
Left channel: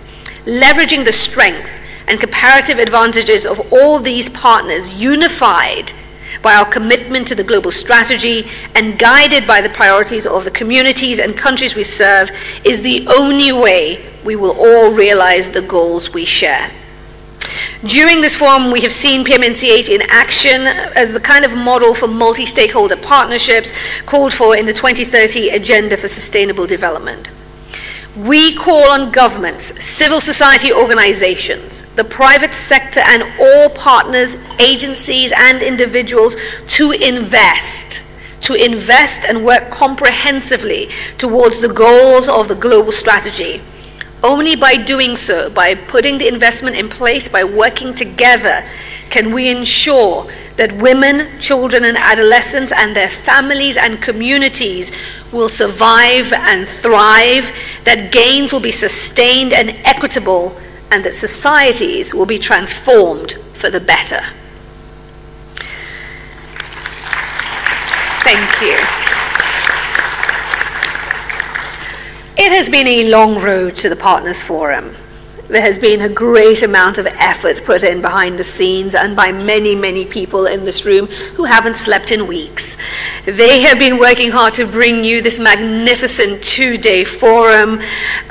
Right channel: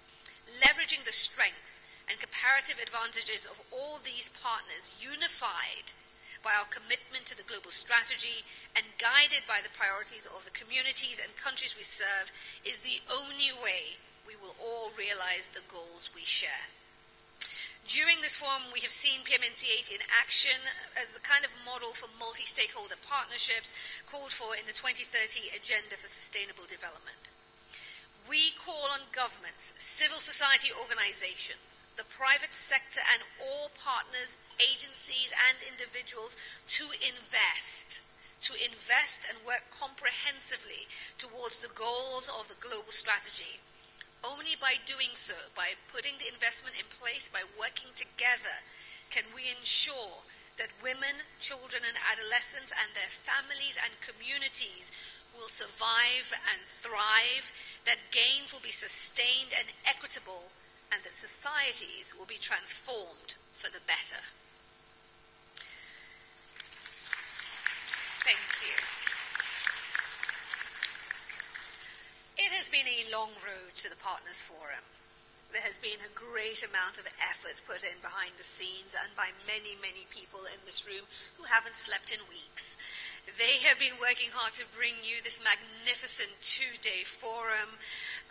Leveraging the strength and comparative advantages of all these partners, unified by our commitment to the global strategy and guided by the priorities of the communities and countries we serve, is the only way we will all realize the goals we share. During this forum, we have seen PMNCH in action as the kind of model for multi-stakeholder partnerships called for in the 2030 Agenda for Sustainable Development. We call on governments, civil society organizations, the private sector, and all partners, agencies, and individuals to invest and work comprehensively towards the goals of the global strategy. Only by doing so, by putting the investment in place, by working together, can we ensure that women, children, and adolescents and their families and communities will survive and thrive, that gains will be sustained and equitable, and that societies will be transformed for the better. Thank you. It has been a long road to the Partners Forum. There has been a great amount of effort put in behind the scenes and by many, many people in this room who haven't slept in weeks. They have been working hard to bring you this magnificent two-day forum,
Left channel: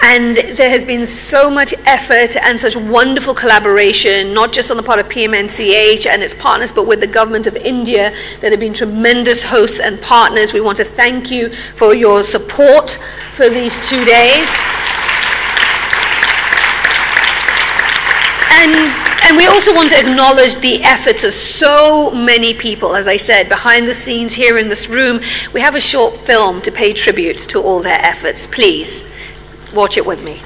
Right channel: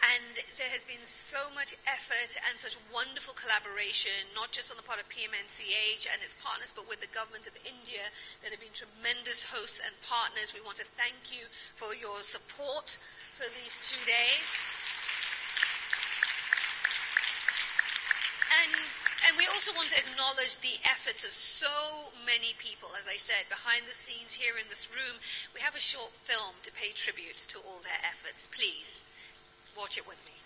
and there has been so much effort and such wonderful collaboration, not just on the part of PMNCH and its partners, but with the government of India, that have been tremendous hosts and partners. We want to thank you for your support for these 2 days. And we also want to acknowledge the efforts of so many people, as I said, behind the scenes here in this room. We have a short film to pay tribute to all their efforts. Please, watch it with me.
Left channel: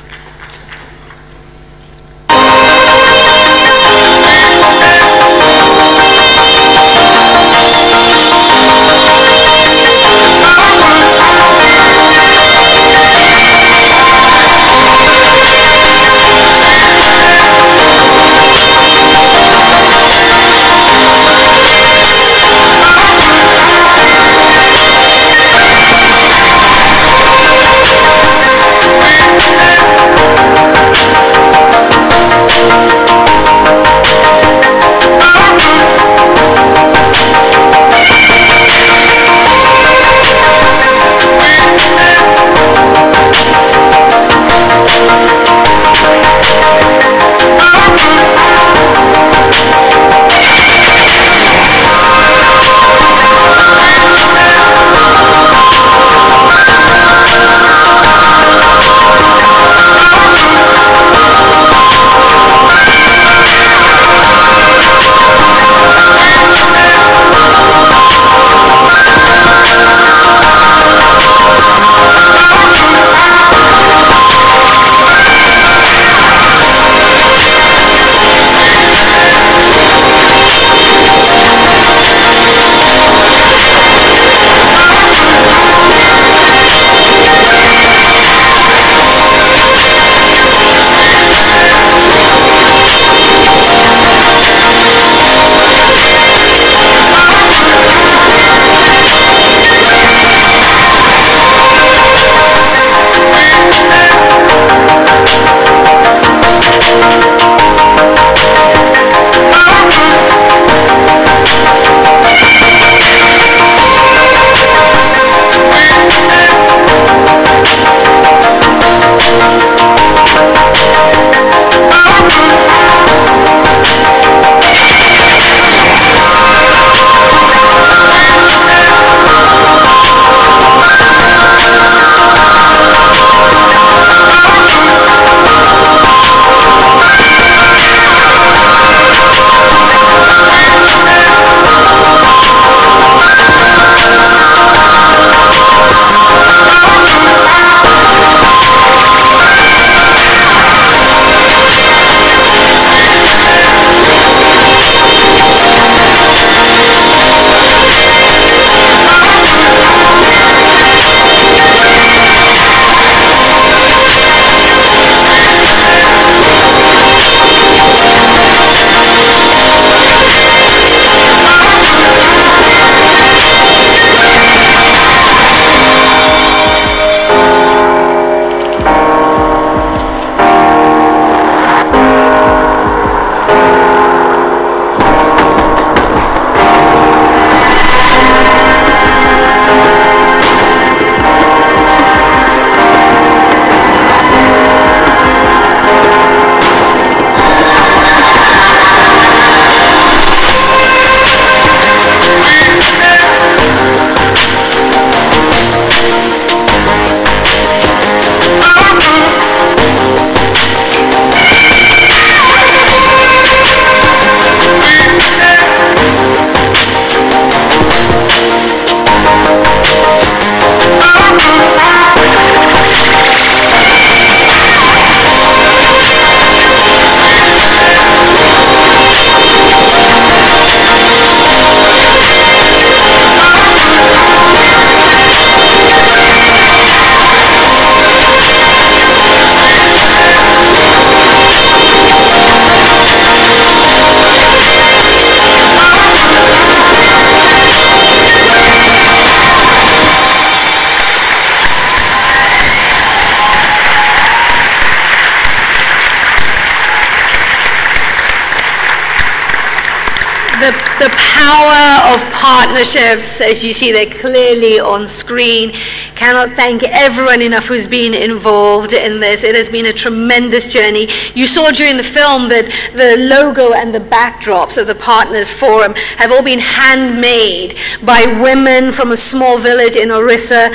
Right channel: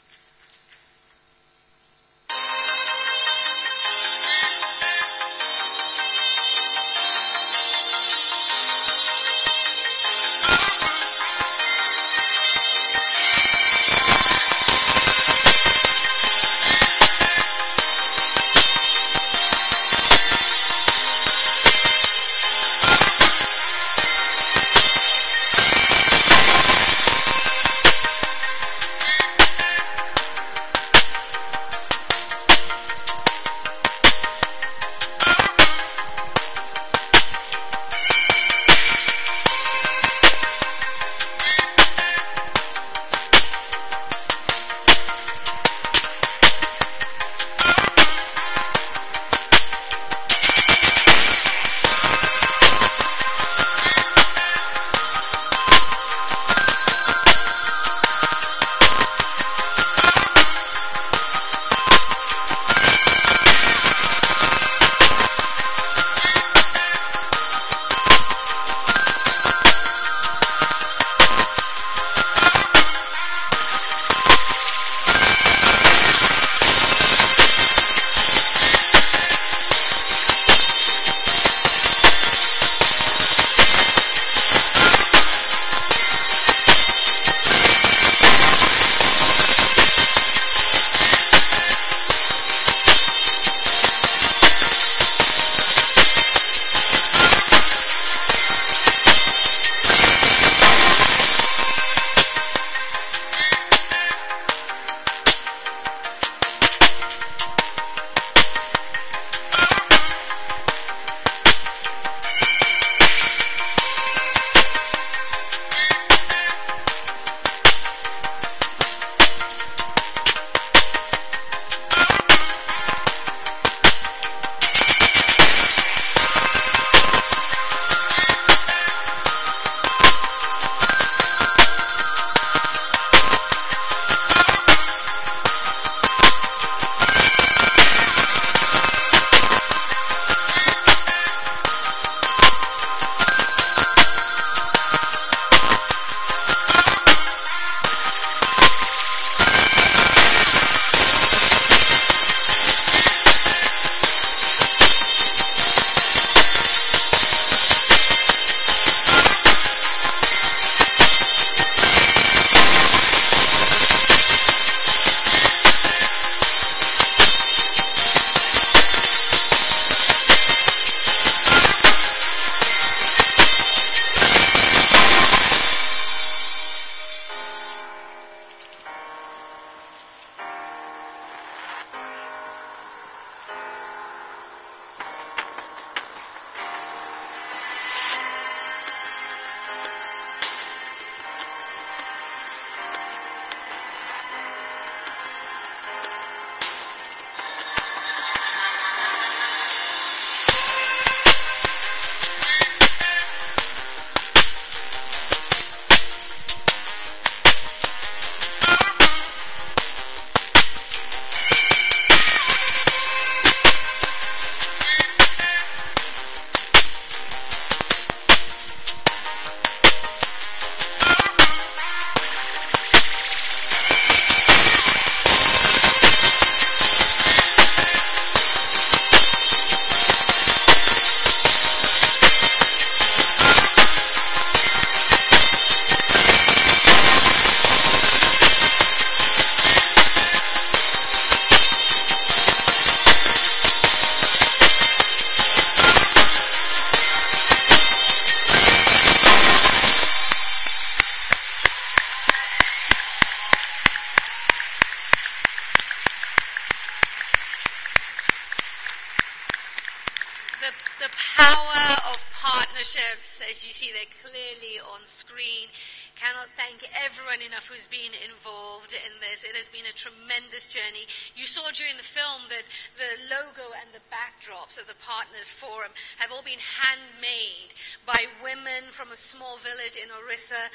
The power of partnerships, as you see, they're clearly on screen. Cannot thank everyone enough who's been involved in this. It has been a tremendous journey. You saw during the film that the logo and the backdrops of the Partners Forum have all been handmade by women from a small village in Orissa.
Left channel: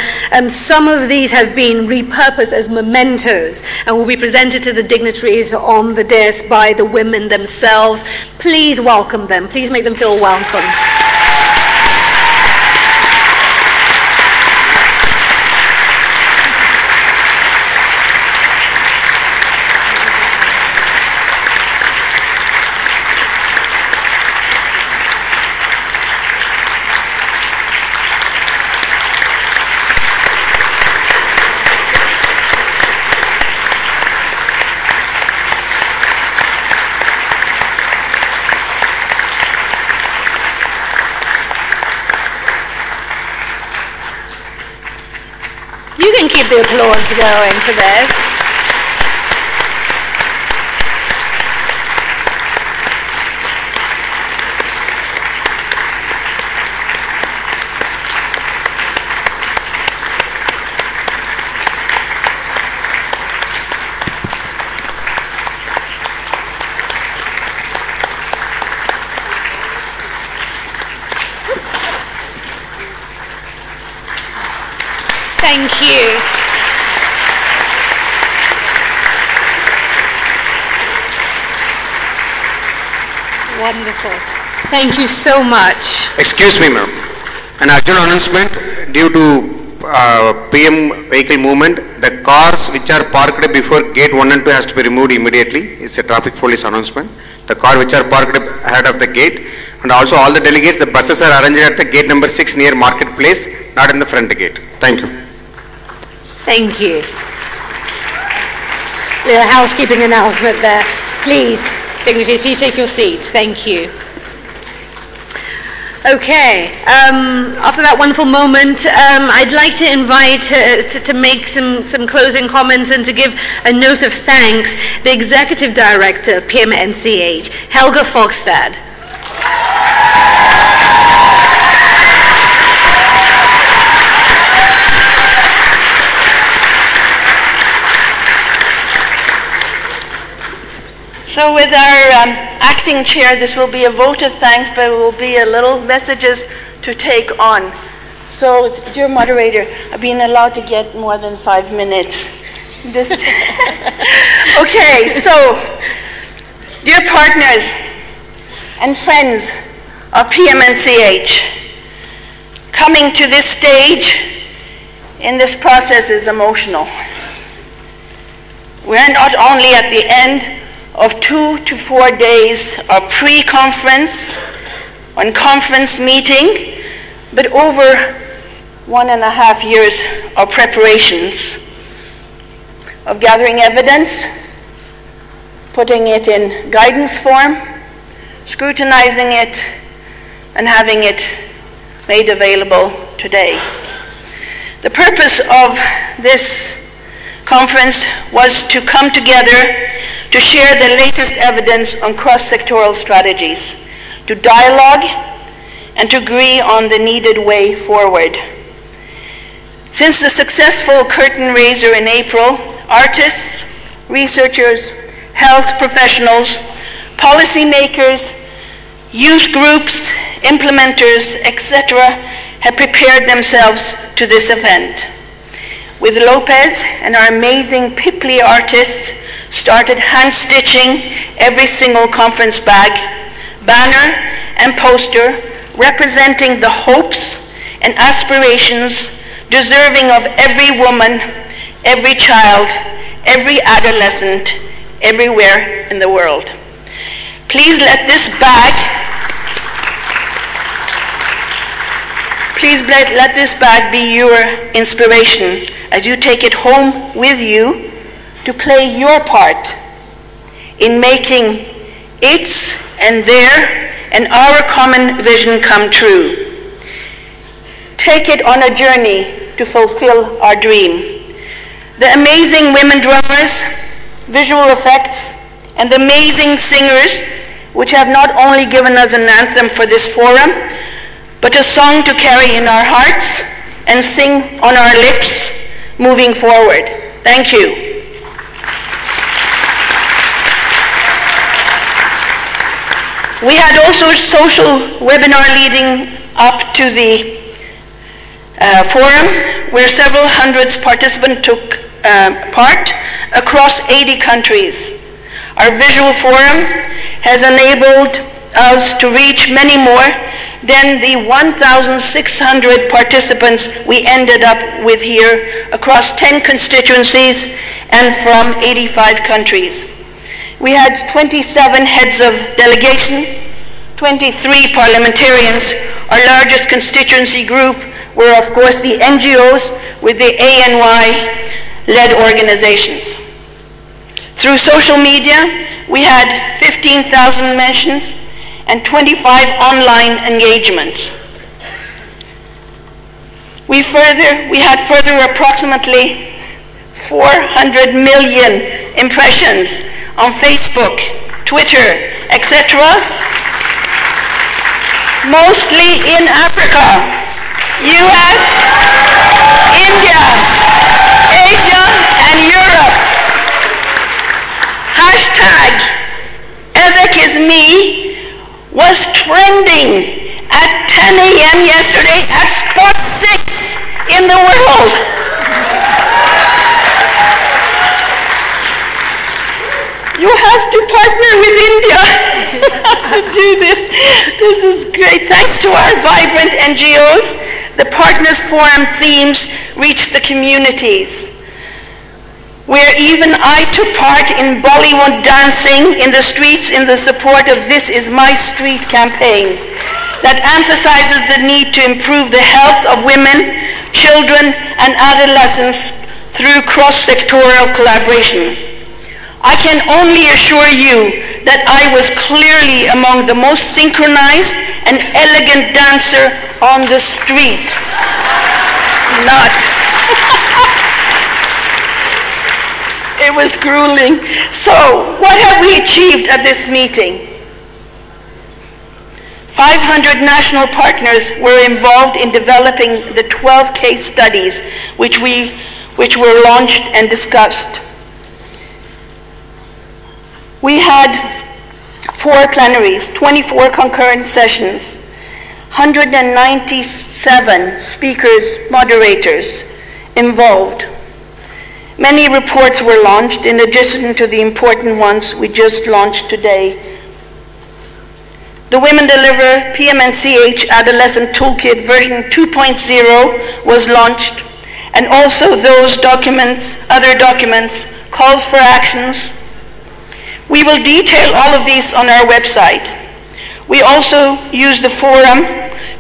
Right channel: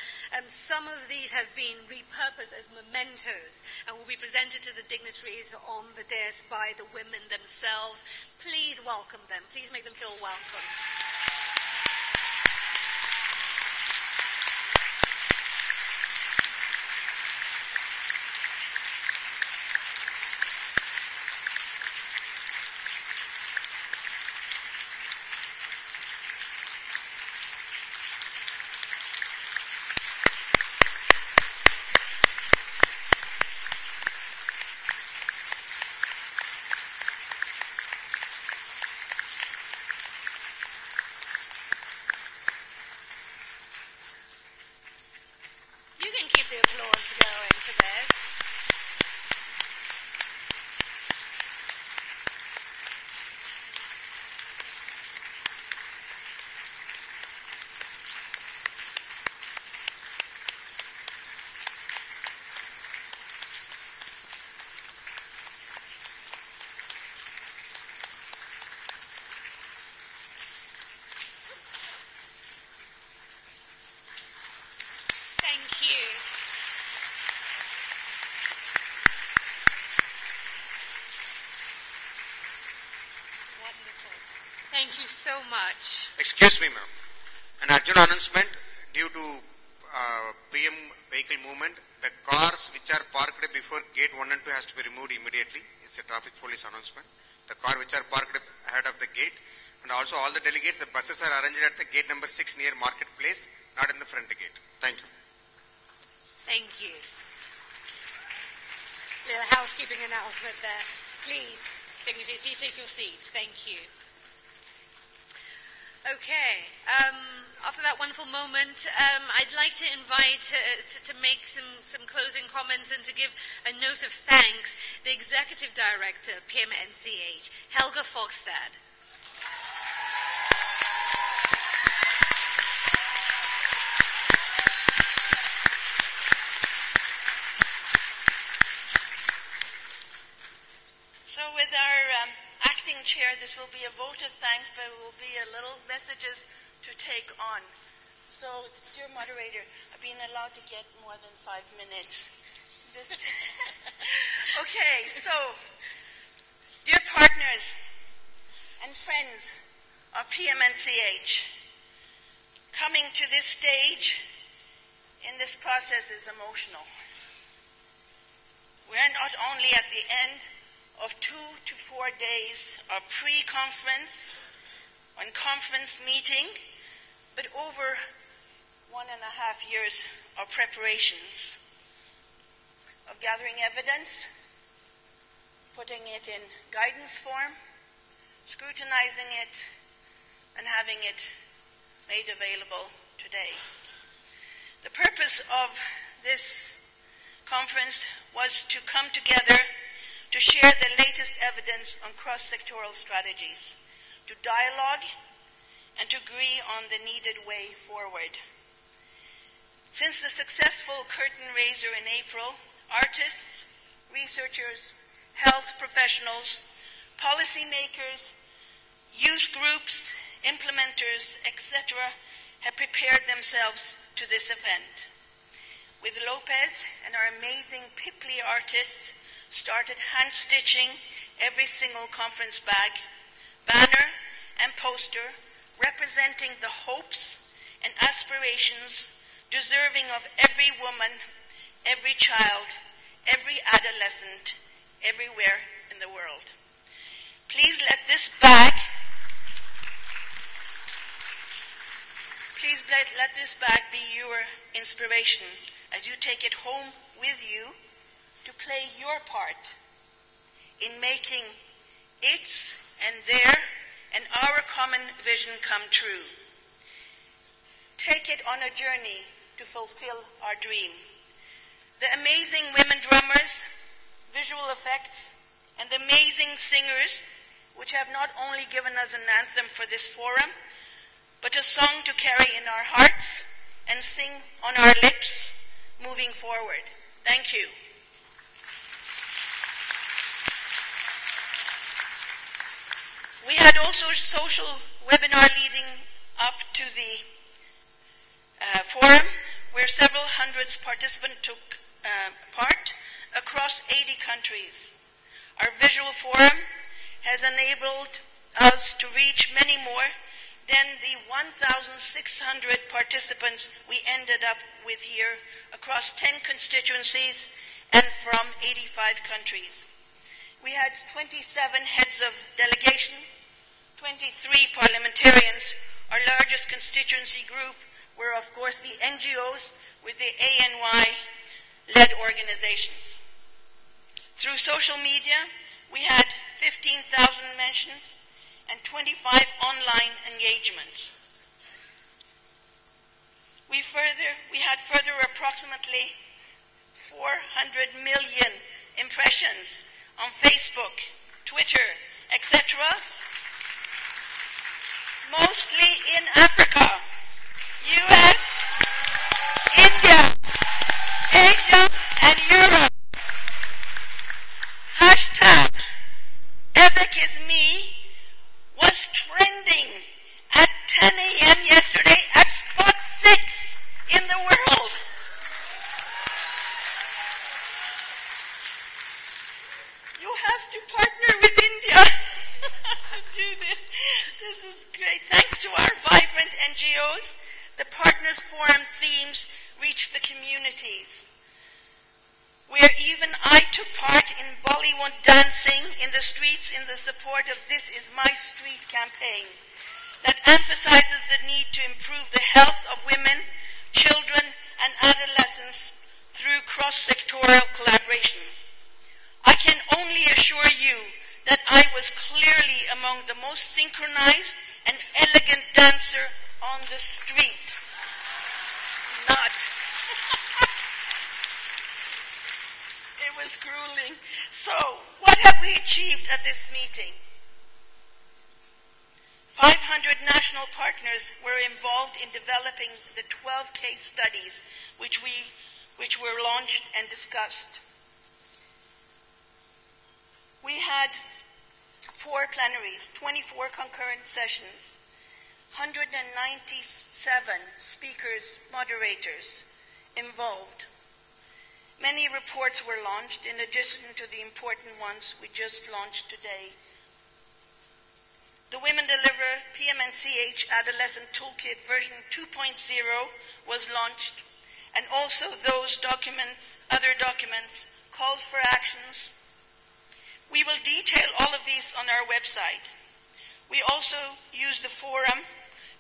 Some of these have been repurposed as mementos and will be presented to the dignitaries on the dais by the women themselves. Please welcome them. Please make them feel welcome. You can keep the applause going for this. Thank you. Wonderful. Thank you so much. Excuse me, ma'am. An urgent announcement due to PM vehicle movement. The cars which are parked before gate 1 and 2 has to be removed immediately. It's a traffic police announcement. The car which are parked ahead of the gate, and also all the delegates, the buses are arranged at the gate number 6 near Marketplace, not in the front gate. Thank you. Thank you. Little housekeeping announcement there. Please, dignitaries, please take your seats. Thank you. Okay, after that wonderful moment, I'd like to invite to make some closing comments and to give a note of thanks the Executive Director of PMNCH, Helga Fogstad. So with our acting chair, this will be a vote of thanks, but it will be a little messages to take on. So, dear moderator, I've been allowed to get more than 5 minutes. Just okay, so, dear partners and friends of PMNCH, coming to this stage in this process is emotional. We're not only at the end of 2 to 4 days of pre-conference and conference meeting, but over 1.5 years of preparations, of gathering evidence, putting it in guidance form, scrutinizing it, and having it made available today. The purpose of this conference was to come together to share the latest evidence on cross-sectoral strategies, to dialogue, and to agree on the needed way forward. Since the successful curtain raiser in April, artists, researchers, health professionals, policymakers, youth groups, implementers, etc., have prepared themselves to this event. With Lopez and our amazing Pipley artists, started hand-stitching every single conference bag, banner, and poster representing the hopes and aspirations deserving of every woman, every child, every adolescent, everywhere in the world. Please let this bag be your inspiration as you take it home with you to play your part in making its and their and our common vision come true. Take it on a journey to fulfill our dream. The amazing women drummers, visual effects, and the amazing singers which have not only given us an anthem for this forum, but a song to carry in our hearts and sing on our lips moving forward. Thank you. We had also a social webinar leading up to the forum, where several hundreds participants took part across 80 countries. Our visual forum has enabled us to reach many more than the 1,600 participants we ended up with here across 10 constituencies and from 85 countries. We had 27 heads of delegation, 23 parliamentarians. Our largest constituency group were, of course, the NGOs with the ANY-led organizations. Through social media, we had 15,000 mentions and 25 online engagements. We had further approximately 400 million impressions on Facebook, Twitter, etc., mostly in Africa, US, India, Asia, and Europe. Hashtag #EvicIsMe was trending at 10 a.m. yesterday at spot 6 in the world. You have to partner with India to do this. This is great. Thanks to our vibrant NGOs, the Partners Forum themes reached the communities, where even I took part in Bollywood dancing in the streets in the support of This Is My Street campaign that emphasizes the need to improve the health of women, children, and adolescents through cross-sectoral collaboration. I can only assure you that I was clearly among the most synchronized and elegant dancer on the street. Not. It was grueling. So, what have we achieved at this meeting? 500 national partners were involved in developing the 12 case studies which were launched and discussed. We had 4 plenaries, 24 concurrent sessions, 197 speakers, moderators involved. Many reports were launched in addition to the important ones we just launched today. The Women Deliver PM&CH Adolescent Toolkit version 2.0 was launched, and also those documents, other documents, calls for actions. We will detail all of these on our website. We also use the forum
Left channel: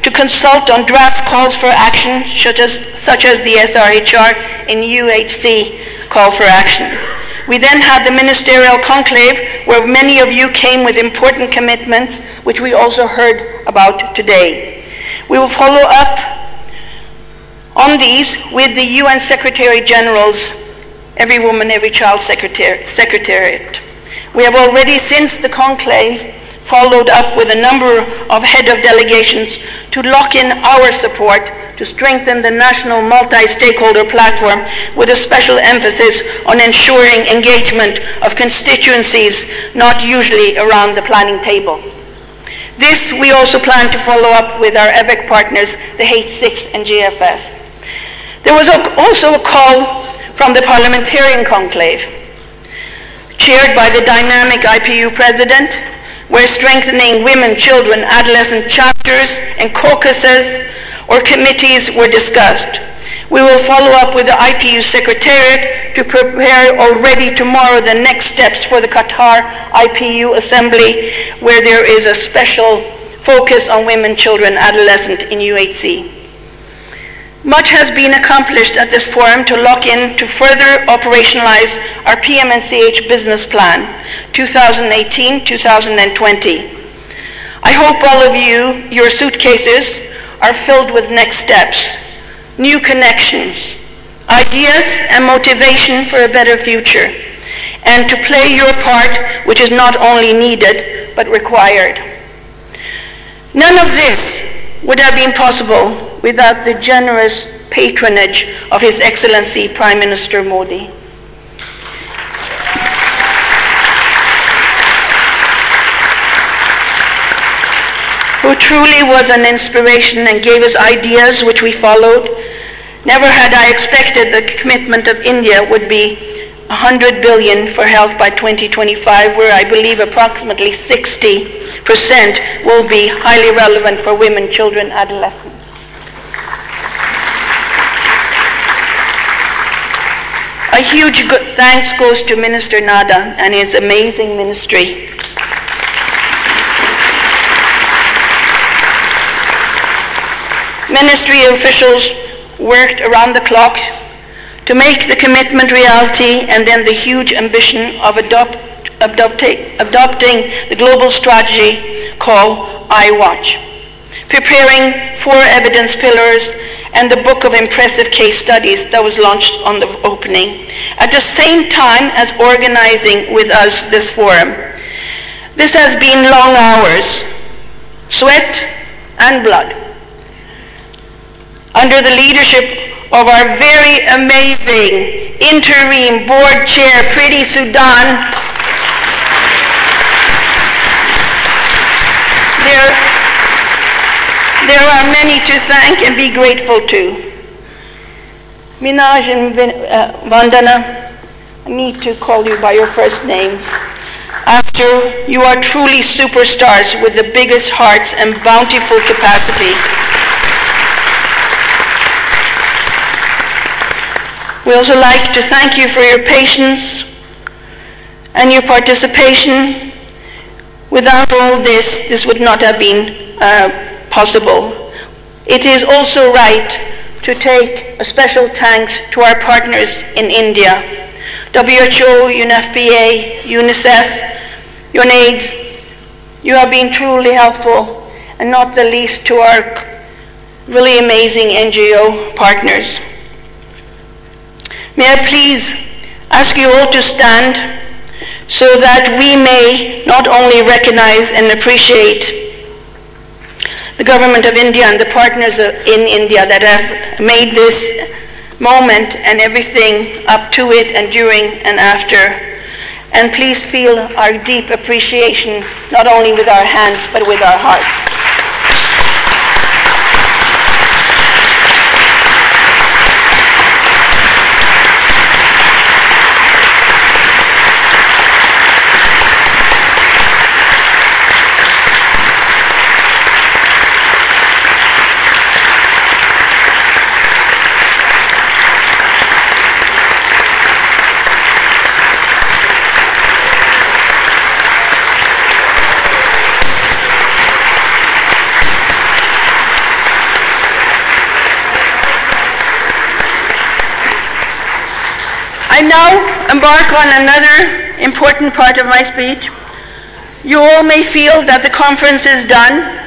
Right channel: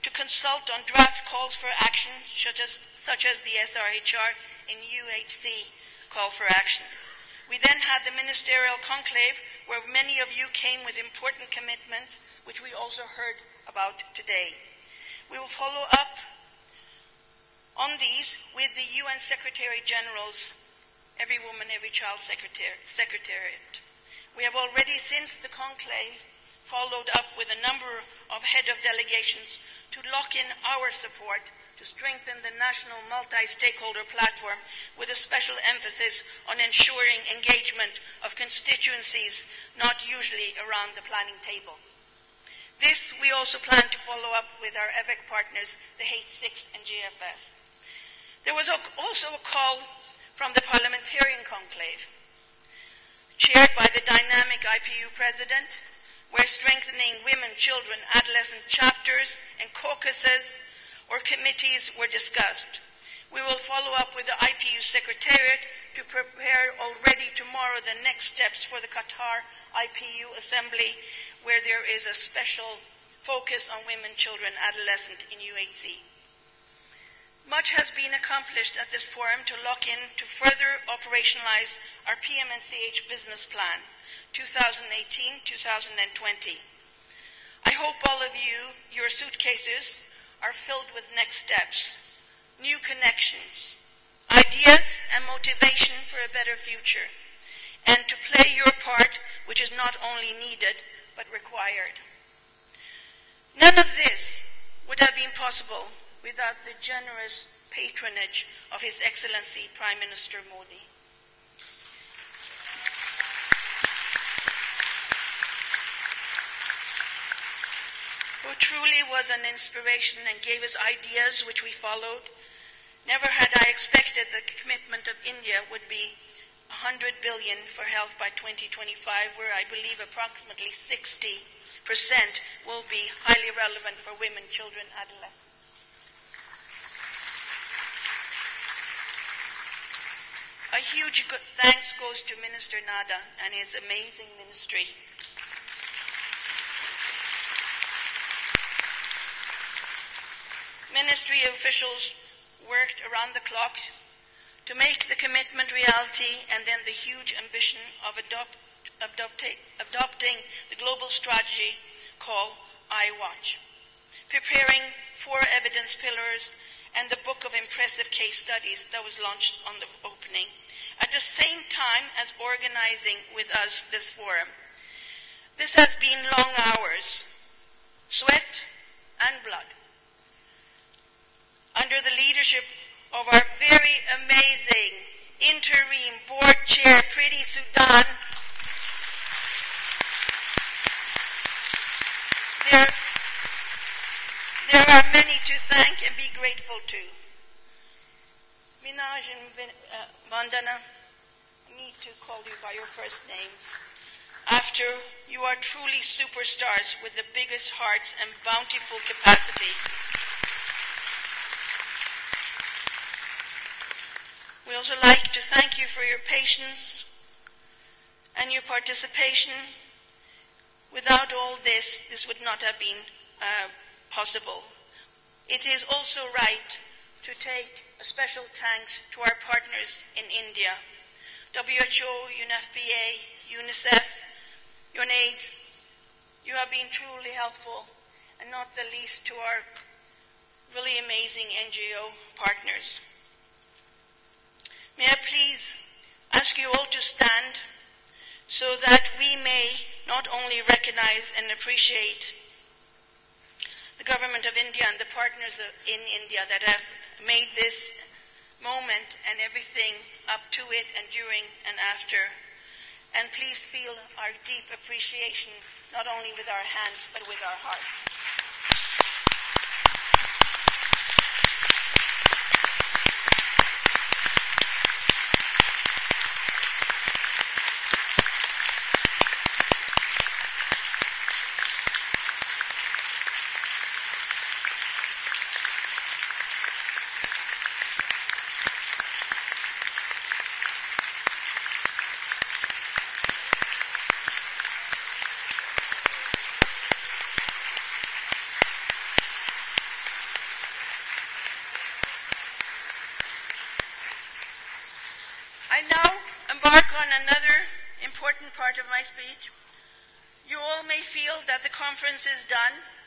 to consult on draft calls for action, such as the SRHR and UHC call for action. We then had the ministerial conclave, where many of you came with important commitments, which we also heard about today. We will follow up on these with the UN Secretary General's Every Woman, Every Child Secretariat. We have already, since the conclave, followed up with a number of head of delegations to lock in our support to strengthen the national multi-stakeholder platform with a special emphasis on ensuring engagement of constituencies not usually around the planning table. This we also plan to follow up with our EVIC partners, the H6 and GFF. There was also a call from the parliamentarian conclave, chaired by the dynamic IPU president, where strengthening women, children, adolescent chapters and caucuses or committees were discussed. We will follow up with the IPU Secretariat to prepare already tomorrow the next steps for the Qatar IPU Assembly, where there is a special focus on women, children, adolescent in UHC. Much has been accomplished at this forum to lock in to further operationalize our PM&CH business plan, 2018-2020. I hope all of you, your suitcases, are filled with next steps, new connections, ideas and motivation for a better future, and to play your part, which is not only needed, but required. None of this would have been possible without the generous patronage of His Excellency Prime Minister Modi. Who truly was an inspiration and gave us ideas which we followed. Never had I expected the commitment of India would be 100 billion for health by 2025, where I believe approximately 60% will be highly relevant for women, children, adolescents. A huge thanks goes to Minister Nada and his amazing ministry. Ministry officials worked around the clock to make the commitment reality, and then the huge ambition of adopting the global strategy called iWatch, preparing 4 evidence pillars and the book of impressive case studies that was launched on the opening, at the same time as organizing with us this forum. This has been long hours, sweat and blood, under the leadership of our very amazing interim board chair, Priti Sudan. There are many to thank and be grateful to. Minaj and Vandana, I need to call you by your first names. After you are truly superstars with the biggest hearts and bountiful capacity. We also like to thank you for your patience and your participation. Without all this, this would not have been possible. It is also right to take a special thanks to our partners in India, WHO, UNFPA, UNICEF, UNAIDS. You have been truly helpful, and not the least to our really amazing NGO partners. May I please ask you all to stand so that we may not only recognize and appreciate the government of India and the partners in India that have made this moment and everything up to it and during and after. And please feel our deep appreciation, not only with our hands, but with our hearts. I now embark on another important part of my speech. You all may feel that the conference is done,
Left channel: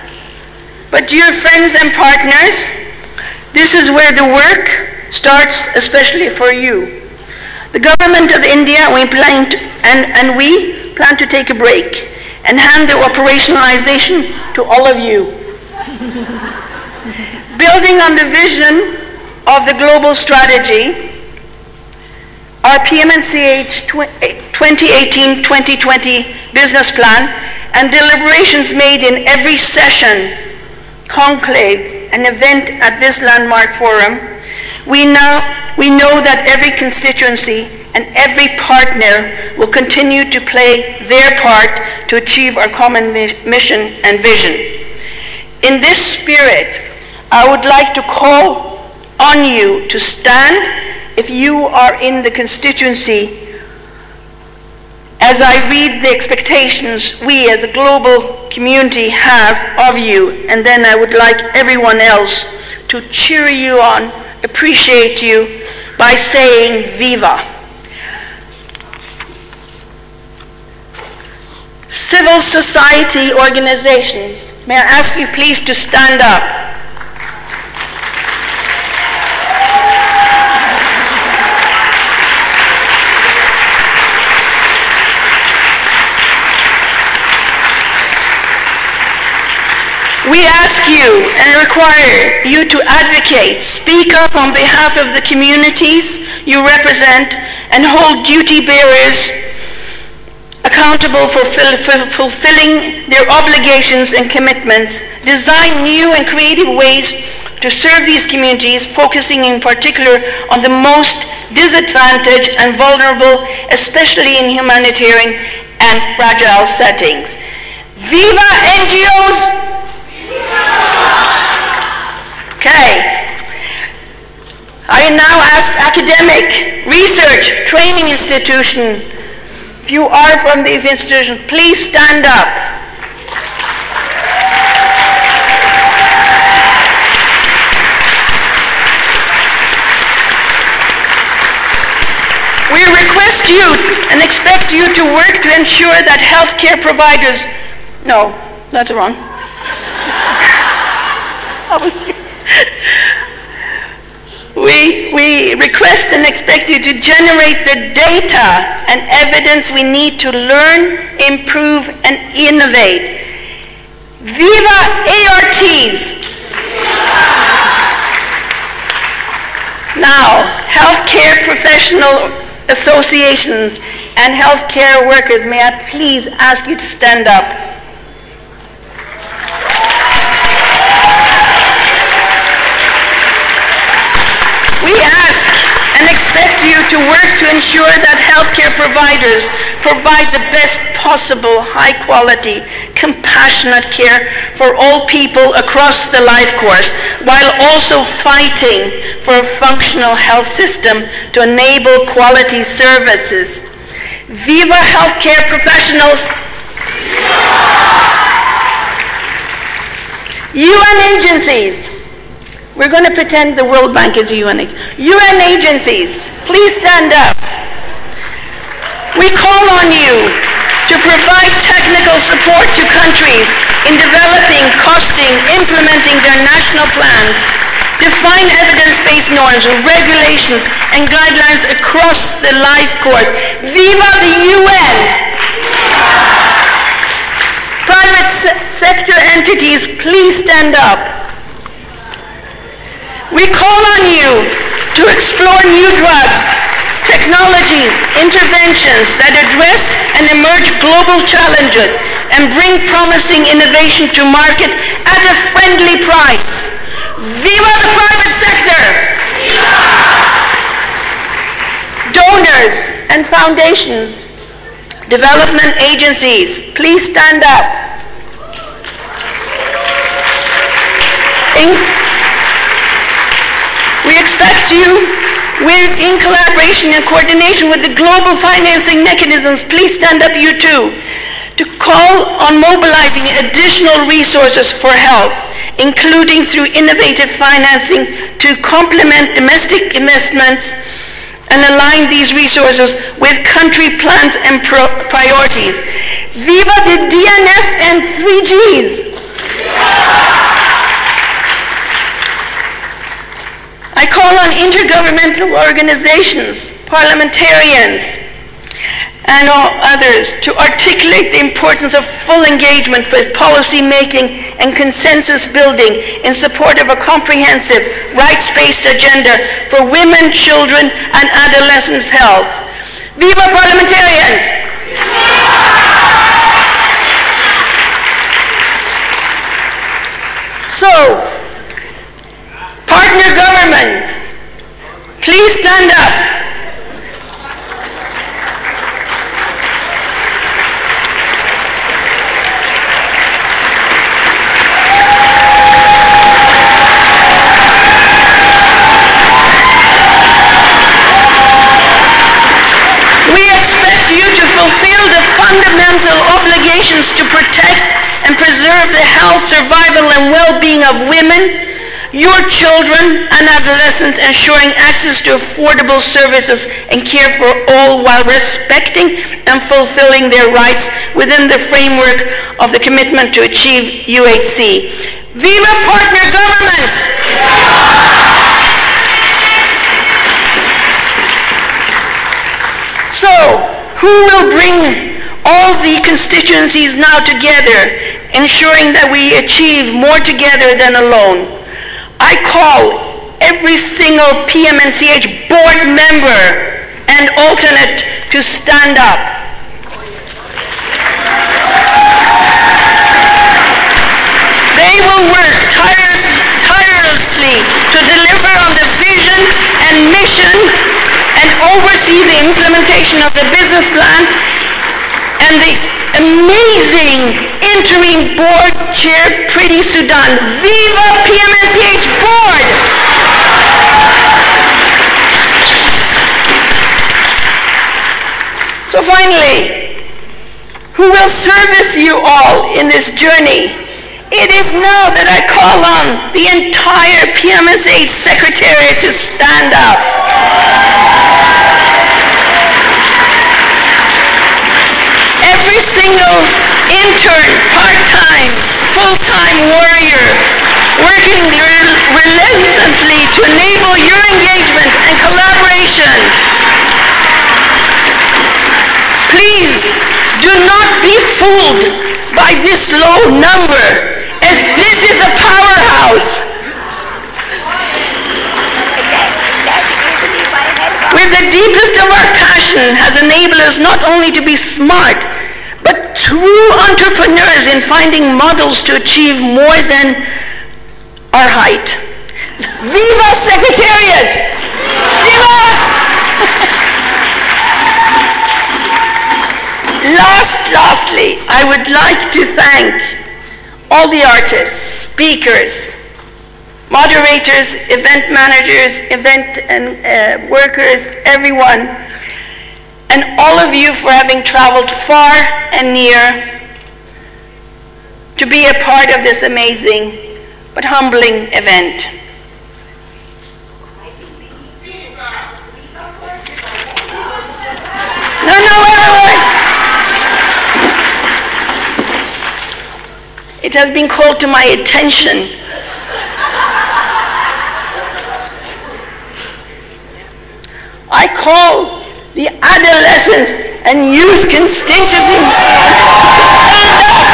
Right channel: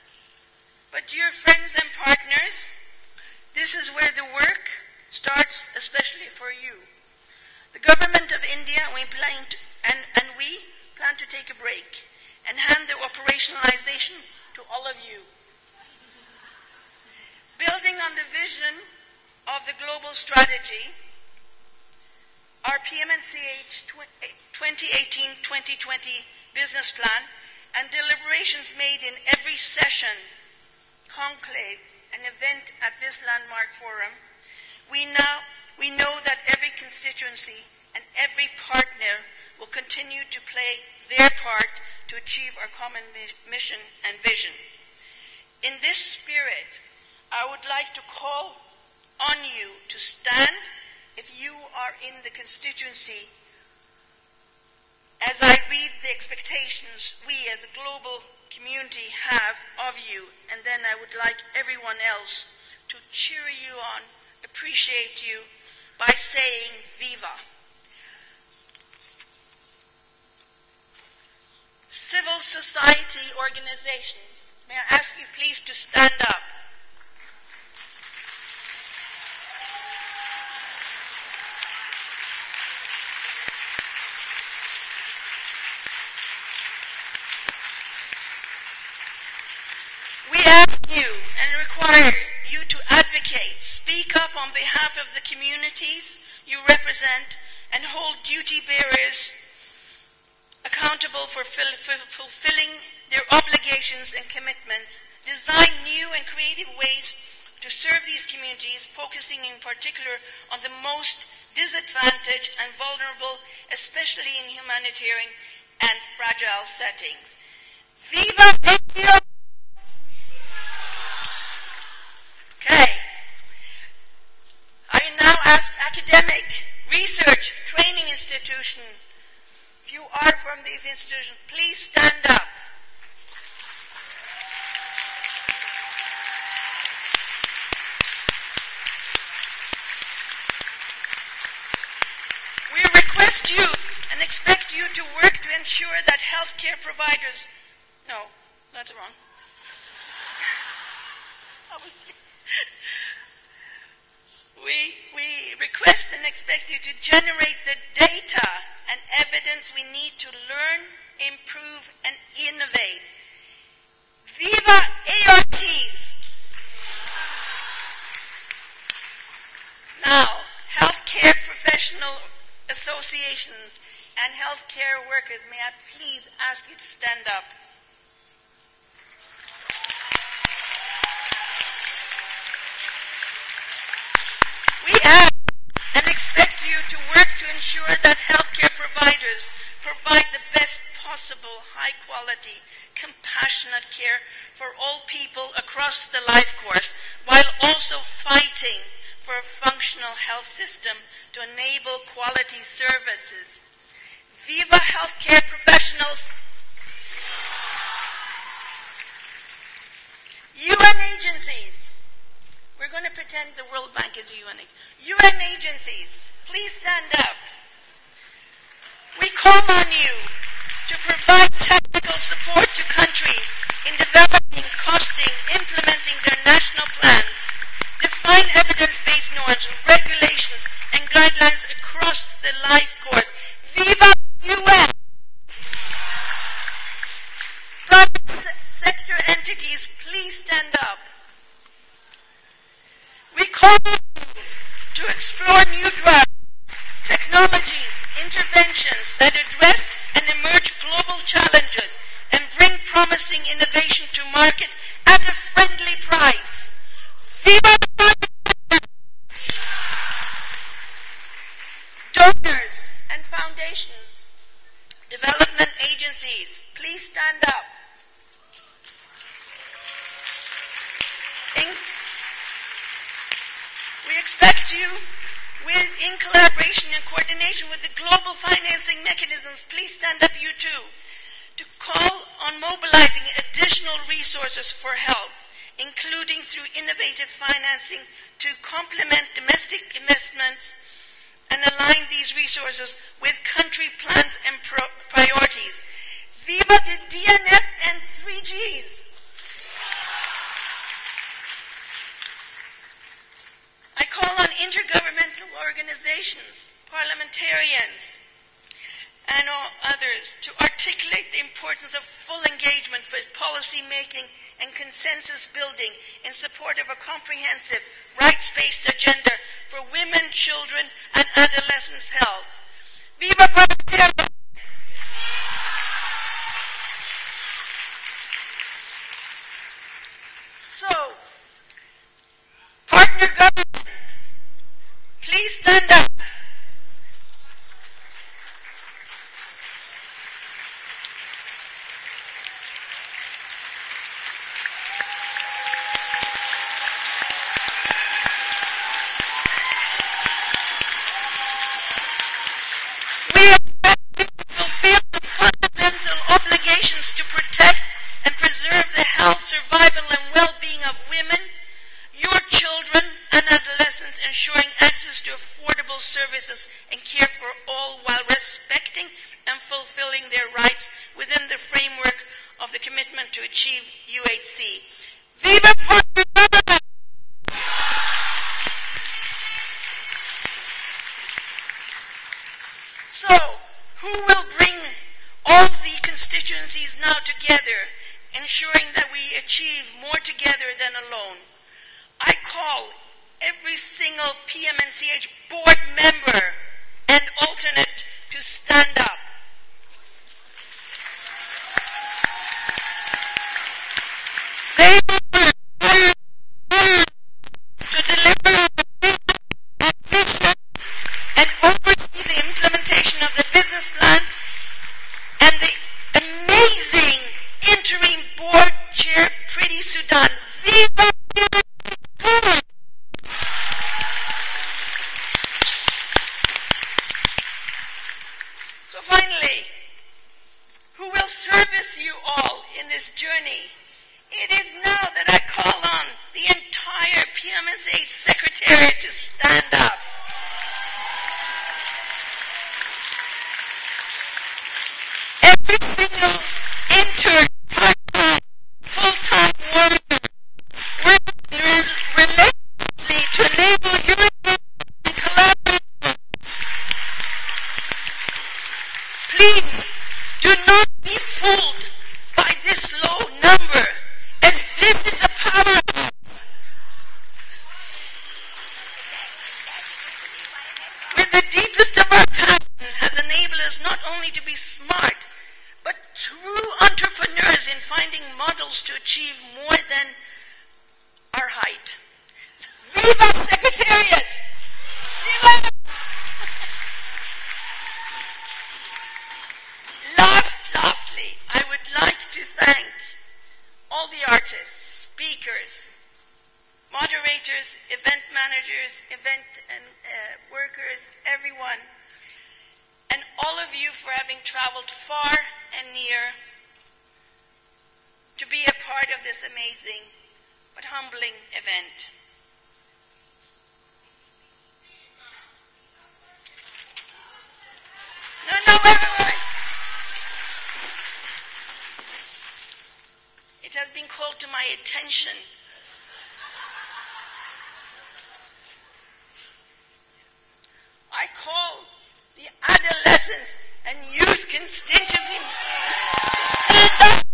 but dear friends and partners, this is where the work starts, especially for you. The government of India, we plan to take a break and hand the operationalization to all of you. Building on the vision of the global strategy, our PMNCH 2018-2020 business plan and deliberations made in every session, conclave, and event at this landmark forum, we know that every constituency and every partner will continue to play their part to achieve our common mission and vision. In this spirit, I would like to call on you to stand if you are in the constituency, as I read the expectations we as a global community have of you, and then I would like everyone else to cheer you on, appreciate you by saying Viva. Civil society organizations, may I ask you please to stand up. We ask you and require you to advocate, speak up on behalf of the communities you represent, and hold duty bearers accountable for fulfilling their obligations and commitments. Design new and creative ways to serve these communities, focusing in particular on the most disadvantaged and vulnerable, especially in humanitarian and fragile settings. Viva NGOs! Okay. I now ask academic, research, training institution, if you are from these institutions, please stand up. We request you and expect you to work to ensure that healthcare providers, no, that's wrong. We request and expect you to generate the data and evidence we need to learn, improve, and innovate. Viva ARTs! Now, healthcare professional associations and healthcare workers, may I please ask you to stand up? We ask and expect you to work to ensure that healthcare providers provide the best possible, high-quality, compassionate care for all people across the life course, while also fighting for a functional health system to enable quality services. Viva healthcare professionals! UN agencies. We're going to pretend the World Bank is a UN agency. UN agencies, please stand up. We call on you to provide technical support to countries in developing, costing, implementing their national plans, define evidence-based norms, regulations, and guidelines across the life course. Viva the UN! Private sector entities, please stand up. We call on you to explore new drugs, technologies, interventions that address and emerge global challenges and bring promising innovation to market at a friendly price. Viva the private sector! Donors and foundations, development agencies, please stand up. We expect you, in collaboration and coordination with the global financing mechanisms, please stand up you too, to call on mobilizing additional resources for health, including through innovative financing to complement domestic investments and align these resources with country plans and priorities. Viva the DNF and 3Gs! I call on intergovernmental organizations, parliamentarians, and all others to articulate the importance of full engagement with policy making and consensus building in support of a comprehensive, rights-based agenda for women, children, and adolescents' health. Viva parliamentarians! So, partner governments, please stand up. We expect you to fulfill the fundamental obligations to protect and preserve the health, survival, and well-being of women, your children and adolescents, ensuring access to affordable services and care for all while respecting and fulfilling their rights within the framework of the commitment to achieve UHC. Viva partner governments! So, who will bring all the constituencies now together ensuring that we achieve more together than alone. I call every single PMNCH board member and alternate to stand up. They will work tirelessly to deliver on the vision and mission and oversee the implementation of the business plan and the amazing interim board chair, Priti Sudan. Viva PMNCH board! So finally, who will service you all in this journey? It is now that I call on the entire PMNCH Secretariat to stand up. Every single intern, part-time, full-time warrior, working relentlessly to enable your engagement and collaboration. Please do not be fooled by this low number, as this is a powerhouse. With the deepest of our passion has enabled us not only to be smart, but true entrepreneurs in finding models to achieve more than our height. Viva Secretariat! Viva! Lastly, I would like to thank all the artists, speakers, moderators, event managers, event and workers, everyone, and all of you for having traveled far and near to be a part of this amazing but humbling event. Wait. It has been called to my attention I call the adolescents and youth constituency to stand up.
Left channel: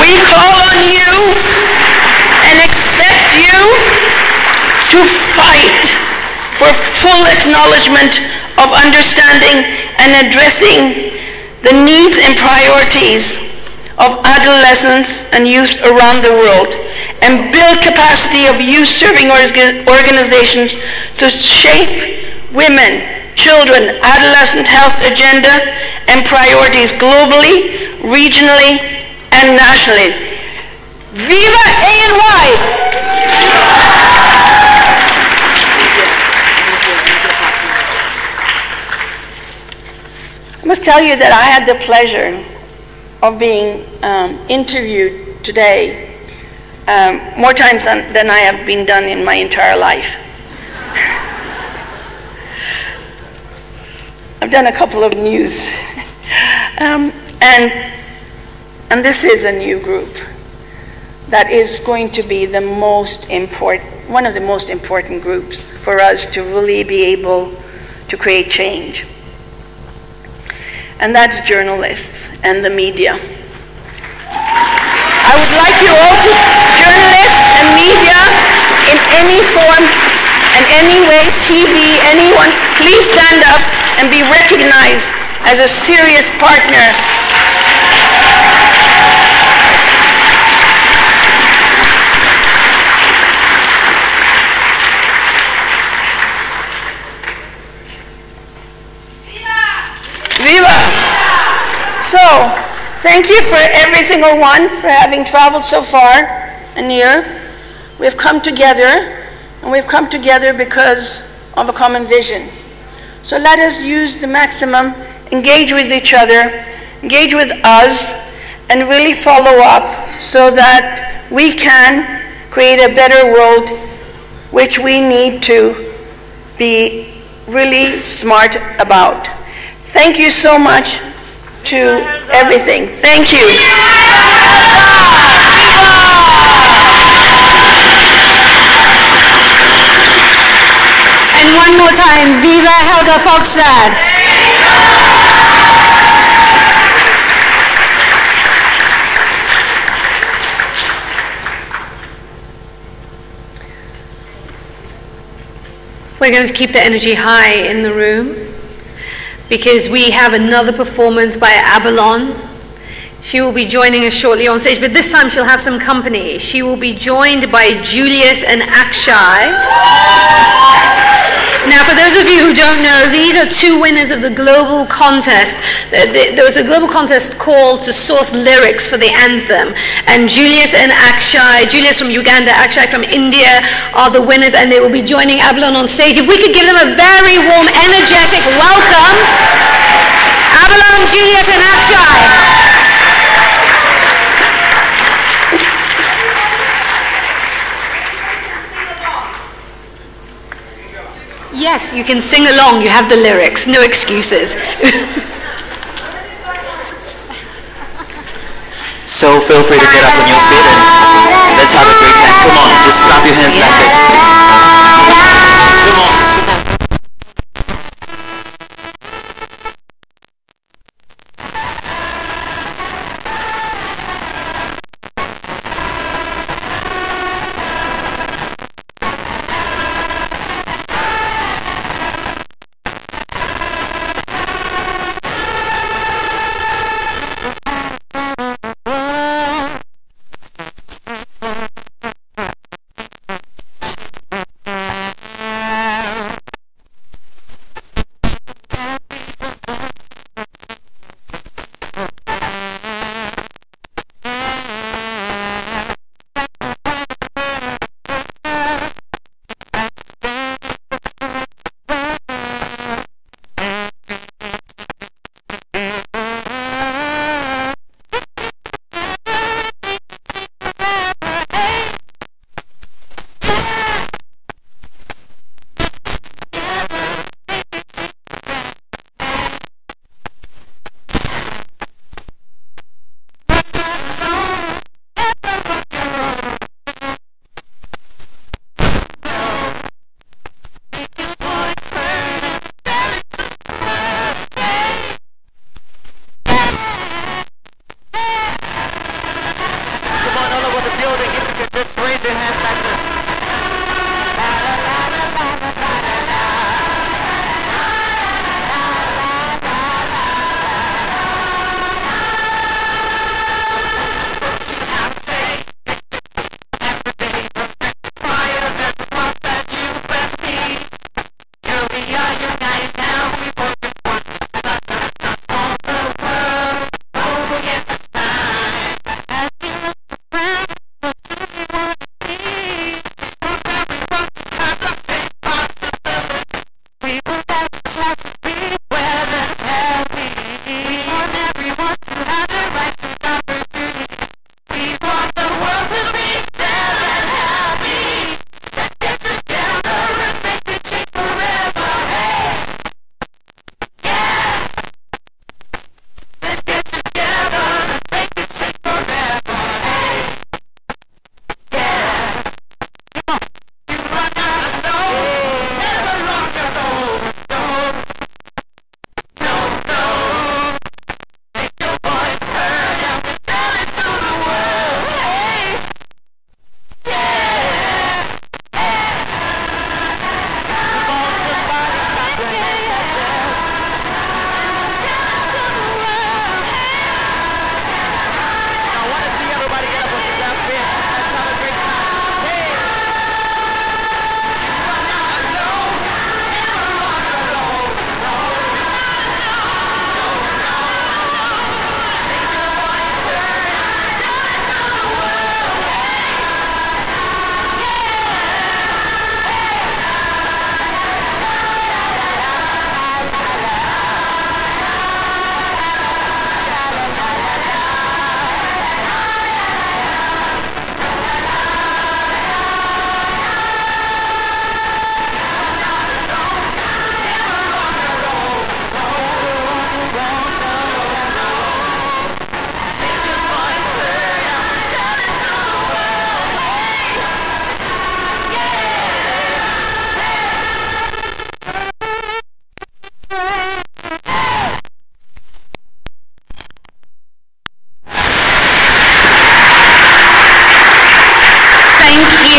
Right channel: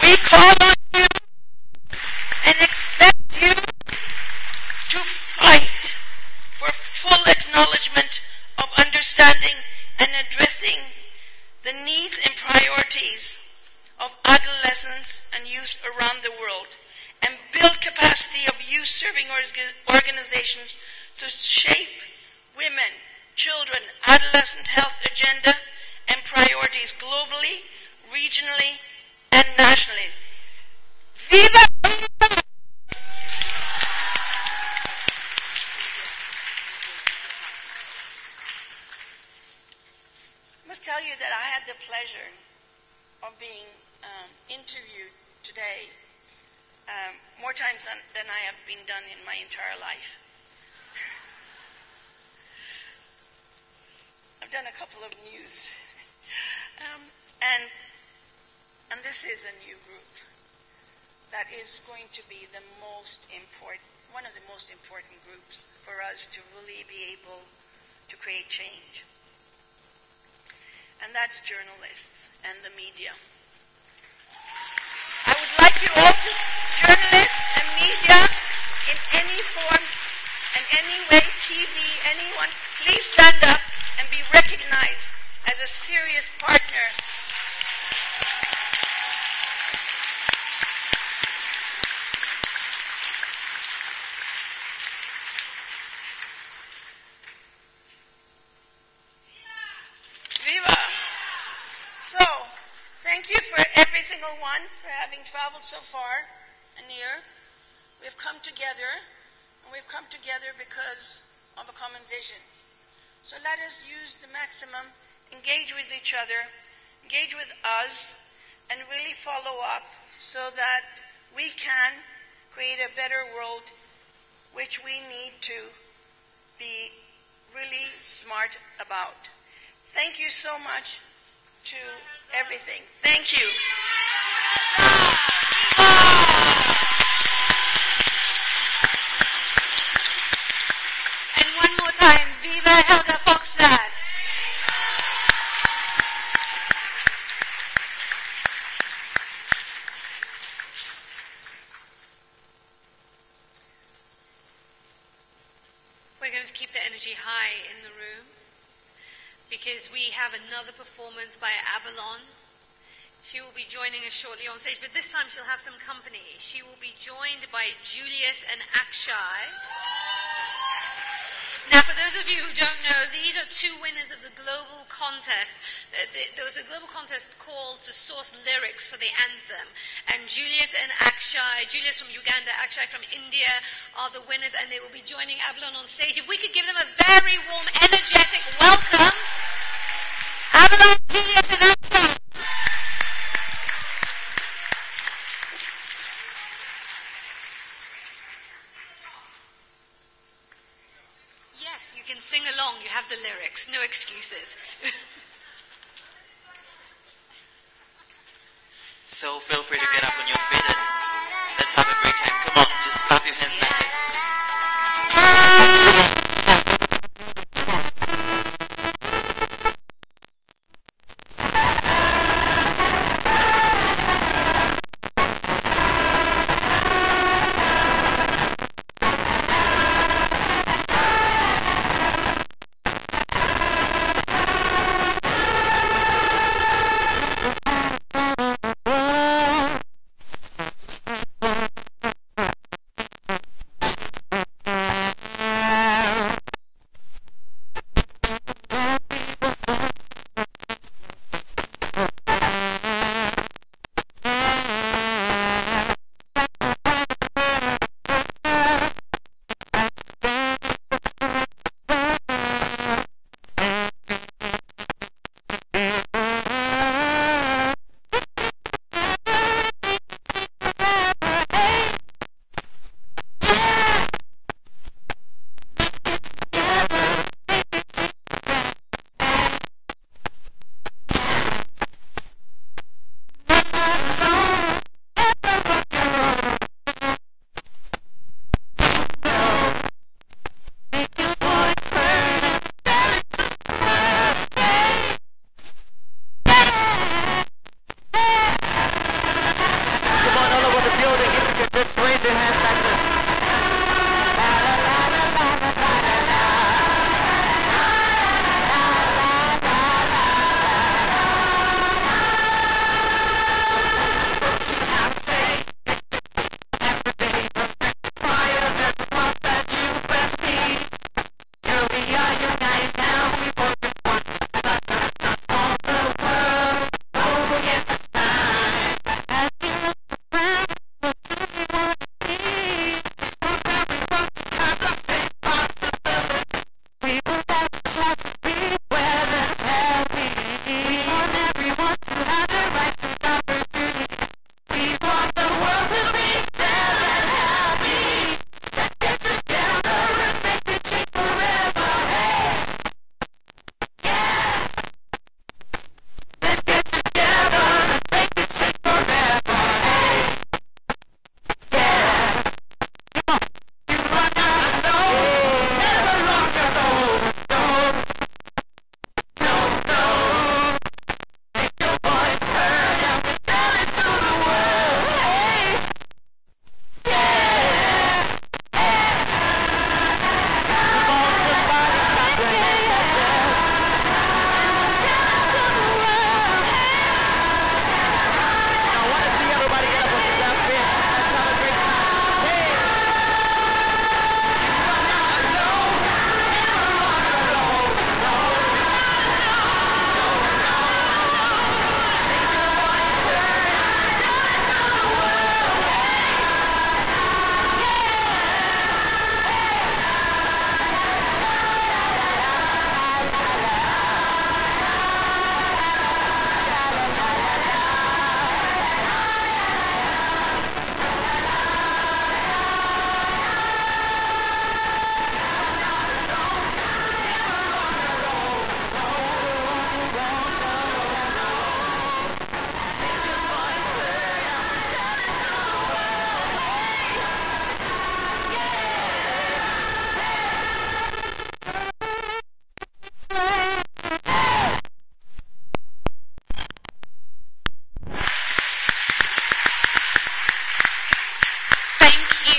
We call on you and expect you to fight for full acknowledgement of understanding and addressing the needs and priorities of adolescents and youth around the world, and build capacity of youth-serving organizations to shape women, children, adolescent health agenda and priorities globally, regionally, and nationally. Viva ANY! I must tell you that I had the pleasure of being interviewed today more times than I have been done in my entire life. I've done a couple of news. And this is a new group that is going to be the most important, one of the most important groups for us to really be able to create change. And that's journalists and the media. I would like you all to, journalists and media in any form and any way, TV, anyone, please stand up and be recognized as a serious partner. Viva! So, thank you for every single one for having traveled so far and near. We've come together, and we've come together because of a common vision. So let us use the maximum, engage with each other, engage with us, and really follow up so that we can create a better world, which we need to be really smart about. Thank you so much to everything. Thank you. time, Viva Helga Fogstad! We're going to keep the energy high in the room because we have another performance by Abalon. She will be joining us shortly on stage, but this time she'll have some company. She will be joined by Julius and Akshay. Now, for those of you who don't know, these are two winners of the global contest. There was a global contest called to source lyrics for the anthem. And Julius and Akshay, Julius from Uganda, Akshay from India, are the winners, and they will be joining Abalon on stage. If we could give them a very warm, energetic welcome. Abalon, Julius, and Akshay. Yes, you can sing along. You have the lyrics. No excuses. So feel free to get up on your feet and let's have a great time. Come on, just clap your hands like that. Come on.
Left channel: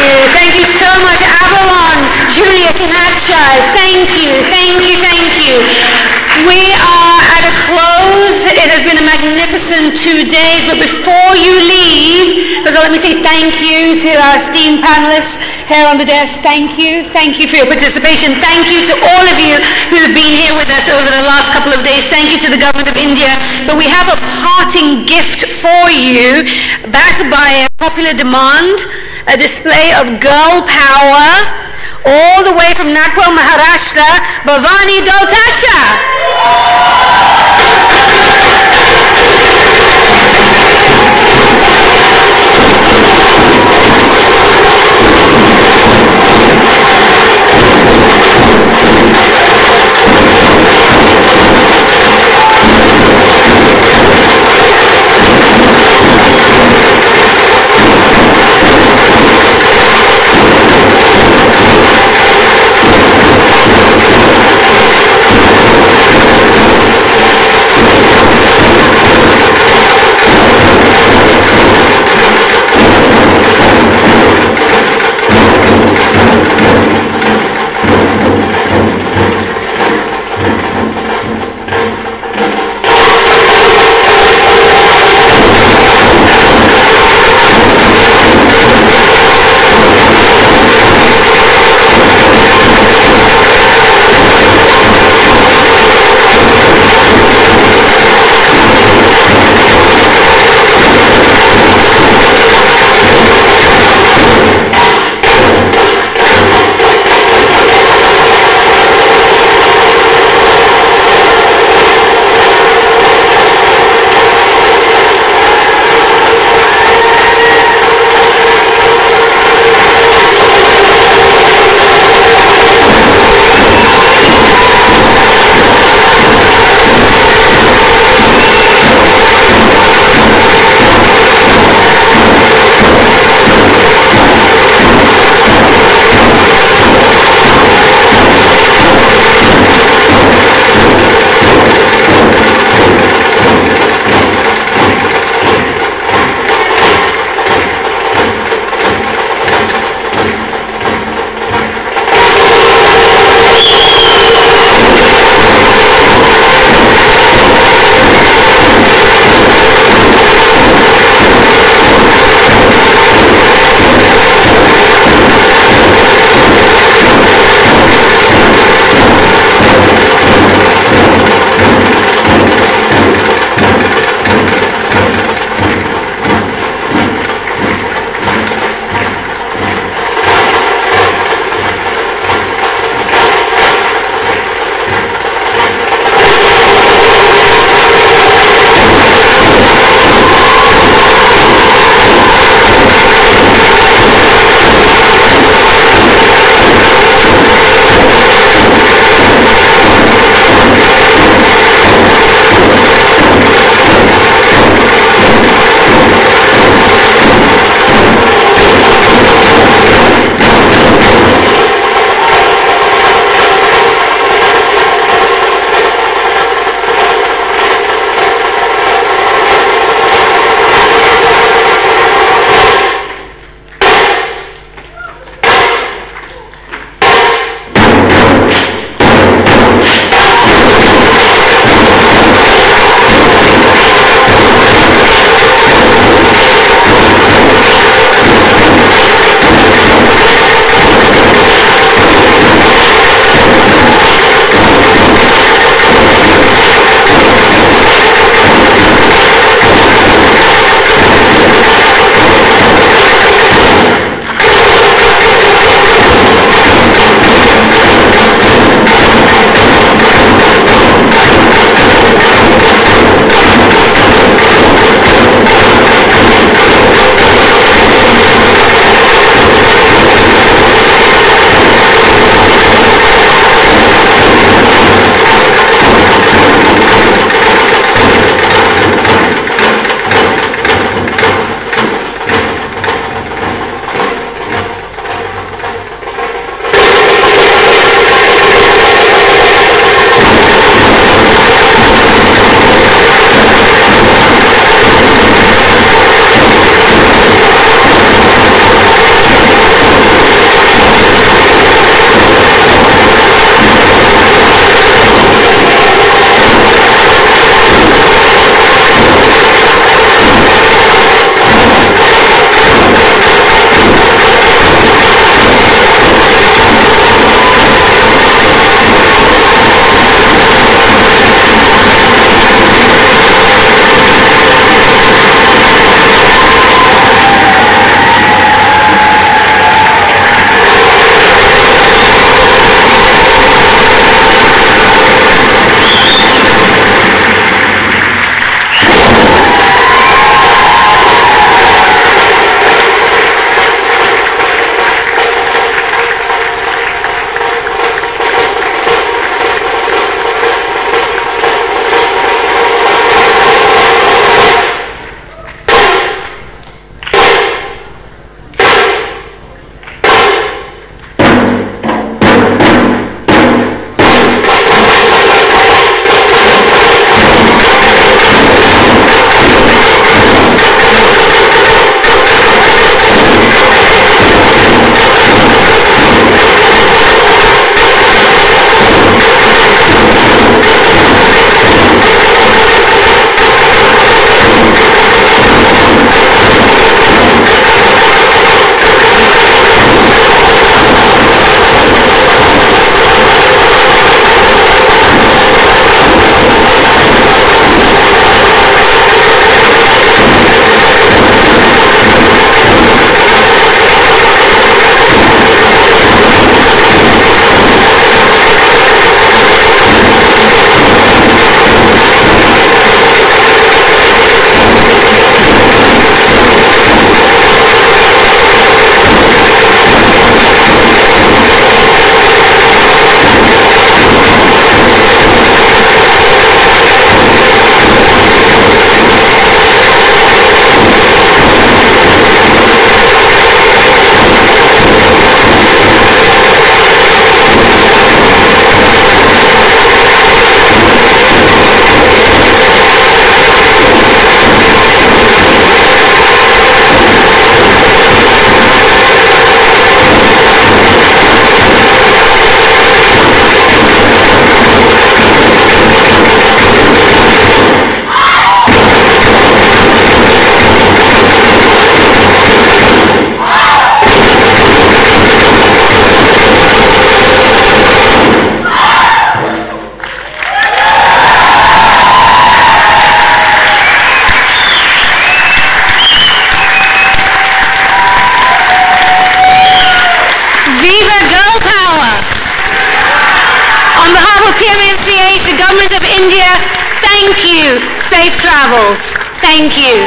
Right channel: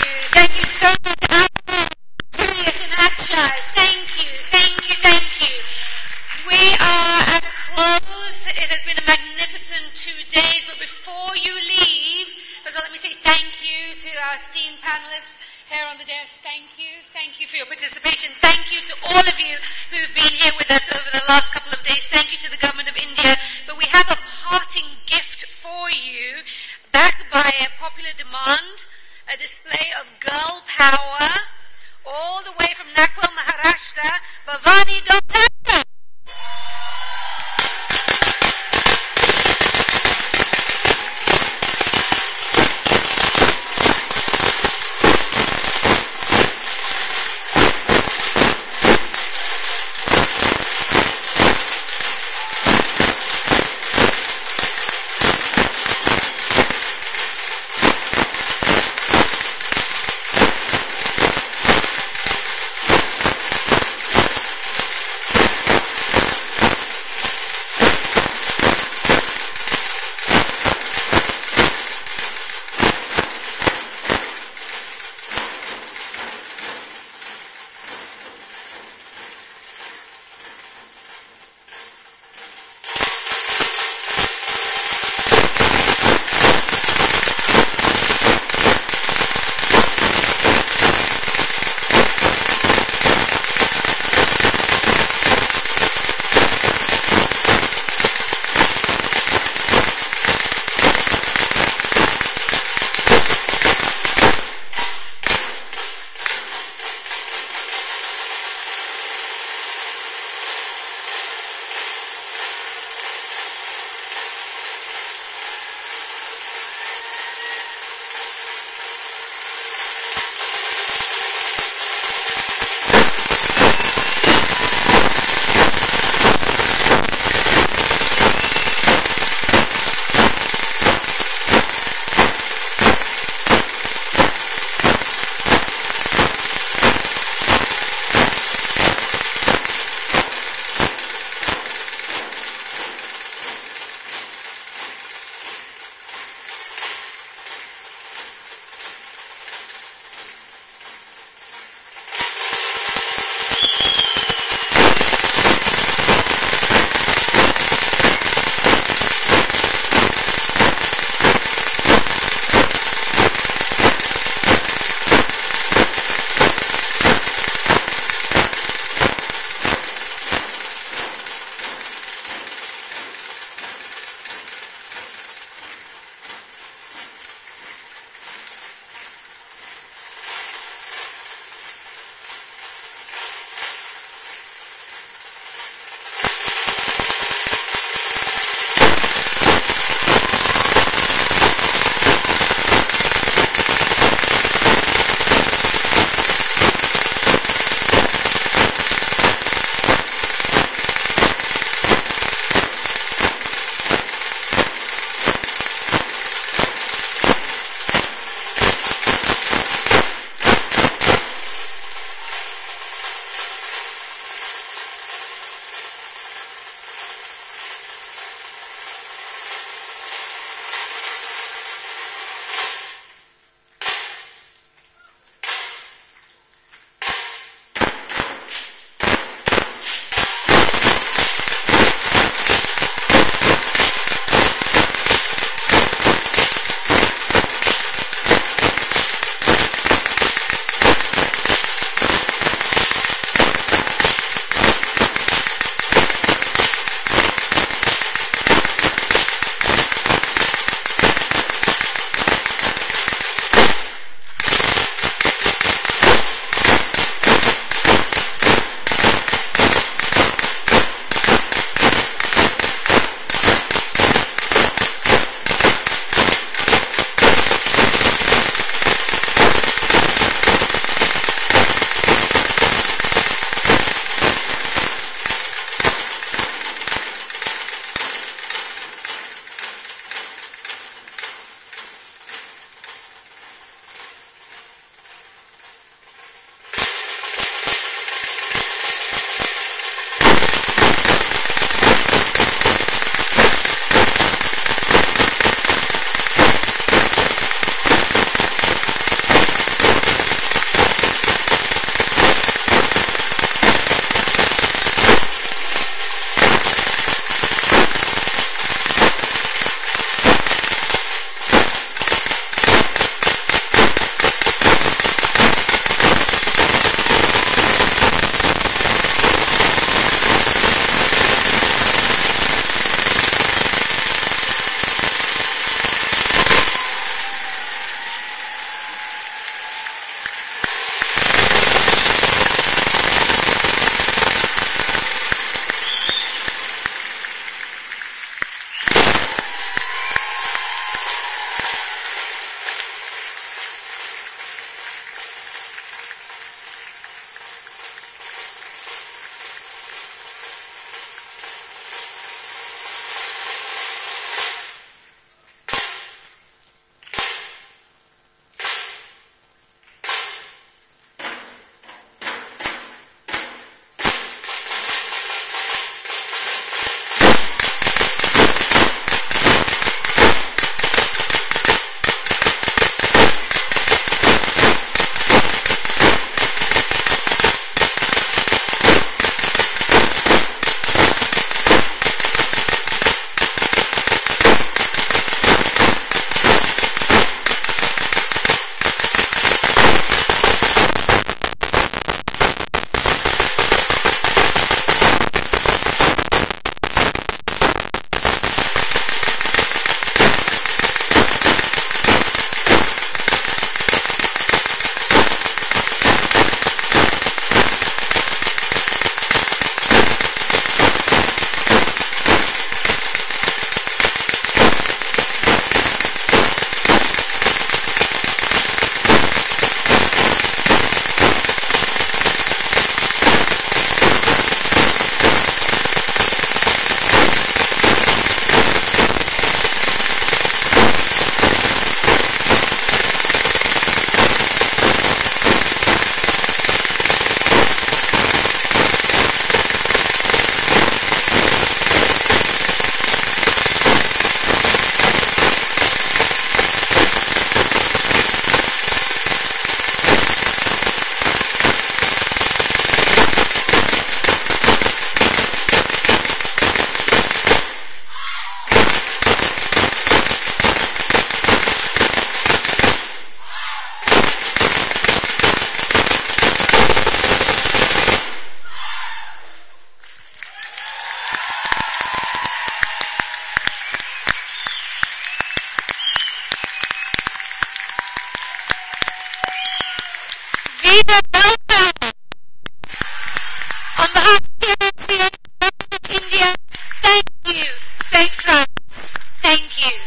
you. Thank you so much, Bhawan, Julius, and Akshay. Thank you, thank you, thank you. We are at a close. It has been a magnificent 2 days, but before you leave, first of all, let me say thank you to our esteemed panelists here on the desk. Thank you for your participation. Thank you to all of you who have been here with us over the last couple of days. Thank you to the government of India. But we have a parting gift for you, backed by a popular demand, a display of girl power, all the way from Nagpur, Maharashtra, Bhavani Doltasha. On behalf of PMNCH, the Government of India, thank you. Safe travels. Thank you.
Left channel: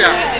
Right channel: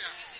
Isha.